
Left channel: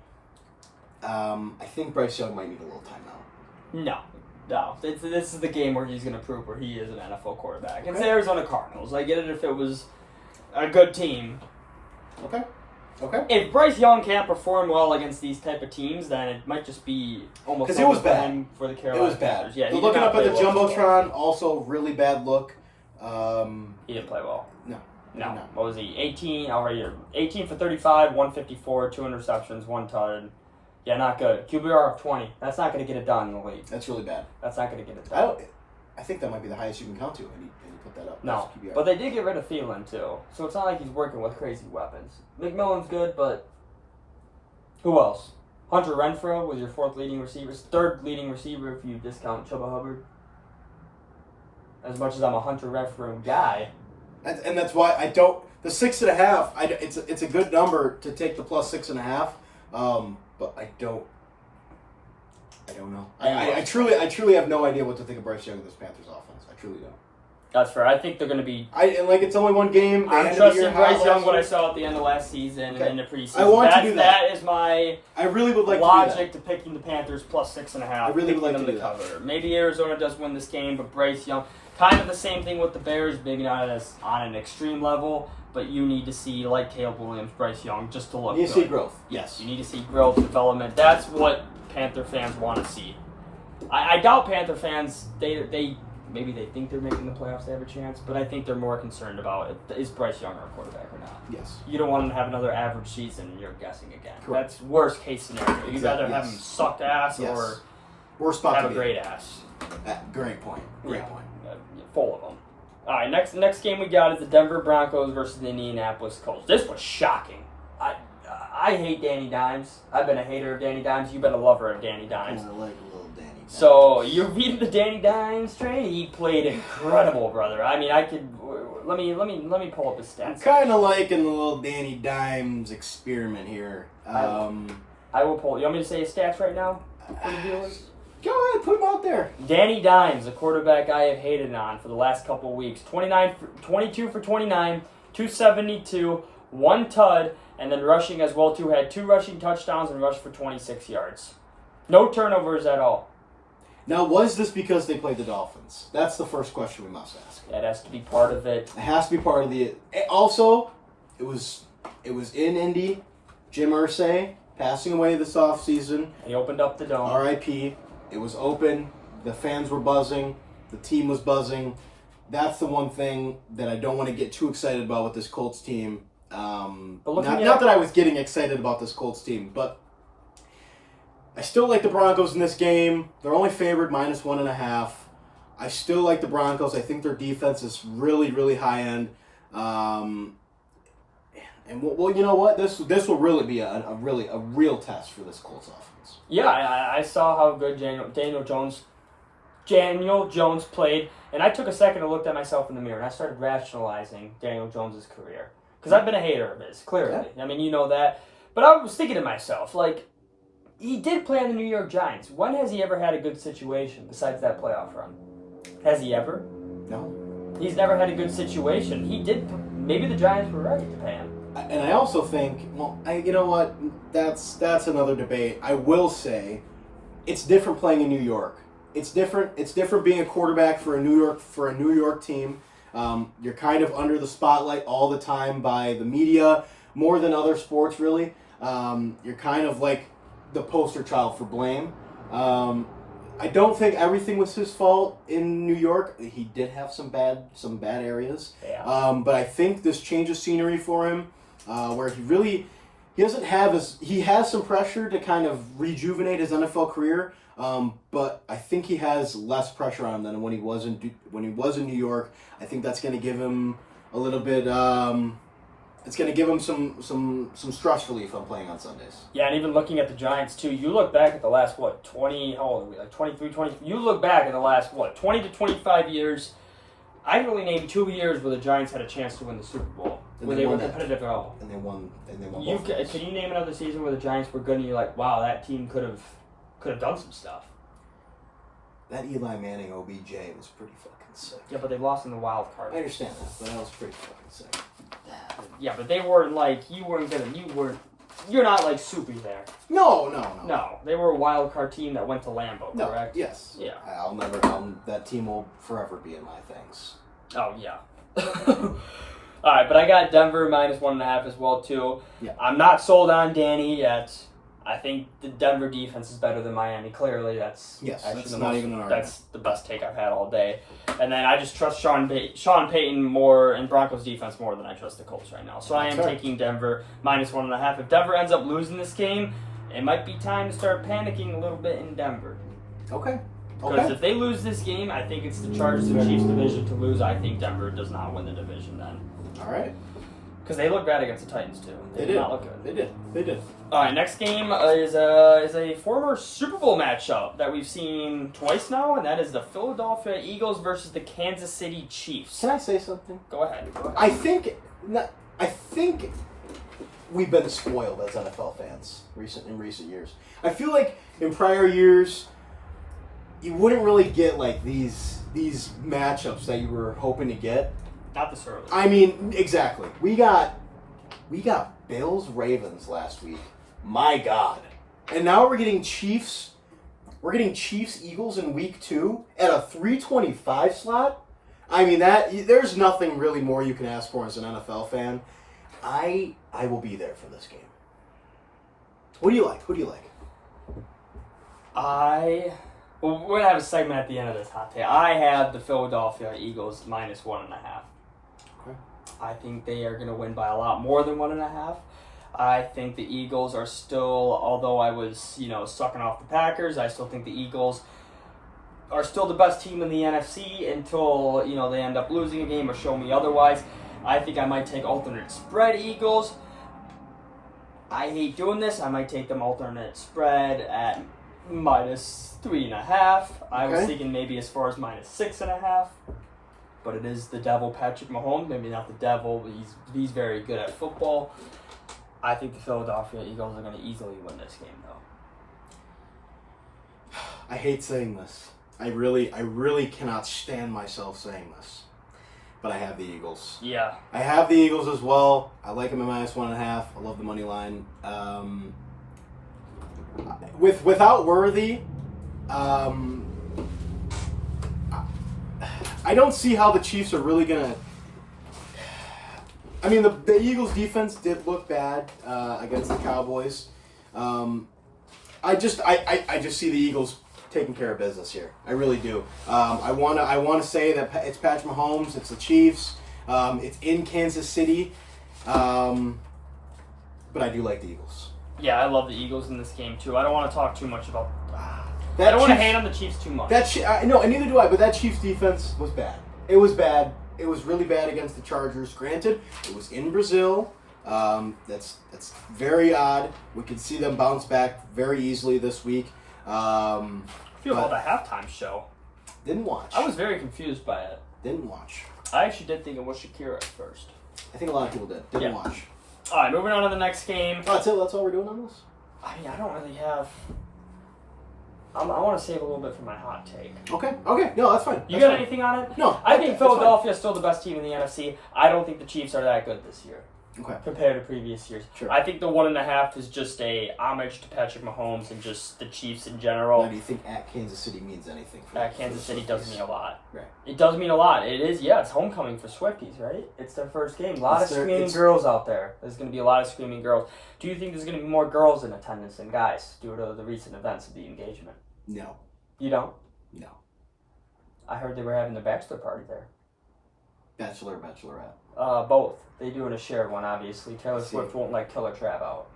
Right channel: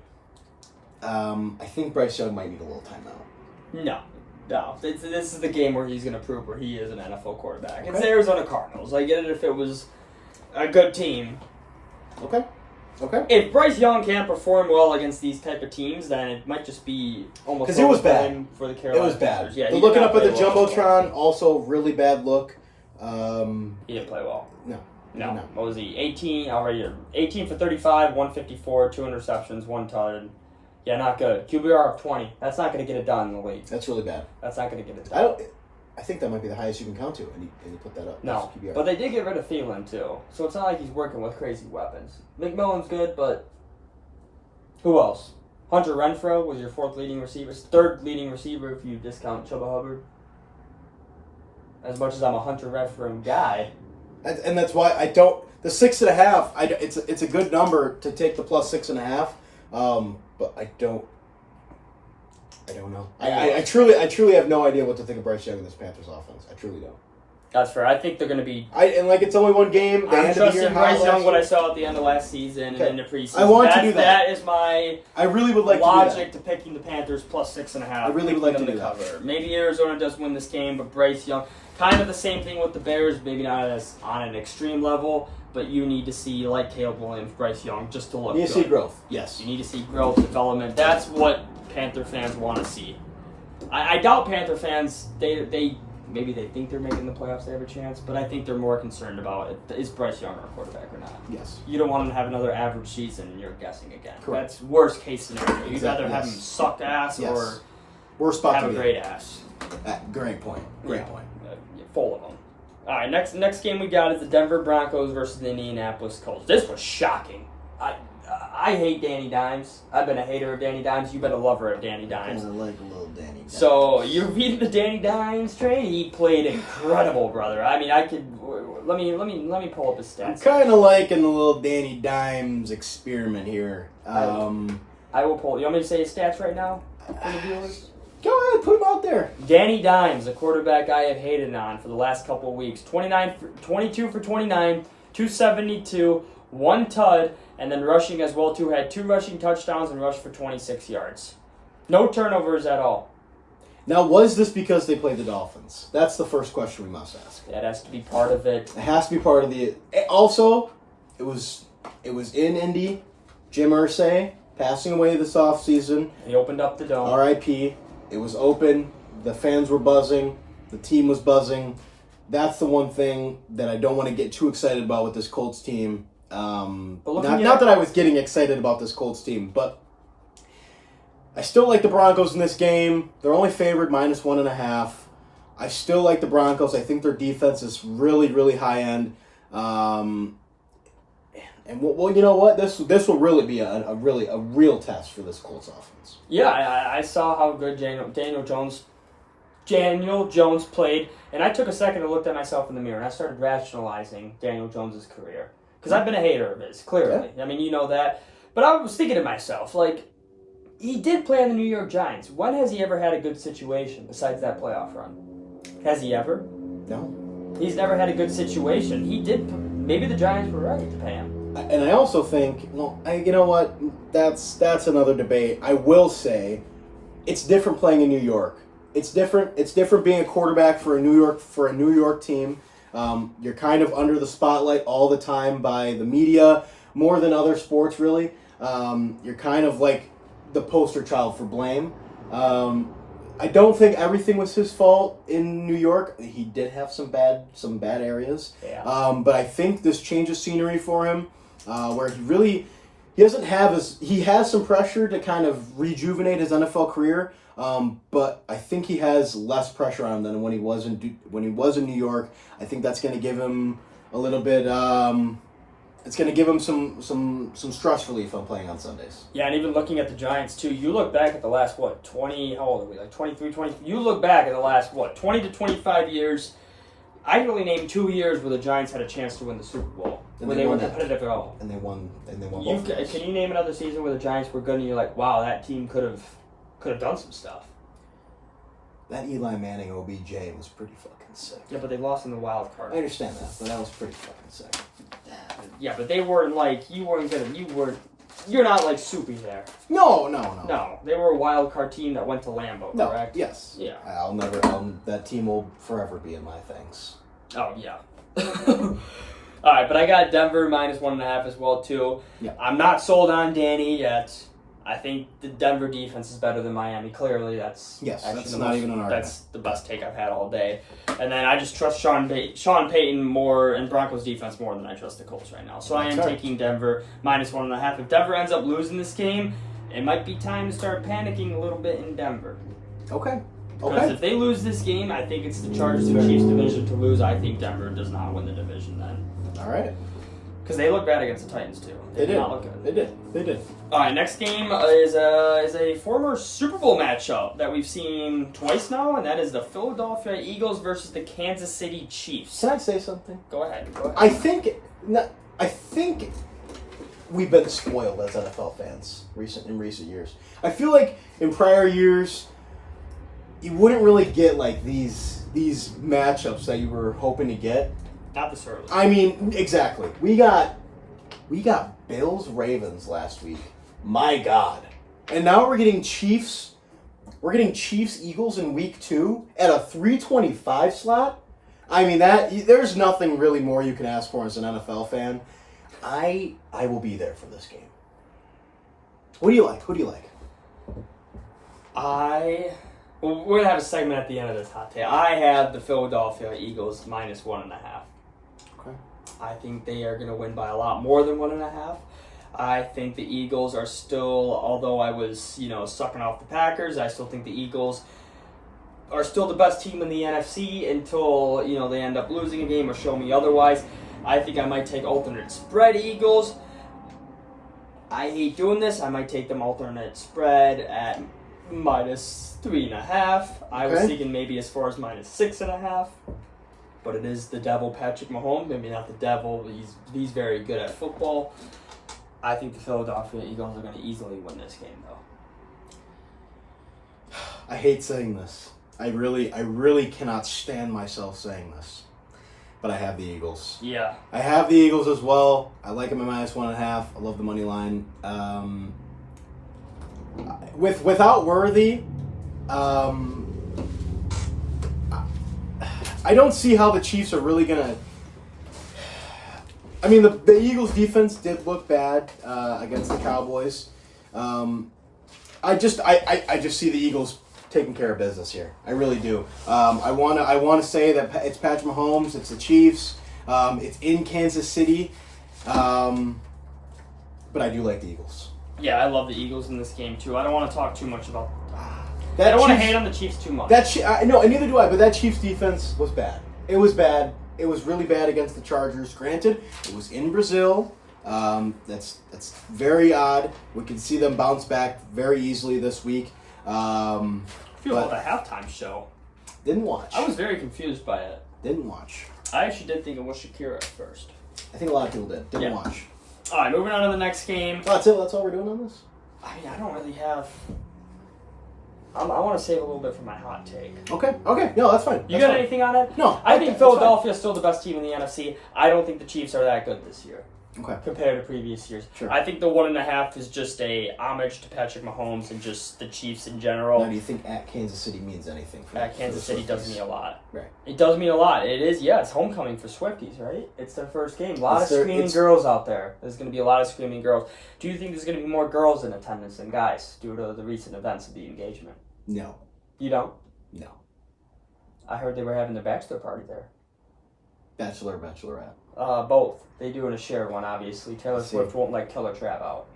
I think Bryce Young might need a little timeout. No. This is the game where he's going to prove where he is an NFL quarterback. Okay. It's the Arizona Cardinals. I get it if it was a good team. Okay. If Bryce Young can't perform well against these type of teams, then it might just be almost because it was bad for the Carolina It was bad. Panthers. Yeah, looking up at the jumbotron, also really bad look. He didn't play well. No. What was he? 18 for 35, 154, 2 interceptions, 1 touchdown. Yeah, not good. QBR of 20. That's not going to get it done in the league. That's really bad. That's not going to get it done. I think that might be the highest you can count to, and you put that up. No, but they did get rid of Thielen, too. So it's not like he's working with crazy weapons. McMillan's good, but who else? Hunter Renfrow was your 4th leading receiver. 3rd leading receiver if you discount Chuba Hubbard. As much as I'm a Hunter Renfrow guy. And that's why I don't... The 6.5, it's a good number to take the plus 6.5, but I don't know. I truly have no idea what to think of Bryce Young in this Panthers offense. I truly don't. That's fair. I think they're going to be... it's only one game. I'm trusting Bryce Young what I saw at the end of last season and in the preseason. I want to do that. That is my I really would like logic to picking the Panthers plus 6.5. I really would like to do cover. that. Maybe Arizona does win this game, but Bryce Young... Kind of the same thing with the Bears, maybe not as on an extreme level, but you need to see, like Caleb Williams, Bryce Young, just to look good. You need to see growth. Yes, you need to see growth, development. That's what Panther fans want to see. I doubt Panther fans, they maybe they think they're making the playoffs, they have a chance, but I think they're more concerned about is Bryce Young our quarterback or not. Yes. You don't want him to have another average season and you're guessing again. Correct. That's worst case scenario. You'd Exactly. rather have him suck ass or worst spot have to a be. great ass. Great point. Great point. Full of them. All right, next game we got is the Denver Broncos versus the Indianapolis Colts. This was shocking. I hate Danny Dimes. I've been a hater of Danny Dimes. You've been a lover of Danny Dimes. I like a little Danny Dimes. So you're reading the Danny Dimes trade. He played incredible, brother. I mean, I could let me pull up his stats. I'm kind of liking the little Danny Dimes experiment here. I will pull. You want me to say his stats right now for the viewers? Go ahead, put him out there. Danny Dimes, a quarterback I have hated on for the last couple of weeks. 22 for 29, 272, 1 tud, and then rushing as well too. Had 2 rushing touchdowns and rushed for 26 yards. No turnovers at all. Now, was this because they played the Dolphins? That's the first question we must ask. That has to be part of it. It has to be part of the. Also, it was in Indy. Jim Irsay passing away this offseason. He opened up the dome. R.I.P. It was open. The fans were buzzing. The team was buzzing. That's the one thing that I don't want to get too excited about with this Colts team. Not that I was getting excited about this Colts team, but I still like the Broncos in this game. They're only favored -1.5. I still like the Broncos. I think their defense is really, really high end. And well, you know what? This will really be a real test for this Colts offense. Yeah, I saw how good Daniel Jones played, and I took a second to look at myself in the mirror, and I started rationalizing Daniel Jones' career. Because I've been a hater of his, clearly. Yeah. I mean, you know that. But I was thinking to myself, like, he did play on the New York Giants. When has he ever had a good situation besides that playoff run? Has he ever? No. He's never had a good situation. He did. Maybe the Giants were right to pay him. And I also think, you know what? That's another debate. I will say, it's different playing in New York. It's different. It's different being a quarterback for a New York team. You're kind of under the spotlight all the time by the media, more than other sports, really. You're kind of like the poster child for blame. I don't think everything was his fault in New York. He did have some bad areas. Yeah. But I think this change of scenery for him, where he doesn't have he has some pressure to kind of rejuvenate his NFL career. But I think he has less pressure on him than when he was in New York. I think that's going to give him a little bit. It's going to give him some stress relief on playing on Sundays. Yeah, and even looking at the Giants, too, you look back at the last, 20, how old are we, like 23, 20? You look back at the last, 20 to 25 years. I can only name 2 years where the Giants had a chance to win the Super Bowl, where they were competitive at all. And they won. Can you name another season where the Giants were good and you're like, wow, that team could have done some stuff? That Eli Manning OBJ was pretty fucking sick. Yeah, but they lost in the wild card. I understand that, but that was pretty fucking sick. Yeah, but they weren't like, you're not like Soupy there. No. No, they were a wild card team that went to Lambeau, correct? Yes. Yeah. That team will forever be in my things. Oh, yeah. All right, but I got Denver -1.5 as well, too. Yeah. I'm not sold on Danny yet. I think the Denver defense is better than Miami. Clearly, that's not even an argument. That's the best take I've had all day. And then I just trust Sean Payton more and Broncos defense more than I trust the Colts right now. So I am taking Denver -1.5. If Denver ends up losing this game, it might be time to start panicking a little bit in Denver. Okay. Because if they lose this game, I think it's the Chargers and Chiefs division to lose. I think Denver does not win the division then. All right. Because they look bad against the Titans, too. They did not look good. They did. All right, next game is a former Super Bowl matchup that we've seen twice now, and that is the Philadelphia Eagles versus the Kansas City Chiefs. Can I say something? Go ahead. I think we've been spoiled as NFL fans in recent years. I feel like in prior years, you wouldn't really get like these matchups that you were hoping to get. Not this early. I mean, exactly. We got Bills Ravens last week. My God. And now we're getting Chiefs. We're getting Chiefs Eagles in week 2 at a 3:25 slot. I mean, there's nothing really more you can ask for as an NFL fan. I will be there for this game. What do you like? Who do you like? Well, we're gonna have a segment at the end of this hot take. I have the Philadelphia Eagles -1.5. Okay. I think they are gonna win by a lot more than 1.5. I think the Eagles are still, although I was, sucking off the Packers, I still think the Eagles are still the best team in the NFC until, they end up losing a game or show me otherwise. I think I might take alternate spread Eagles. I hate doing this. I might take them alternate spread at -3.5. I was thinking maybe as far as -6.5. But it is the devil, Patrick Mahomes. Maybe not the devil, but he's very good at football. I think the Philadelphia Eagles are going to easily win this game, though. I hate saying this. I really cannot stand myself saying this. But I have the Eagles. Yeah. I have the Eagles as well. I like them at -1.5. I love the money line. Without Worthy, I don't see how the Chiefs are really gonna. I mean, the Eagles' defense did look bad against the Cowboys. I just see the Eagles taking care of business here. I really do. I wanna say that it's Patrick Mahomes. It's the Chiefs. It's in Kansas City. But I do like the Eagles. Yeah, I love the Eagles in this game too. I don't want to talk too much about. I That don't want to Chiefs- hate on the Chiefs too much. No, and neither do I. But that Chiefs defense was bad. It was bad. It was really bad against the Chargers. Granted, it was in Brazil. That's very odd. We can see them bounce back very easily this week. I feel about the halftime show. Didn't watch. I was very confused by it. Didn't watch. I actually did think it was Shakira at first. I think a lot of people did. Didn't Yeah. watch. All right, moving on to the next game. Oh, that's it. That's all we're doing on this. I mean, I don't really have. I want to save a little bit for my hot take. Okay. No, that's fine. You That's got fine. anything on it? No. I okay, think that's Philadelphia is still the best team in the NFC. I don't think the Chiefs are that good this year fine. Okay. compared to previous years. Sure. I think the 1.5 is just a homage to Patrick Mahomes and just the Chiefs in general. Now, do you think at Kansas City means anything? Kansas City does mean a lot. Right. It does mean a lot. It is, yeah, it's homecoming for Swifties, right? It's their first game. A lot of screaming girls out there. There's going to be a lot of screaming girls. Do you think there's going to be more girls in attendance than guys due to the recent events of the engagement? No. You don't? No. I heard they were having their bachelor party there. Bachelor, bachelorette. Both. They doing a shared one, obviously. Taylor Swift won't let Killer Trav out.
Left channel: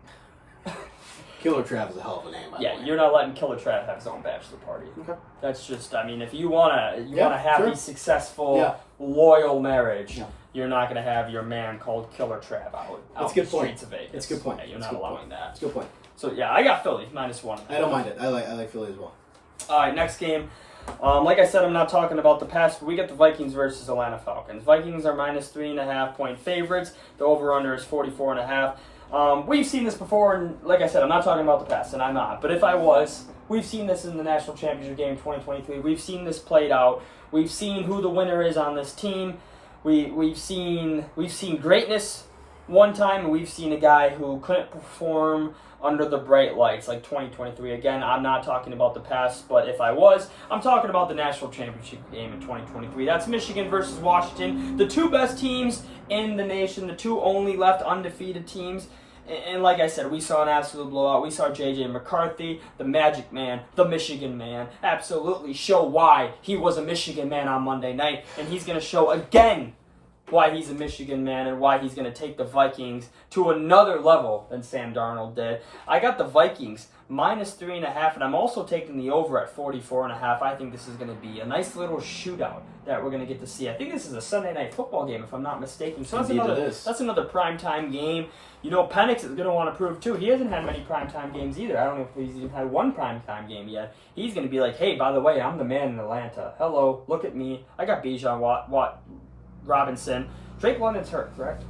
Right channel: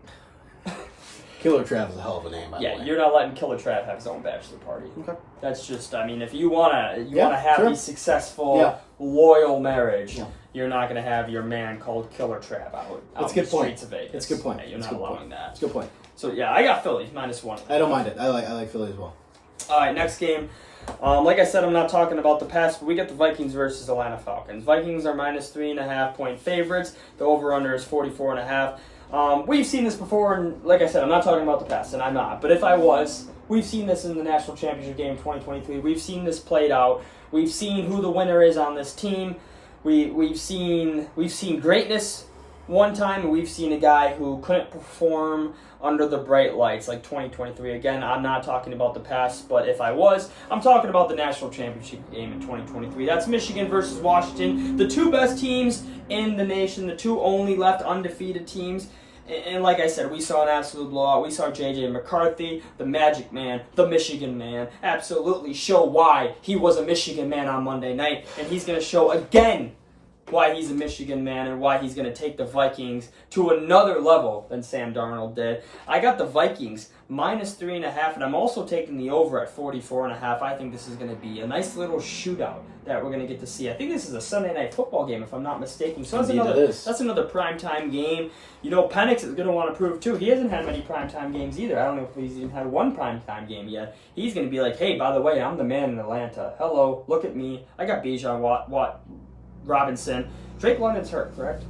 Killer Trav is a hell of a name, by the way. Yeah, you're not letting Killer Trav have his own bachelor party. Okay. That's just, I mean, if you want a happy, sure. successful, loyal marriage, Yeah. you're not going to have your man called Killer Trav out That's a in good the point. streets of Vegas. That's a good point. Yeah, you're That's not a good allowing point. that. That's a good point. So, yeah, I got Philly, -1. I don't mind it. I like Philly as well. All right, next game. Like I said, I'm not talking about the past, but we got the Vikings versus Atlanta Falcons. Vikings are -3.5 point favorites. The over/under is 44.5. We've seen this before, and like I said, I'm not talking about the past, and I'm not. But if I was, we've seen this in the National Championship game 2023. We've seen this played out. We've seen who the winner is on this team. We've seen greatness one time, and we've seen a guy who couldn't perform under the bright lights like 2023. Again, I'm not talking about the past, but if I was, I'm talking about the National Championship game in 2023. That's Michigan versus Washington, the two best teams in the nation, the two only left undefeated teams. And like I said, we saw an absolute blowout. We saw J.J. McCarthy, the Magic Man, the Michigan Man, absolutely show why he was a Michigan Man on Monday night. And he's going to show again why he's a Michigan Man and why he's going to take the Vikings to another level than Sam Darnold did. I got the Vikings -3.5, and I'm also taking the over at 44.5. I think this is going to be a nice little shootout that we're going to get to see. I think this is a Sunday night football game, if I'm not mistaken. So that's another primetime game. You know, Penix is going to want to prove, too. He hasn't had many primetime games either. I don't know if he's even had one primetime game yet. He's going to be like, hey, by the way, I'm the man in Atlanta. Hello, look at me. I got Bijan Robinson. Drake London's hurt, correct?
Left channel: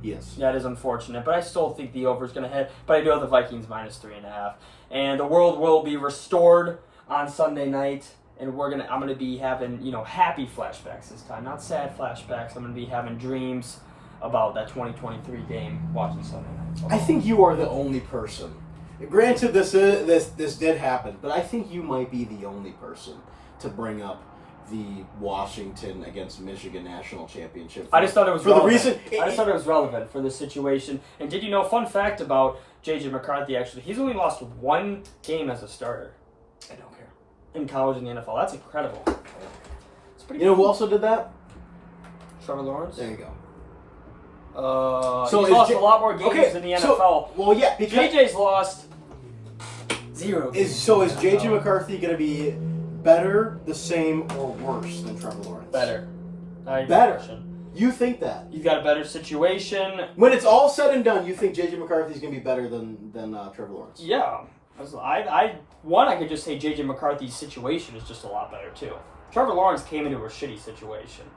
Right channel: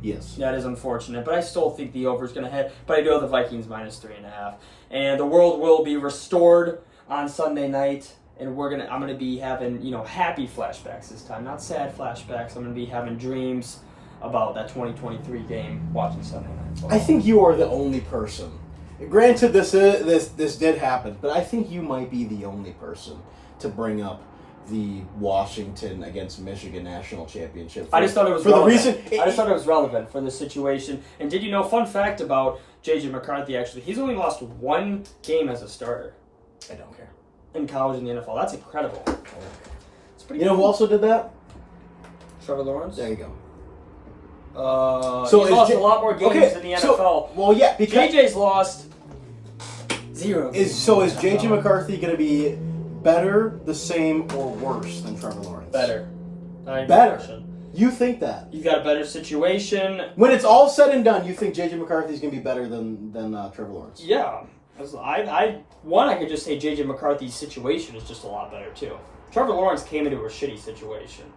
Yes. That is unfortunate, but I still think the over is going to hit. But I do have the Vikings -3.5, and the world will be restored on Sunday night. And I'm gonna be having happy flashbacks this time, not sad flashbacks. I'm gonna be having dreams about that 2023 game watching Sunday night. So I think you are the only person. Granted, this did happen, but I think you might be the only person to bring up the Washington against Michigan national championship. I just thought it was relevant. I just thought it was relevant for the situation. And did you know, fun fact about J.J. McCarthy, actually, he's only lost one game as a starter. I don't care. In college and the NFL. That's incredible. It's pretty You know who also did that? Trevor Lawrence? There you go. He's lost a lot more games in the NFL. Well, yeah, because JJ's lost 0 games. Is J.J. McCarthy going to be better, the same, or worse than Trevor Lawrence? Better. Better. You think that? You got a better situation. When it's all said and done, you think J.J. McCarthy is going to be better than Trevor Lawrence? Yeah. I could just say J.J. McCarthy's situation is just a lot better, too. Trevor Lawrence came into a shitty situation.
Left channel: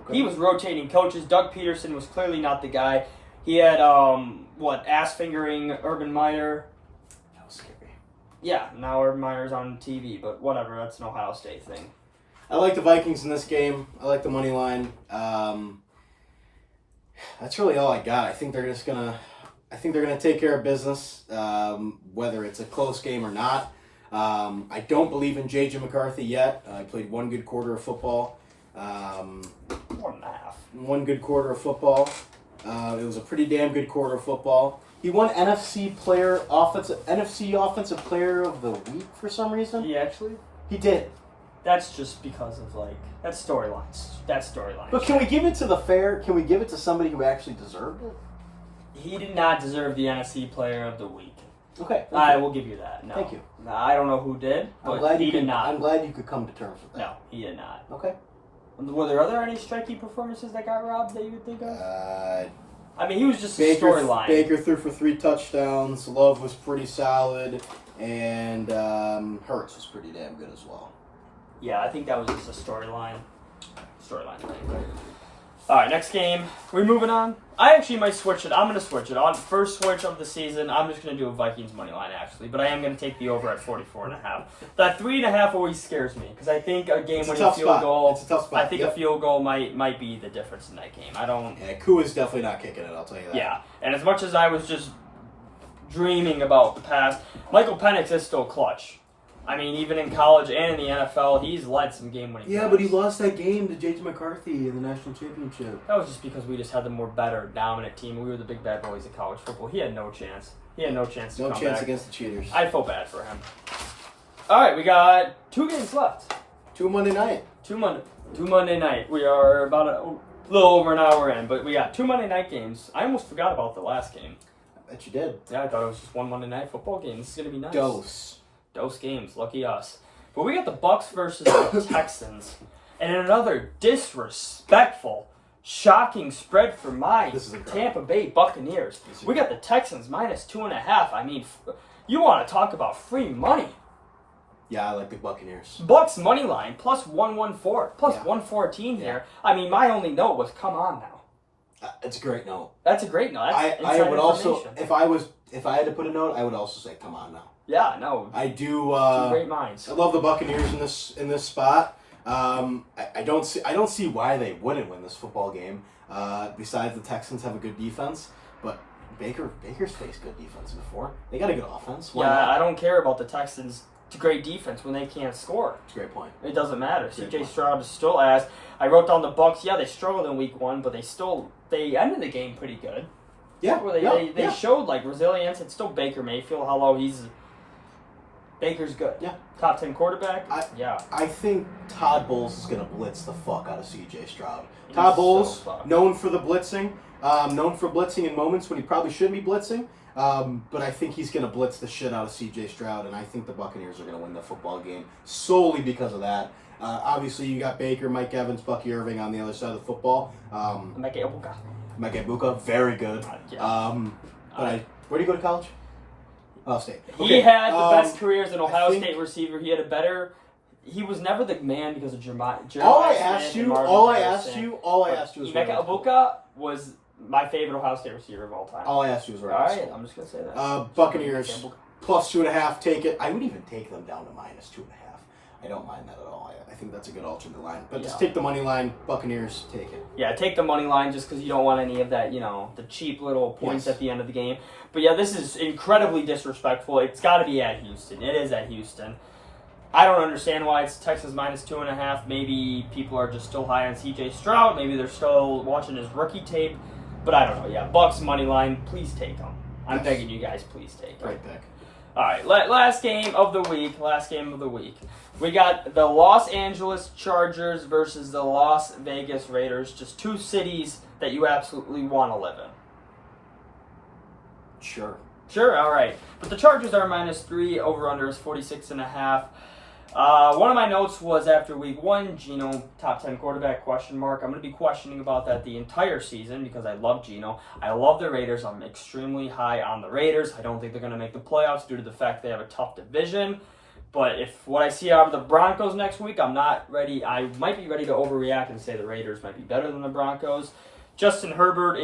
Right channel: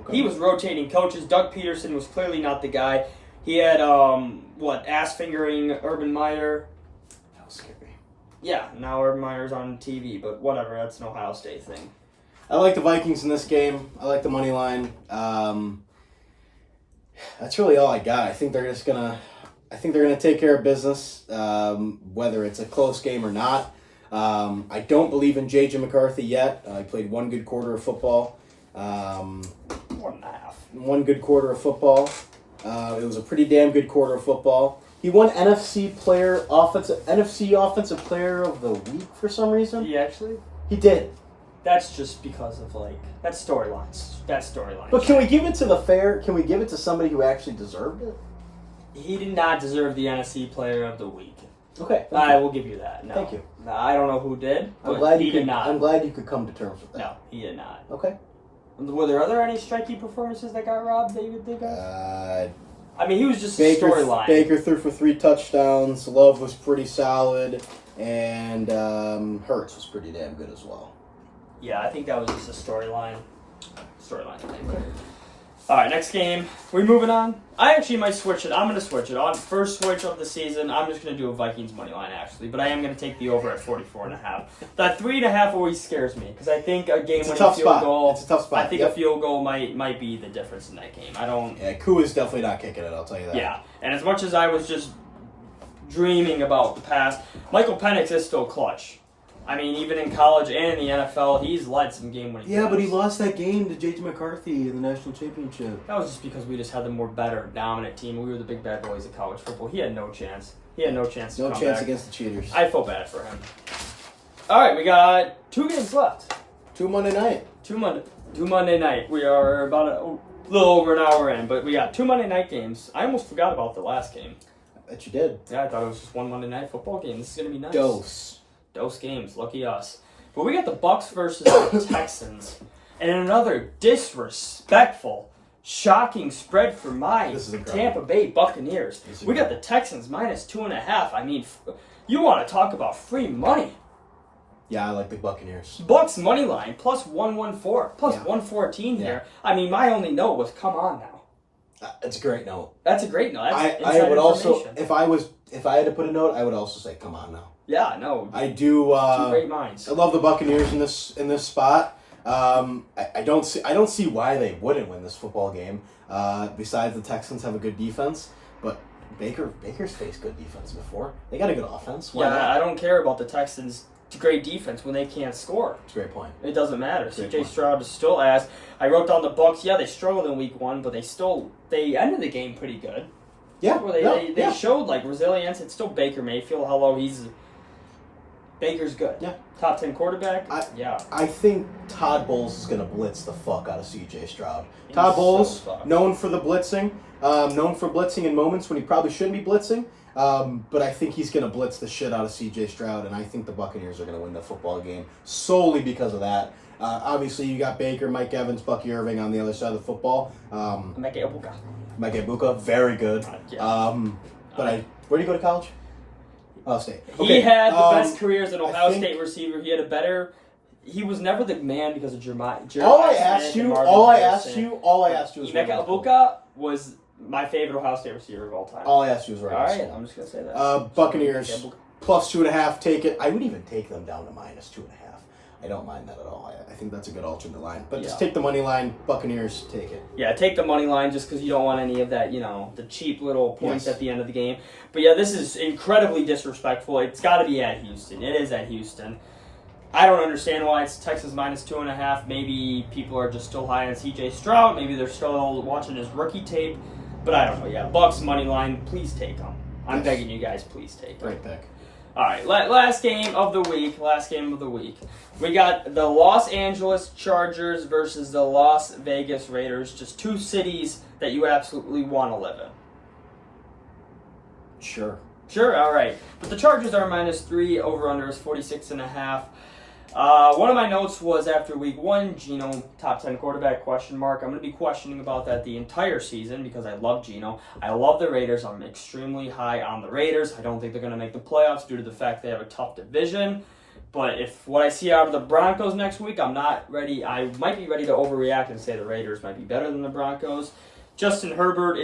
Okay. He was rotating coaches. Doug Peterson was clearly not the guy. He had, ass-fingering Urban Meyer. That was scary. Yeah, now Urban Meyer's on TV, but whatever, that's an Ohio State thing. I like the Vikings in this game. I like the money line. That's really all I got. I think they're gonna take care of business, whether it's a close game or not. I don't believe in J.J. McCarthy yet. He played one good quarter of football. 1.5. One good quarter of football. It was a pretty damn good quarter of football. He won NFC Offensive Player of the Week for some reason. He actually? He did. That's just because of, that's storylines. But can we give it to Can we give it to somebody who actually deserved it? He did not deserve the NFC Player of the Week. Okay. I will give you that. No. Thank you. I don't know who did, but he did not. I'm glad you could come to terms with that. No, he did not. Okay. Were there any striking performances that got robbed that you would think of? I mean, he was just Baker, a storyline. Baker threw for 3 touchdowns. Love was pretty solid. And Hurts was pretty damn good as well. Yeah, I think that was just a storyline thing. All right, next game. We moving on? I actually might switch it. I'm going to switch it. On first switch of the season, I'm just going to do a Vikings money line, actually. But I am going to take the over at 44.5. That 3.5 always scares me because I think a game-winning field goal. It's a tough spot. I think a field goal might be the difference in that game. I don't. Yeah, Koo is definitely not kicking it. I'll tell you that. Yeah, and as much as I was just dreaming about the past, Michael Penix is still clutch. I mean, even in college and in the NFL, he's led some game-winning games. Yeah, but he lost that game to J.J. McCarthy in the national championship. That was just because we just had the more better, dominant team. We were the big bad boys of college football. He had no chance. To come back. No chance against the cheaters. I feel bad for him. All right, we got 2 games left. 2 Monday night. 2 Monday night. We are about a little over an hour in, but we got 2 Monday night games. I almost forgot about the last game. I bet you did. Yeah, I thought it was just one Monday night football game. This is going to be nice. Dose games, lucky us. But we got the Bucs versus the Texans, and another disrespectful, shocking spread for my Tampa Bay Buccaneers. We got the Texans minus 2.5. I mean, you want to talk about free money? Yeah, I like the Buccaneers. Bucs money line plus 114, plus 114 here. I mean, my only note was, come on now. It's a great note. That's a great note. That's I would also, if I had to put a note, I would also say, come on now. Yeah, no. I do. 2 great minds. I love the Buccaneers in this spot. I don't see why they wouldn't win this football game. Besides, the Texans have a good defense, but Baker's faced good defense before. They got a good offense. Why not? I don't care about the Texans' great defense when they can't score. It's a great point. It doesn't matter. CJ Stroud is still ass. I wrote down the Bucs. Yeah, they struggled in week 1, but they ended the game pretty good. Yeah, they showed resilience. It's still Baker Mayfield. Hello, Baker's good. Yeah. Top 10 quarterback. I think Todd Bowles is going to blitz the fuck out of CJ Stroud. Todd Bowles, known for blitzing in moments when he probably shouldn't be blitzing. But I think he's going to blitz the shit out of CJ Stroud, and I think the Buccaneers are going to win the football game solely because of that. Obviously, you got Baker, Mike Evans, Bucky Irving on the other side of the football. Mike Ibuka, very good. Where do you go to college? Ohio State. He had the best career as an Ohio State receiver. He was never the man because of Jeremiah. All I asked you was Emeka Ibuka was my favorite Ohio State receiver of all time. All I asked you was all right, I'm just going to say that. Buccaneers, plus 2.5, take it. I would even take them down to minus 2.5. I don't mind that at all. I think that's a good alternate line. But just take the money line. Buccaneers, take it. Yeah, take the money line just because you don't want any of that, the cheap little points at the end of the game. But yeah, this is incredibly disrespectful. It's got to be at Houston. It is at Houston. I don't understand why it's Texas minus 2.5. Maybe people are just still high on CJ Stroud. Maybe they're still watching his rookie tape. But I don't know. Yeah, Bucs money line. Please take them. I'm begging you guys. Please take them. Great pick. All right, last game of the week. We got the Los Angeles Chargers versus the Las Vegas Raiders. Just 2 cities that you absolutely want to live in. Sure, all right. But the Chargers are minus 3. Over-under is 46.5. One of my notes was after week 1, Geno, top 10 quarterback, question mark. I'm going to be questioning about that the entire season because I love Geno. I love the Raiders. I'm extremely high on the Raiders. I don't think they're going to make the playoffs due to the fact they have a tough division. But if what I see out of the Broncos next week, I'm not ready. I might be ready to overreact and say the Raiders might be better than the Broncos. Justin Herbert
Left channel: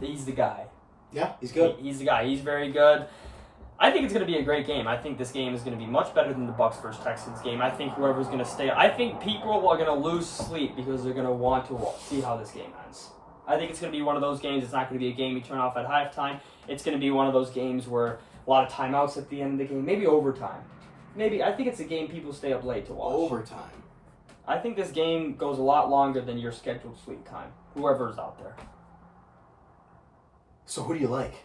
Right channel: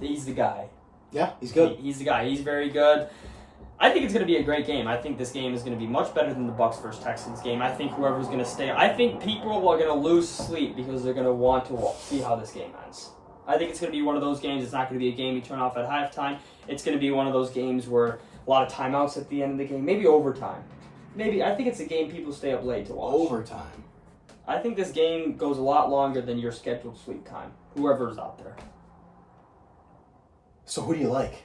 he's the guy. Yeah, he's good. He's the guy. He's very good. I think it's going to be a great game. I think this game is going to be much better than the Bucs versus Texans game. I think whoever's going to stay. I think people are going to lose sleep because they're going to want to see how this game ends. I think it's going to be one of those games. It's not going to be a game you turn off at halftime. It's going to be one of those games where a lot of timeouts at the end of the game, maybe overtime. I think it's a game people stay up late to watch. Overtime. I think this game goes a lot longer than your scheduled sleep time. Whoever's out there. So who do you like?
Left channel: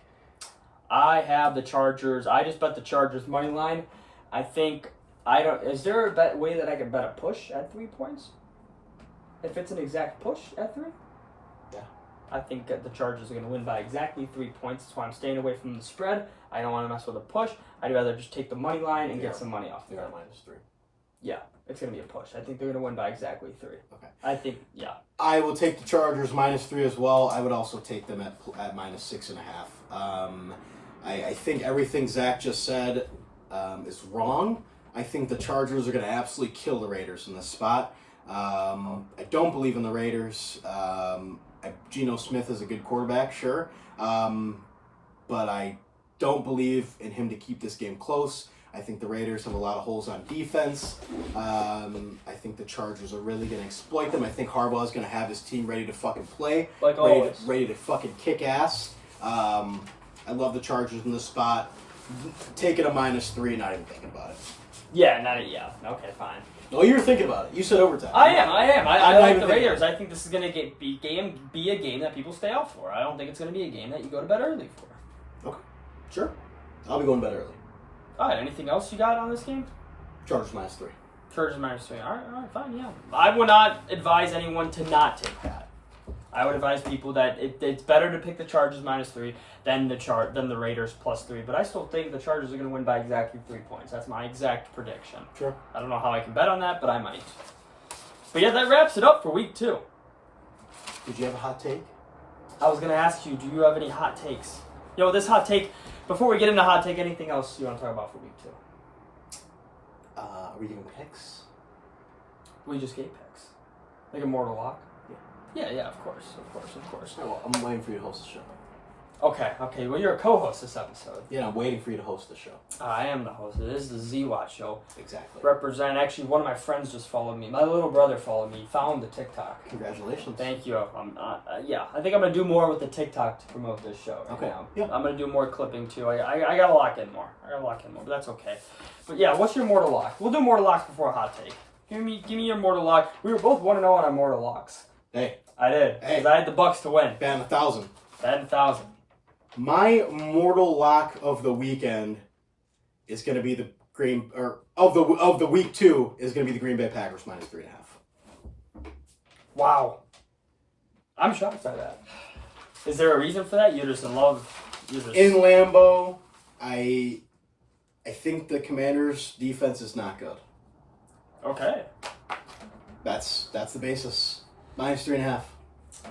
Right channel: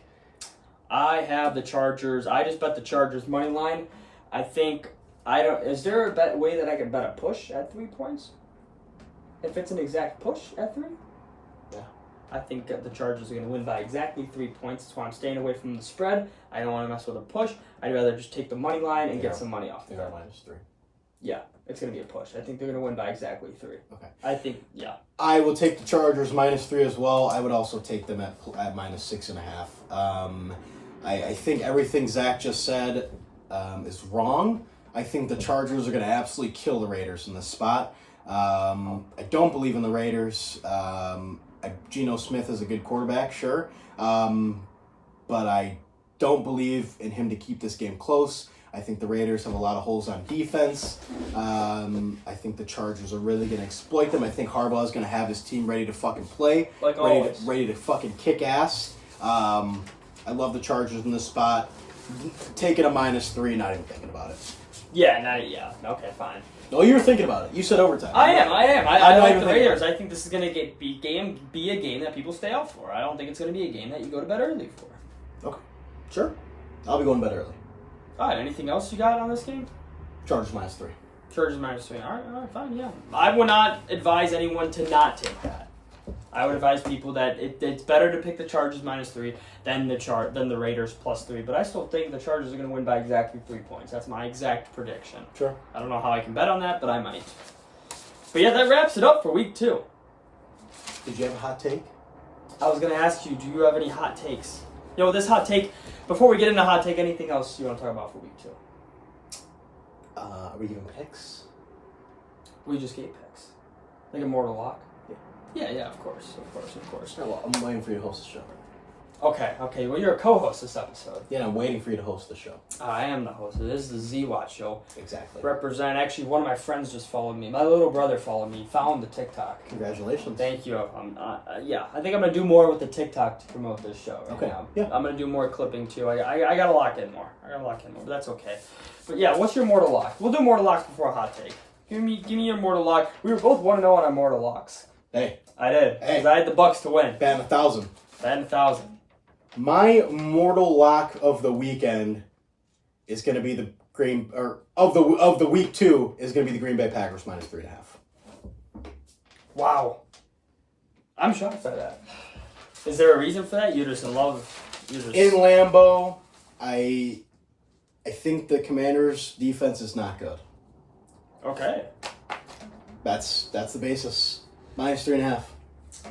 I have the Chargers. I just bet the Chargers money line. Is there a way that I can bet a push at 3 points? If it's an exact push at 3? Yeah. I think the Chargers are going to win by exactly 3 points. That's why I'm staying away from the spread. I don't want to mess with a push. I'd rather just take the money line and get some money off. They are -3. Yeah, it's going to be a push. I think they're going to win by exactly 3. Okay. I think, yeah. I will take the Chargers -3 as well. I would also take them at -6.5. I think everything Zach just said is wrong. I think the Chargers are going to absolutely kill the Raiders in this spot. I don't believe in the Raiders. Geno Smith is a good quarterback, sure. But I don't believe in him to keep this game close. I think the Raiders have a lot of holes on defense. I think the Chargers are really going to exploit them. I think Harbaugh is going to have his team ready to fucking play. Like always. Ready to fucking kick ass. I love the Chargers in this spot. Taking a -3, not even thinking about it. Yeah, okay, fine. No, you were thinking about it. You said overtime. I am. I like the Raiders. About it. I think this is going to be a game that people stay out for. I don't think it's going to be a game that you go to bed early for. Okay, sure. I'll be going to bed early. All right, anything else you got on this game? Chargers -3. Chargers -3. All right, fine, yeah. I would not advise anyone to not take that. I would advise people that it's better to pick the Chargers -3 than the Raiders +3. But I still think the Chargers are going to win by exactly 3 points. That's my exact prediction. Sure. I don't know how I can bet on that, but I might. But yeah, that wraps it up for week 2. Did you have a hot take? I was going to ask you, do you have any hot takes? This hot take, before we get into hot take, anything else you want to talk about for week 2? Are we giving picks? We just gave picks. Like a mortal lock? Yeah, of course. Oh, well, I'm waiting for you to host the show. Okay. Well, you're a co-host this episode. Yeah, I'm waiting for you to host the show. I am the host. This is the Zwat show. Exactly. Actually, one of my friends just followed me. My little brother followed me. Found the TikTok. Congratulations. Thank you. Yeah, I think I'm going to do more with the TikTok to promote this show right now. Yeah. I'm going to do more clipping, too. I got to lock in more. But that's okay. But yeah, what's your mortal lock? We'll do mortal locks before a hot take. Give me your mortal lock. We were both 1-0 on our mortal locks. Hey. I did. Because I had the Bucs to win. Batting 1,000. Batting 1,000. My mortal lock of the weekend is going to be of the week 2 is going to be the Green Bay Packers -3.5. Wow. I'm shocked by that. Is there a reason for that? You're just in love. In Lambeau, I think the Commanders' defense is not good. Okay. That's the basis. -3.5.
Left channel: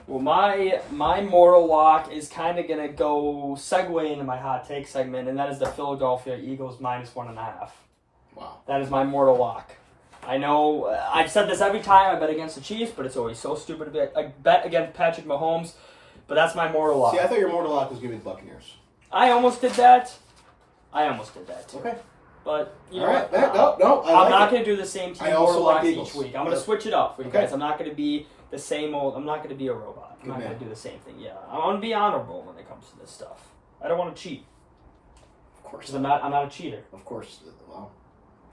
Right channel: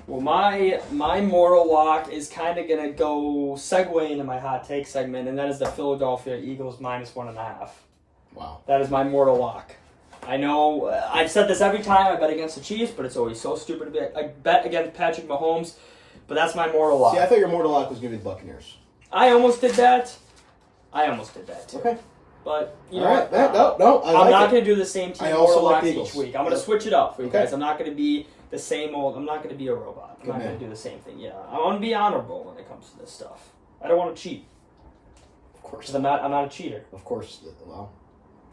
Well, my mortal lock is kind of gonna go segue into my hot take segment, and that is the Philadelphia Eagles -1.5. Wow. That is my mortal lock. I know I've said this every time I bet against the Chiefs, but it's always so stupid to bet against Patrick Mahomes. But that's my mortal lock. See, I thought your mortal lock was going to be the Buccaneers. I almost did that too. Okay. But you know right. what? No, I'm not going to do the same team mortal locks Eagles. each week. I'm going to switch it up for you Okay. guys. I'm not going to be the same old. I'm not going to be a robot. I'm not going to do the same thing. Yeah, I want to be honorable when it comes to this stuff. I don't want to cheat. Of course. 'Cause I'm not a cheater. Of course. Well,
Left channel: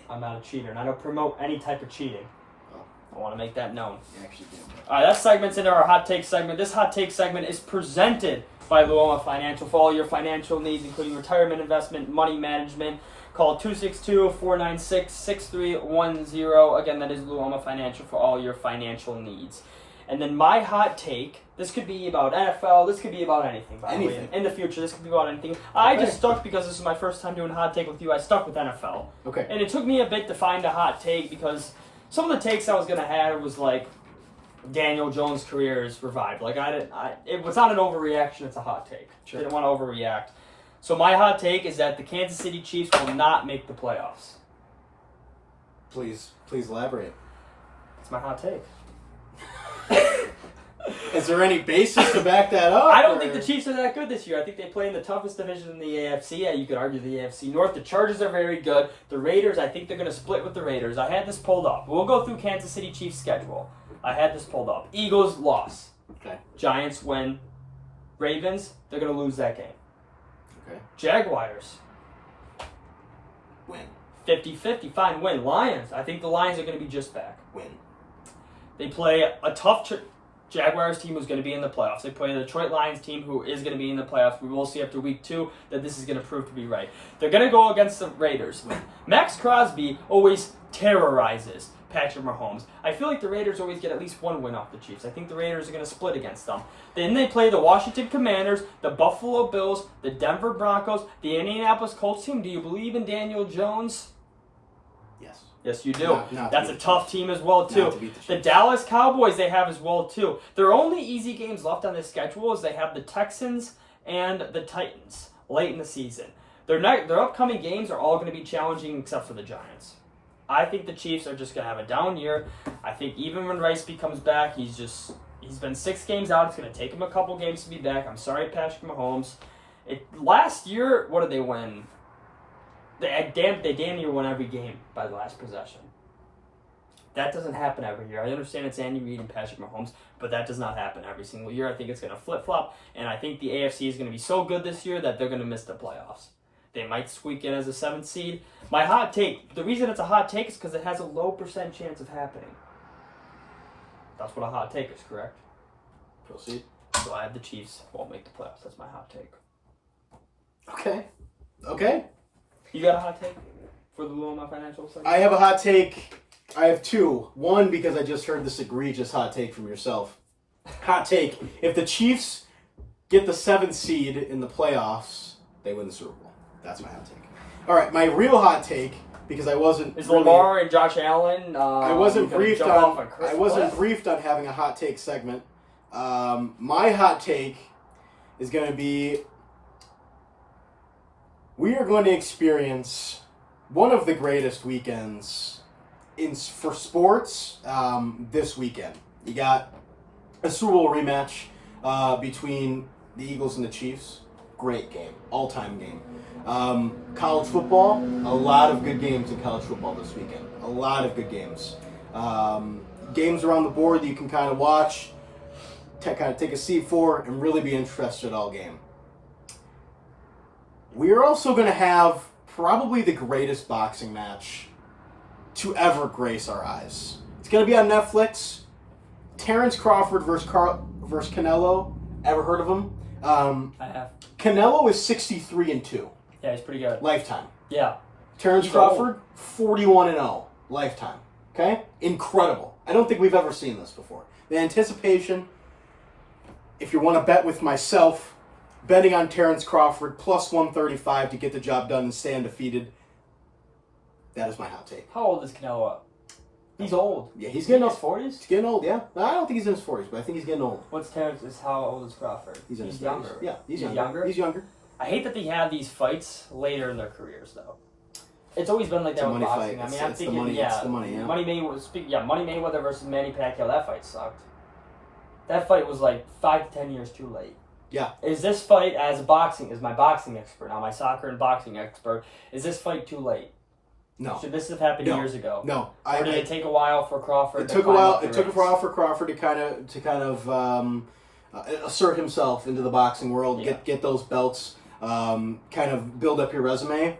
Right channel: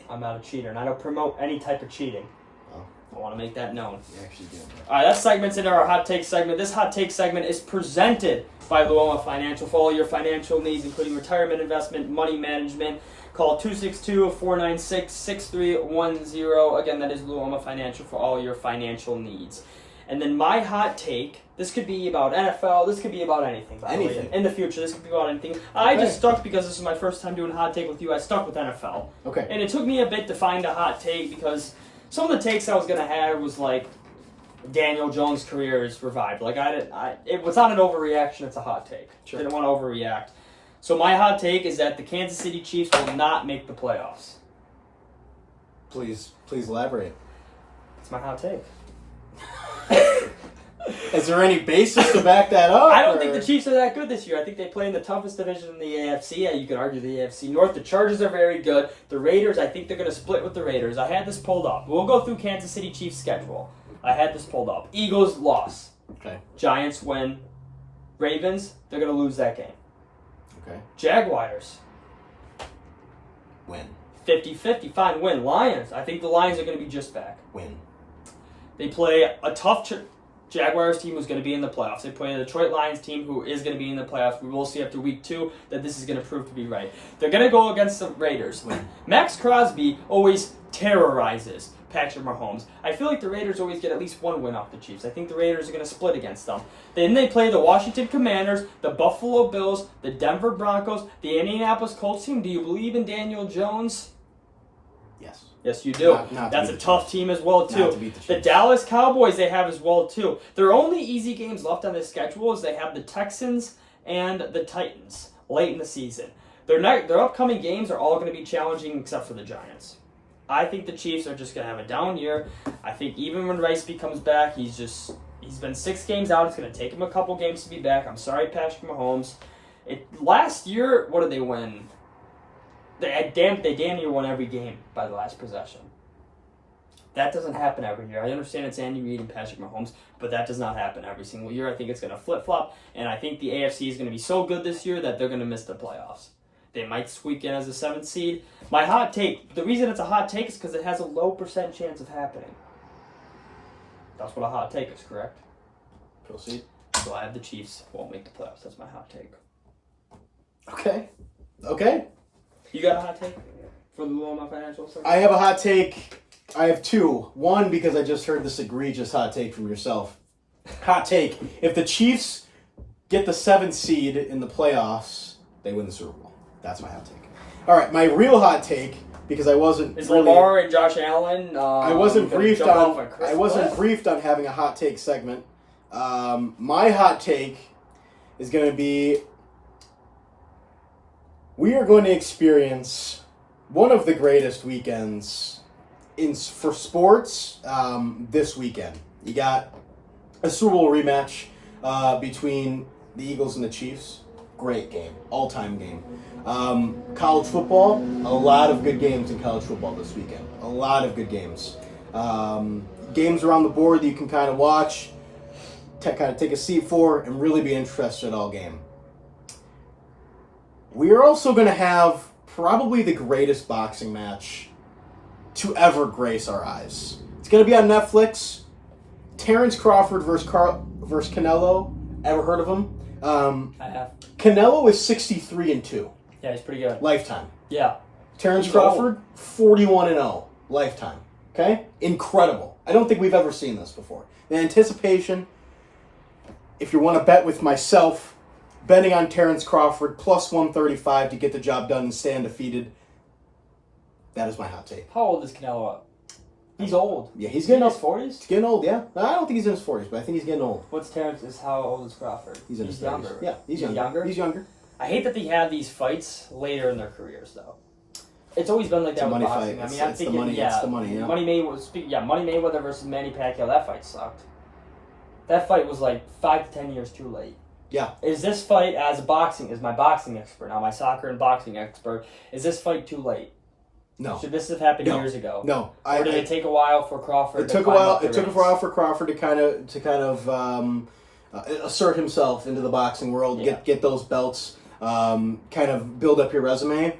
I'm not a cheater, and I don't promote any type of cheating. Oh. I want to make that known. you actually do. All right, that segment's into our hot take segment. This hot take segment is presented by Luoma Financial. For all your financial needs, including retirement investment, money management, call 262-496-6310. Again, that is Luoma Financial for all your financial needs. And then my hot take, this could be about NFL, this could be about anything, by the way. In the future, this could be about anything. I just stuck, because this is my first time doing hot take with you, I stuck with NFL. Okay. And it took me a bit to find a hot take, because some of the takes I was going to have was like, Daniel Jones' career is revived. Like, it was not an overreaction, it's a hot take. Sure. Didn't want to overreact. So my hot take is that the Kansas City Chiefs will not make the playoffs. Please elaborate. It's my hot take. Is there any basis to back that up? I don't think the Chiefs are that good this year. I think they play in the toughest division in the AFC. Yeah, you could argue the AFC North. The Chargers are very good. The Raiders, I think they're going to split with the Raiders. I had this pulled up. We'll go through Kansas City Chiefs' schedule. I had this pulled up. Eagles, loss. Okay. Giants, win. Ravens, they're going to lose that game. Okay. Jaguars, Win. 50-50, fine, win. Lions, I think the Lions are going to be just back. Win. They play a tough Jaguars team who's going to be in the playoffs. They play the Detroit Lions team who is going to be in the playoffs. We will see after week 2 that this is going to prove to be right. They're going to go against the Raiders. Win. Max Crosby always terrorizes Patrick Mahomes. I feel like the Raiders always get at least one win off the Chiefs. I think the Raiders are going to split against them. Then they play the Washington Commanders, the Buffalo Bills, the Denver Broncos, the Indianapolis Colts team. Do you believe in Daniel Jones? Yes. Yes, you do. Not That's a tough team as well, too. Not to beat the The Chiefs. Dallas Cowboys they have as well, too. Their only easy games left on their schedule is they have the Texans and the Titans late in the season. Their upcoming games are all going to be challenging except for the Giants. I think the Chiefs are just going to have a down year. I think even when Rice comes back, he's been 6 games out. It's going to take him a couple games to be back. I'm sorry, Patrick Mahomes. Last year, what did they win? They damn near won every game by the last possession. That doesn't happen every year. I understand it's Andy Reid and Patrick Mahomes, but that does not happen every single year. I think it's going to flip-flop, and I think the AFC is going to be so good this year that they're going to miss the playoffs. They might squeak in as a 7th seed. My hot take, the reason it's a hot take is because it has a low % chance of happening. That's what a hot take is, correct? Proceed. So I have the Chiefs won't make the playoffs. That's my hot take. Okay. You got a hot take for the Lou on my financial segment? I have a hot take. I have 2. One, because I just heard this egregious hot take from yourself. Hot take. If the Chiefs get the 7th seed in the playoffs, they win the Super Bowl. That's my hot take. All right, my real hot take, because I wasn't Is Lamar and Josh Allen I wasn't briefed on Chris I wasn't Cliff? briefed on having a hot take segment. My hot take is going to be we are going to experience one of the greatest weekends for sports this weekend. You got a Super Bowl rematch between the Eagles and the Chiefs. Great game. All-time game. College football, a lot of good games in college football this weekend. A lot of good games. Games around the board that you can kind of watch, kind of take a seat for, and really be interested all game. We are also going to have probably the greatest boxing match to ever grace our eyes. It's going to be on Netflix. Terrence Crawford versus Canelo. Ever heard of him? I have. Canelo is 63-2. Yeah, he's pretty good. Lifetime. Yeah. Terrence He's Crawford, 41-0. Lifetime. Okay? Incredible. I don't think we've ever seen this before. The anticipation, if you want to bet with myself, betting on Terrence Crawford, plus 135 to get the job done and stay undefeated. That is my hot take. How old is Canelo? He's old. Yeah, he's Is he in getting his old. 40s? He's getting old, yeah. I don't think he's in his 40s, but I think he's getting old. What's Terrence? How old is Crawford? He's in his 30s. younger. Yeah, he's younger. He's younger. I hate that they have these fights later in their careers, though. It's always been like It's that a with money boxing. fight. I mean, It's I'm the thinking, money. yeah, It's the money, yeah. Money Mayweather versus Manny Pacquiao. That fight sucked. That fight was like 5 to 10 years too late. Yeah. Is this fight as my boxing expert now, my soccer and boxing expert? Is this fight too late? No. Should this have happened No. years ago? No. Or did it take a while for Crawford? It took a while. It took a while for Crawford to kind of assert himself into the boxing world, Yeah. get those belts, kind of build up your resume.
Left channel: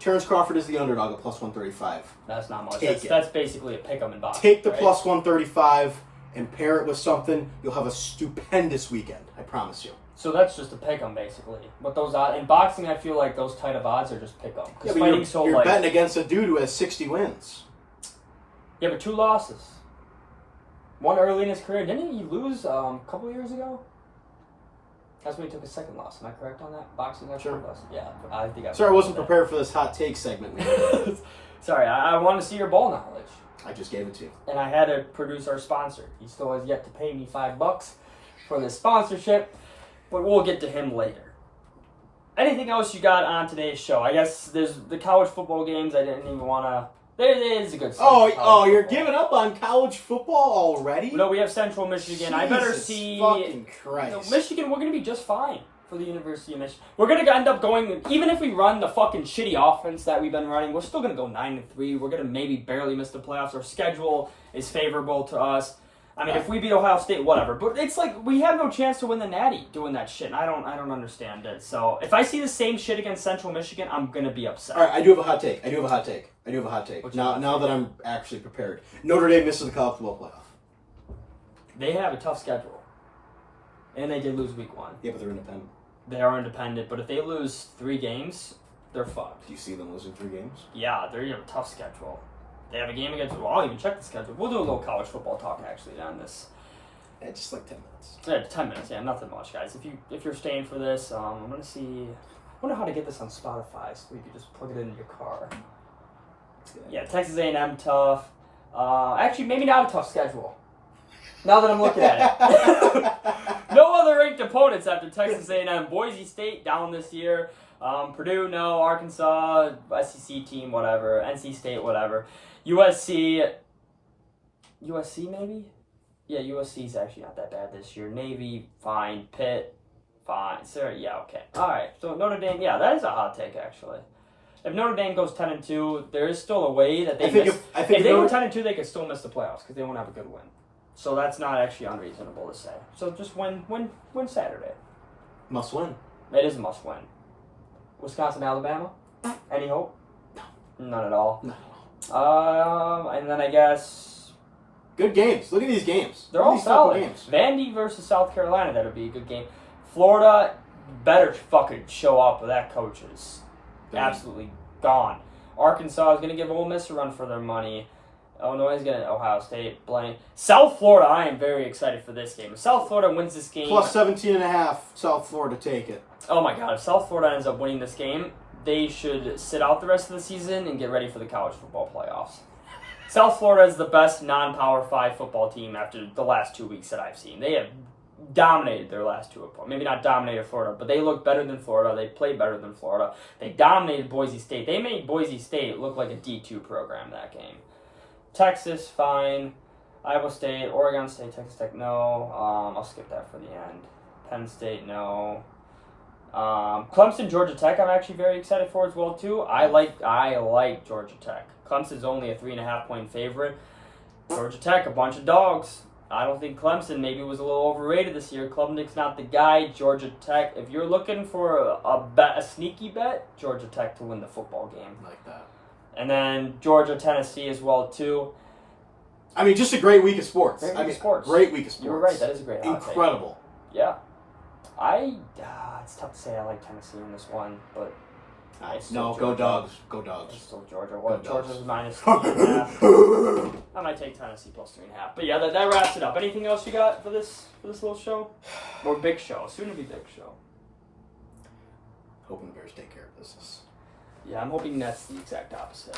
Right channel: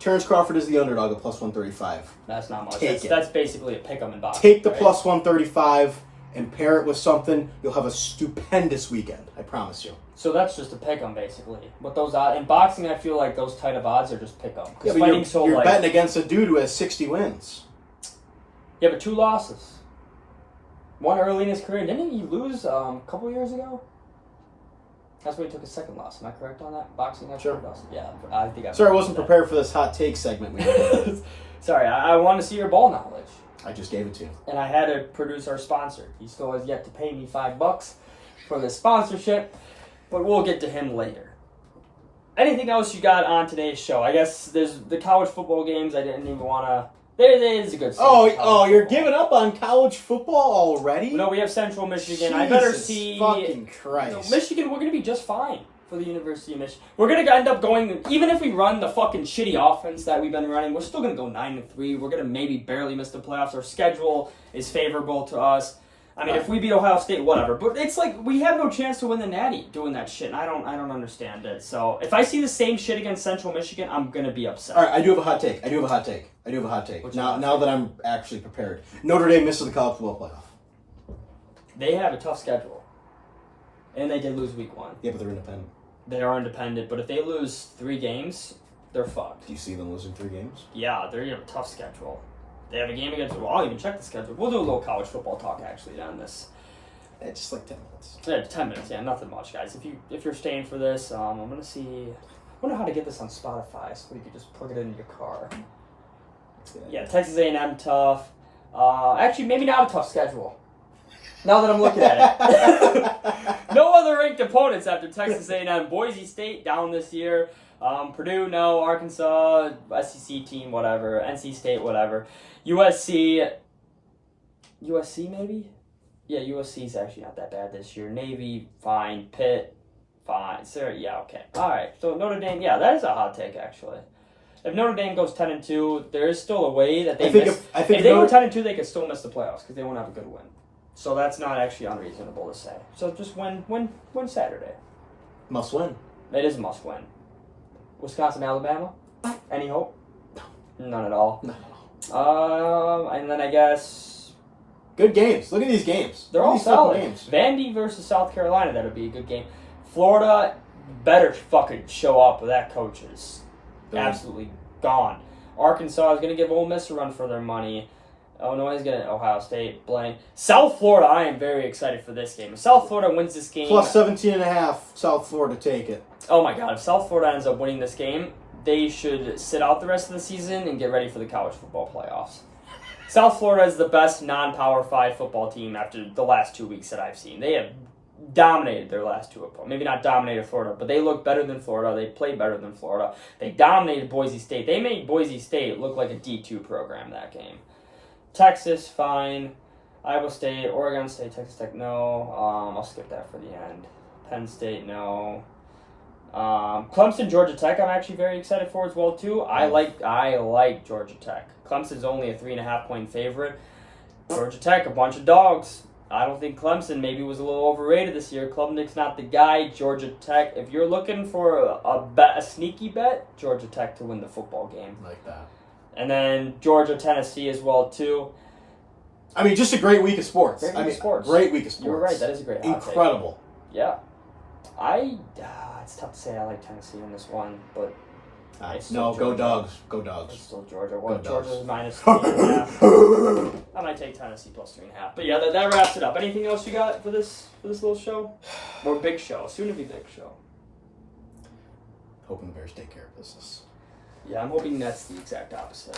Terrence Crawford is the underdog at plus 135. That's not much. Take it. That's basically a pick 'em in boxing. Take the right? plus 135 and pair it with something. You'll have a stupendous weekend. I promise you. So that's just a pick 'em basically. But those odds in boxing, I feel like those type of odds are just pick 'em. Yeah, Because but fighting's so you're like betting against a dude who has 60 wins. yeah, but 2 losses. One early in his career. Didn't he lose a couple years ago? That's when he took his second loss. Am I correct on that? Boxing after Sure. loss? Yeah, I think I. Sorry, I wasn't prepared for this hot take segment. Sorry, I want to see your ball knowledge. I just gave it to you. And I had to produce our sponsor. He still has yet to pay me $5 for this sponsorship, but we'll get to him later. Anything else you got on today's show? I guess there's the college football games. I didn't even want to It is a good slate. Oh, you're giving up on college football already? No, we have Central Michigan. Jesus I better see. fucking Christ. Michigan, we're going to be just fine for the University of Michigan. We're going to end up going, even if we run the fucking shitty offense that we've been running, we're still going to go 9-3. We're going to maybe barely miss the playoffs. Our schedule is favorable to us. I mean, if we beat Ohio State, whatever. But it's like we have no chance to win the Natty doing that shit. And I don't understand it. So if I see the same shit against Central Michigan, I'm gonna be upset. All right, I do have a hot take. Now that I'm actually prepared. Notre Dame misses the college football playoff. They have a tough schedule, and they did lose week 1. Yeah, but they're independent. They are independent, but if they lose 3 games, they're fucked. Do you see them losing 3 games? Yeah, they're gonna have a tough schedule. They have a game against. Well, I'll even check the schedule. We'll do a little college football talk actually on this. Yeah, just like 10 minutes. Yeah, 10 minutes. Yeah, nothing much, guys. If you're staying for this, I'm gonna see. I wonder how to get this on Spotify so you can just plug it in your car. Yeah, Texas A&M tough. Actually, maybe not a tough schedule. Now that I'm looking at it, no other ranked opponents after Texas A&M. Boise State down this year. Purdue, no. Arkansas, SEC team, whatever. NC State, whatever. USC maybe? Yeah, USC's actually not that bad this year. Navy, fine. Pitt, fine. Sarah, yeah, okay. All right. So Notre Dame, yeah, that is a hot take actually. If Notre Dame goes 10-2, there is still a way that they miss. If they go 10-2, they could still miss the playoffs because they won't have a good win. So that's not actually unreasonable to say. So just win Saturday. Must win. It is a must win. Wisconsin, Alabama. Any hope? No. None at all. No. And then I guess good games. Look at these games. They're all solid. Games. Vandy versus South Carolina. That'll be a good game. Florida better fucking show up. That coach is absolutely gone. Arkansas is gonna give Ole Miss a run for their money. Illinois is gonna Ohio State blank. South Florida. I am very excited for this game. If South Florida wins this game, plus 17.5. South Florida take it. Oh my God! If South Florida ends up winning this game, they should sit out the rest of the season and get ready for the college football playoffs. South Florida is the best non-Power 5 football team after the last 2 weeks that I've seen. They have dominated their last 2 opponents. Maybe not dominated Florida, but they look better than Florida. They play better than Florida. They dominated Boise State. They made Boise State look like a D2 program that game. Texas, fine. Iowa State, Oregon State, Texas Tech, no. I'll skip that for the end. Penn State, no. Clemson, Georgia Tech, I'm actually very excited for as well too. I like Georgia Tech. Clemson's only a 3.5 point favorite. Georgia Tech, a bunch of dogs. I don't think Clemson maybe was a little overrated this year. Klubnik's not the guy. Georgia Tech, if you're looking for a sneaky bet, Georgia Tech to win the football game. Like that. And then Georgia, Tennessee as well too. I mean, just a great week of sports. Great week of sports. Great week of sports. You're right. That is a great hot take. Incredible. Yeah. It's tough to say I like Tennessee in this one, but no, go Dogs. Go it's Dogs. still Georgia. What? Go Georgia's Dogs. minus 3.5. I might take Tennessee plus 3.5. But yeah, that wraps it up. Anything else you got for this little show? Or big show? Soon to be big show. Hoping the Bears take care of business. Yeah, I'm hoping that's the exact opposite.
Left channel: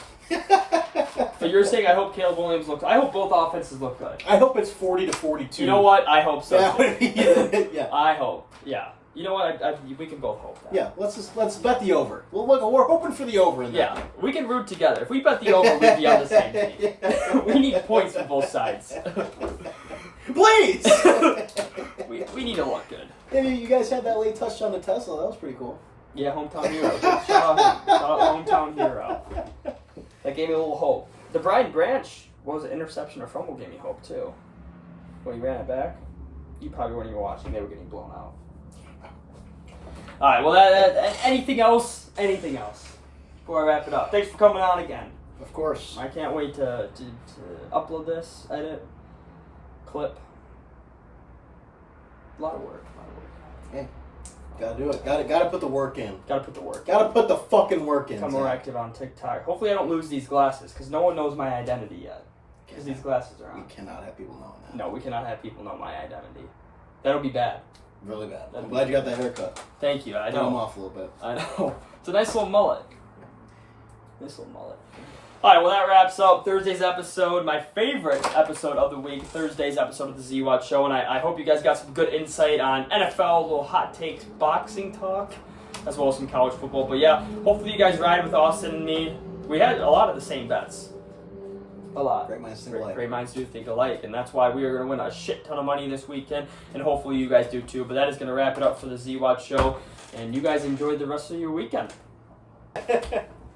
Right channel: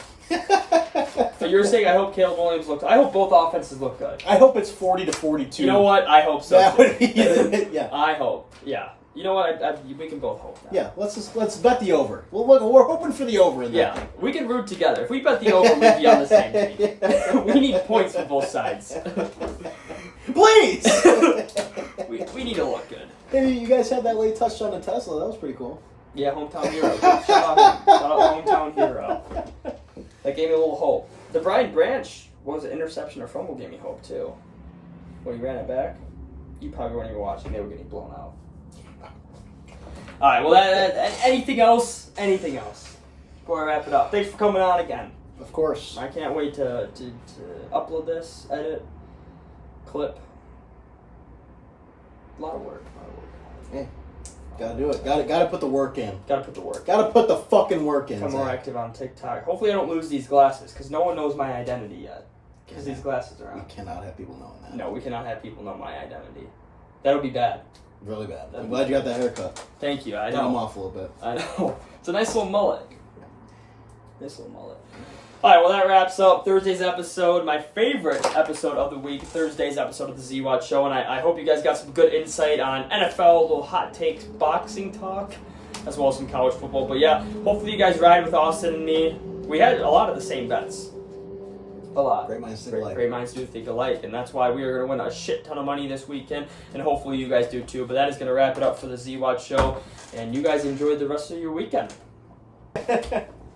For your sake, I hope Caleb Williams looks. I hope both offenses look good. I hope it's 40-42. You know what? I hope so. Yeah. I hope. Yeah. You know what? We can both hope that. Yeah. Let's bet the over. We're hoping for the over in that. Yeah. We can root together. If we bet the over, we'd be on the same team. We need points from both sides. Please. we need to look good. Hey, you guys had that late touchdown to Tesla. That was pretty cool. Yeah, hometown hero. Shout out him. Shout out hometown hero. That gave me a little hope. The Brian Branch was an interception or fumble gave me hope too. When he ran it back, you probably weren't even watching. They were getting blown out. All right. Well, anything else? Anything else? Before I wrap it up, thanks for coming on again. Of course. I can't wait to upload this, edit, clip. A lot of work. Hey. Gotta do it. Gotta put the work in. Gotta put the work. Gotta put the fucking work in. I'm more active on TikTok. Hopefully I don't lose these glasses, because no one knows my identity yet. Because these glasses are on. We cannot have people knowing that. No, we cannot have people know my identity. That'll be bad. Really bad. I'm glad you got that haircut. Thank you. I Put 'em know. off a little bit. I know. It's a nice little mullet. Nice little mullet. All right, well, that wraps up Thursday's episode, my favorite episode of the week, Thursday's episode of the Z-Watch Show, and I hope you guys got some good insight on NFL, little hot takes, boxing talk, as well as some college football. But yeah, hopefully you guys ride with Austin and me. We had a lot of the same bets. A lot. Great minds think alike. Great minds do think alike, and that's why we are going to win a shit ton of money this weekend, and hopefully you guys do too. But that is going to wrap it up for the Zwat Show, and you guys enjoy the rest of your weekend.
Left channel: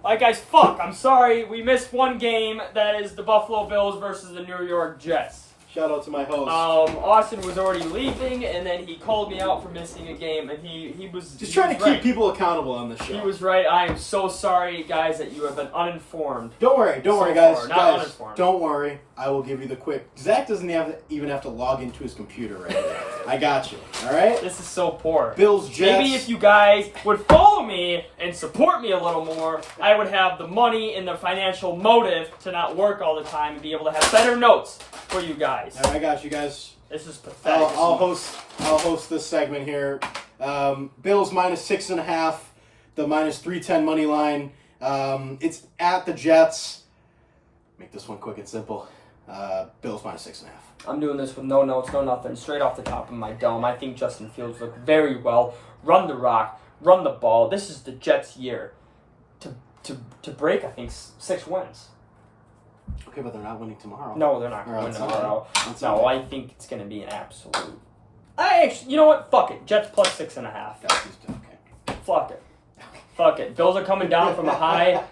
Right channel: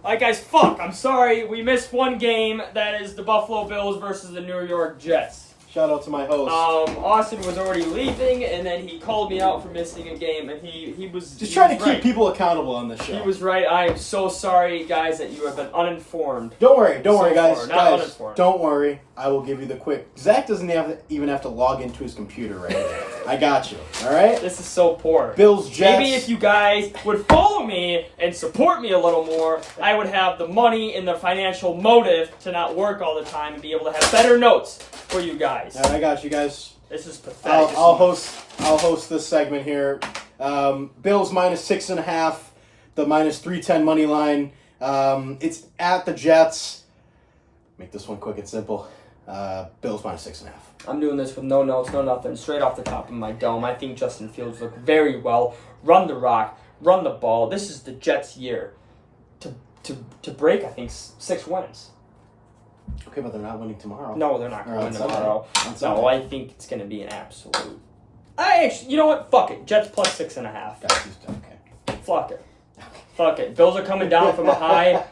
Alright guys, fuck, I'm sorry, we missed one game. That is the Buffalo Bills versus the New York Jets. Shout out to my host. Austin was already leaving, and then he called me out for missing a game, and he was just trying to keep people accountable on this show. He was right. I am so sorry, guys, that you have been uninformed. Don't worry, guys. Far. Not guys, uninformed. Don't worry. I will give you the quick. Zach doesn't even have to log into his computer right now. I got you. All right. This is so poor. Bills, Jets. Maybe if you guys would follow me and support me a little more, I would have the money and the financial motive to not work all the time and be able to have better notes for you guys. All right, I got you guys. This is pathetic. I'll host this segment here. Bills -6.5, the -310 money line. It's at the Jets. Make this one quick and simple. Bills -6.5. I'm doing this with no notes, no nothing, straight off the top of my dome. I think Justin Fields looked very well. Run the rock, run the ball. This is the Jets' year to break, I think, 6 wins. Okay, but they're not winning tomorrow. No, they're not going to win tomorrow. On No, Sunday. I think it's going to be an absolute. You know what? Fuck it. Jets +6.5. Okay. Fuck it. Fuck it. Bills are coming down from a high.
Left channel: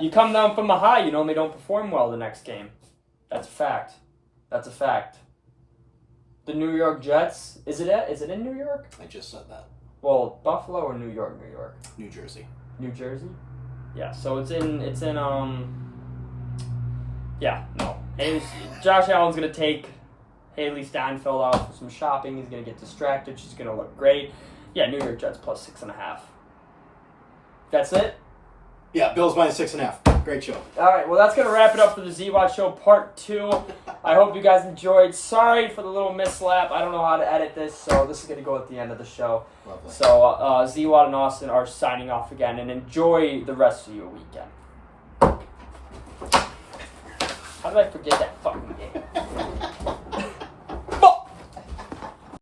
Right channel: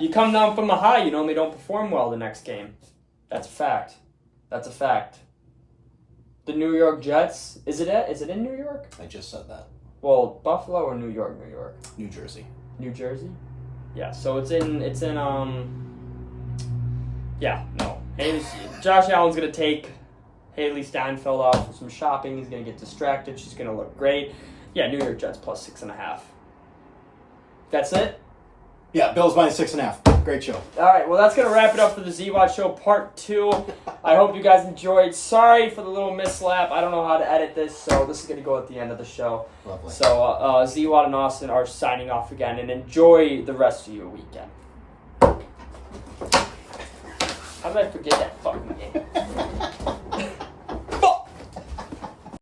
You come down from a high, you normally don't perform well the next game. That's a fact. That's a fact. The New York Jets, is it in New York? I just said that. Well, Buffalo or New York? New Jersey. New Jersey? Yeah, so it's in yeah, no. Josh Allen's going to take Haley Steinfeld out for some shopping. He's going to get distracted. She's going to look great. Yeah, New York Jets +6.5. That's it? Yeah, Bills -6.5. Great show. All right, well, that's going to wrap it up for the Zwat Show Part 2. I hope you guys enjoyed. Sorry for the little mislap. I don't know how to edit this, so this is going to go at the end of the show. Lovely. So Zwat and Austin are signing off again, and enjoy the rest of your weekend. How did I forget that fucking game?